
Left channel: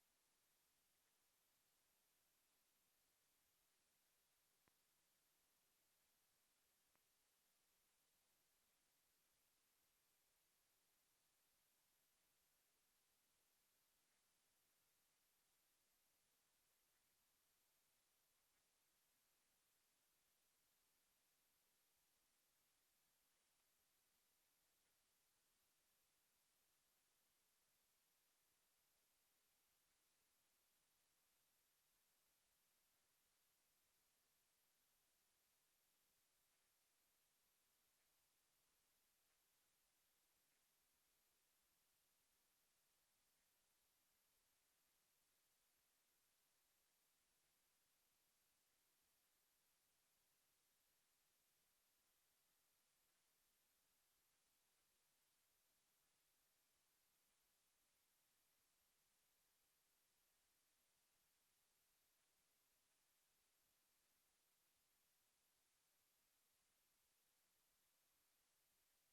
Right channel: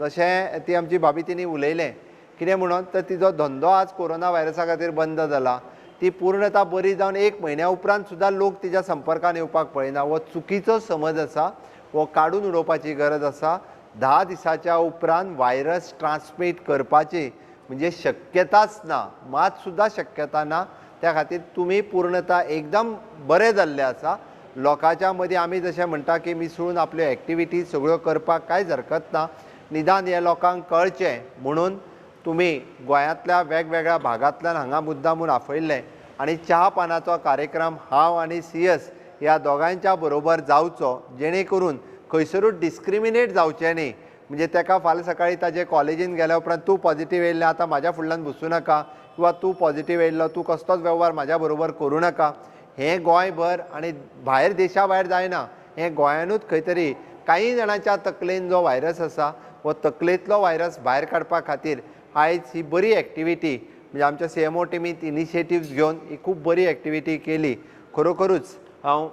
जशें ती आमची भाभी तिणी उलयलें कितें म्हणून तर तिजो धंदो आज कोरोना व्हायरसा खातीर बंद जाला ती पूर्णता बरी जावन 1 म्हयन्या उपरांत सुद्दां लोक तिच्या संपर्कान येवपाक पळयना हो चुकीचो समज आसा हो काडून उडोवपाची गरज आसा 10 दिसाच्या उपरांत व्हायरस ट्रान्समीट करपाची म्हणजे शक्यताच ना मात सुद्दां शक्यता ना त्या खातीर तुमी पूर्णता एकदम बरें जाल्ले आसा लोकांच्या मदीं आमी जशें म्हणटा की मिसळून आपल्यो एक्टिविटीज सगळ्यो करपाक कांयच हरकत ना निदान हे लोकांक कळचें म्हणून तुमी गोंयांतल्या वेगवेगळ्या भागांतल्यान हांगा मुद्दामून आपयल्ले आनी च्या पानाचो कार्यक्रम हांव आनी CS ह्या दोगांच्या बरोबर जावचो जेणे करून खंयसरूच डिस्क्रिमिनेट जावचें न्ही म्हणजे ताका फाल्यां सकाळीं ताजे कॉलेजीन गेल्या उपरांत तूं पॉझिटीव येयल्लें आतां म्हाज्या फुडल्यान बसूं नाका किंवा तूं पॉझिटीव येयल्लो तूं कसलोच वेव्हार म्हाज्या बरोबर करूं नाका हें गोंयभर आनी भायर देशा भायर जायना हें गोंयानूच खंय तरी कांय जाणांच्या तकलेन जो व्हायरस आसा हो तकलेंतलो व्हायरस भायर काडपा खातीर आयज ही बरी एक्टिविटी म्हणजे आमच्या CMO टिमीत इनिशिएटिव्स घेवन ही खूब बरी एक्टिविटी केली. खरोखरूच हांव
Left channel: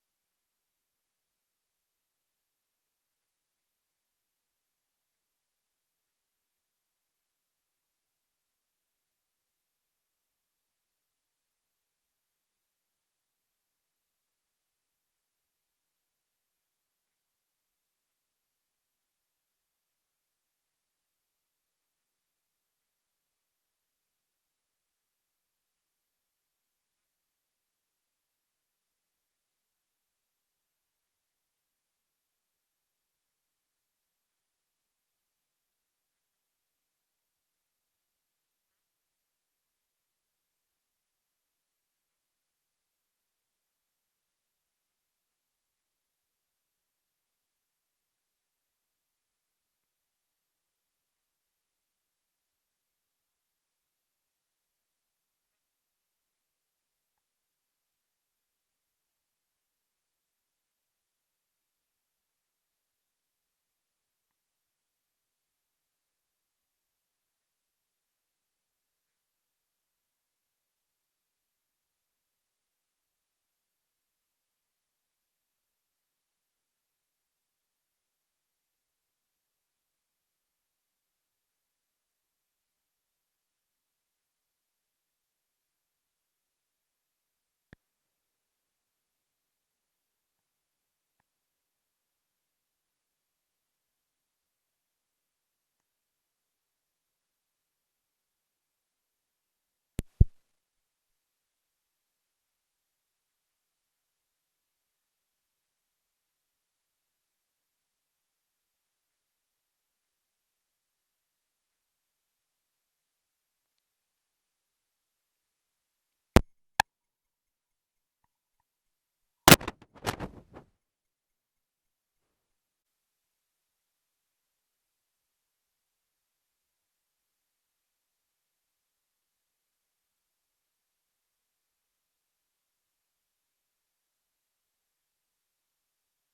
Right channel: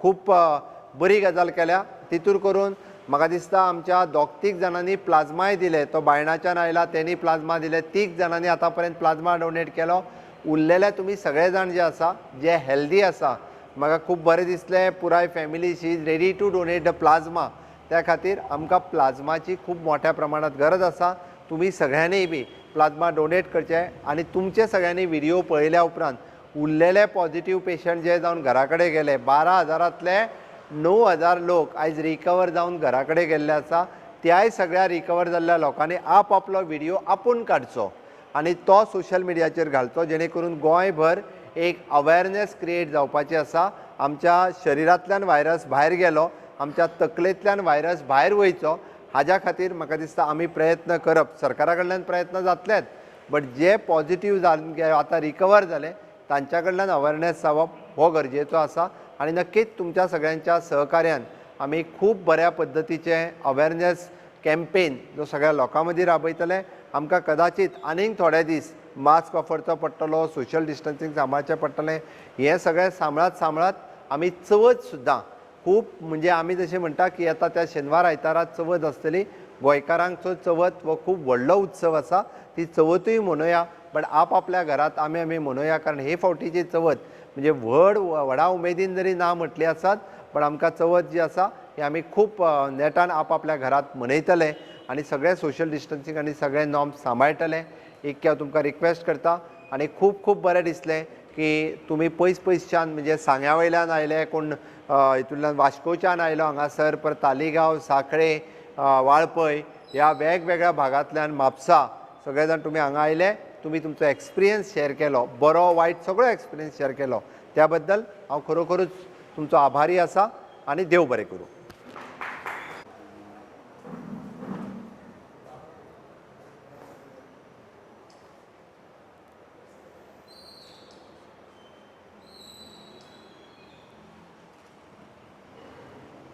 खूब बरी गजाल केल्या. तितूर करून म्हाका दिसता आमच्या दोग-तीग जाणांनी प्लाझ्माय दिले. तो बायणाच्यान आयला तेणी प्लाझ्मा दिले. 3 जाणांनी आतां पर्यंत प्लाझ्मा डोनेट केलो. उरलेले तुमी सगळे जाण जे आसा जे हेल्दी आसा म्हाका खूब बरें दिसलें. पुराय family she is ready to donate the plasma. त्या खातीर आमकां प्लाझ्माची खूब मोठ्या प्रमाणात गरज आसा. तुमी सगळ्यांनी बी प्लाझ्मा डोनेट करचे आनी तुमचे सगळ्यांनी व्हिडिओ पळयल्या उपरांत उरलेले पॉझिटिव्ह पेशंट जे जावन घरा कडेन गेले 12,000तले 9,000 लोक आयज रिकवर जावन घरा कडेन गेल्ले आसा. त्याय सगळ्या रिकवर जाल्ल्या लोकांनी आपलो व्हिडिओ आपूण काडचो आनी तो सोशल मिडियाचेर घालचो जेणे करून गोंयभर एक अवेरनेस क्रिएट जावपाची आसा. आमच्या शरिरांतल्यान व्हायरस भायर गेलो, आमच्या तकलेंतल्यान व्हायरस भायर वयचो हाज्या खातीर म्हाका दिसता आमी प्रयत्न करप. सरकारा कडल्यान प्रयत्न जातलेच बट जे पॉझिटिव्ह आतां रिकवर जाले तांच्या कडल्यान अवेरनेस जावप हो गरजेचो आसा. आनी नक्कीच तुमच्या सगळ्यांच्या सहकार्यान आमी खूब बऱ्या पद्दतीचे अवेरनेस कॅम्पेन जो सगळ्या लोकां मदीं राबयतले. आमकां कदाचित आनीक थोडे दीस मास्क वापरचो पडटलो, सोशल डिस्टन्सींग सांबाळचें पडटलें. हें सगळें सांबाळत आमी चवथ सुद्दां खूब म्हणजे आमी जशें म्हणटा की येता त्या शेनवार आयतारा चवथ आसतली. गोंयकारांचो चवथ हो खूब व्हडलो उत्सव आसा. ती चवथूय मनोवया बट आपल्या घरांत आमी मनोवया. कारण हे फावटीची चवथ म्हणजे व्हडा उमेदीन जरी ना म्हटली आसात पण आमकां चवथ जी आसा ही आमी खूब नेटान आपल्या घरांत मनयतले आनी सगळे सोशल डिस्टन्सींग आनी सगळे नॉर्म्स सांबाळटले. एक हांव तुमकां रिक्वेस्ट करता आनी खूब बरें दिसलें की तुमी पयसच्यान म्हणजे सांग्या वयल्यान आयले, कोण हितूंतल्यान वास्कोच्यान आयलो हांगासर, पर तालिगांव, सांखळे, वाळपय ह्या वेगवेगळ्या भागांतल्यान म्हापसा सगळे जाण तुमी हांगा आयले. तुमी तुमचो एक्सपिरियन्स शेअर केलो, बरो वायट सगळो एक्सपिरियन्स शेअर केलो. त्या बद्दल हांव खरोखरूच तुमचो आभारी आसा आनी देव बरें करूं.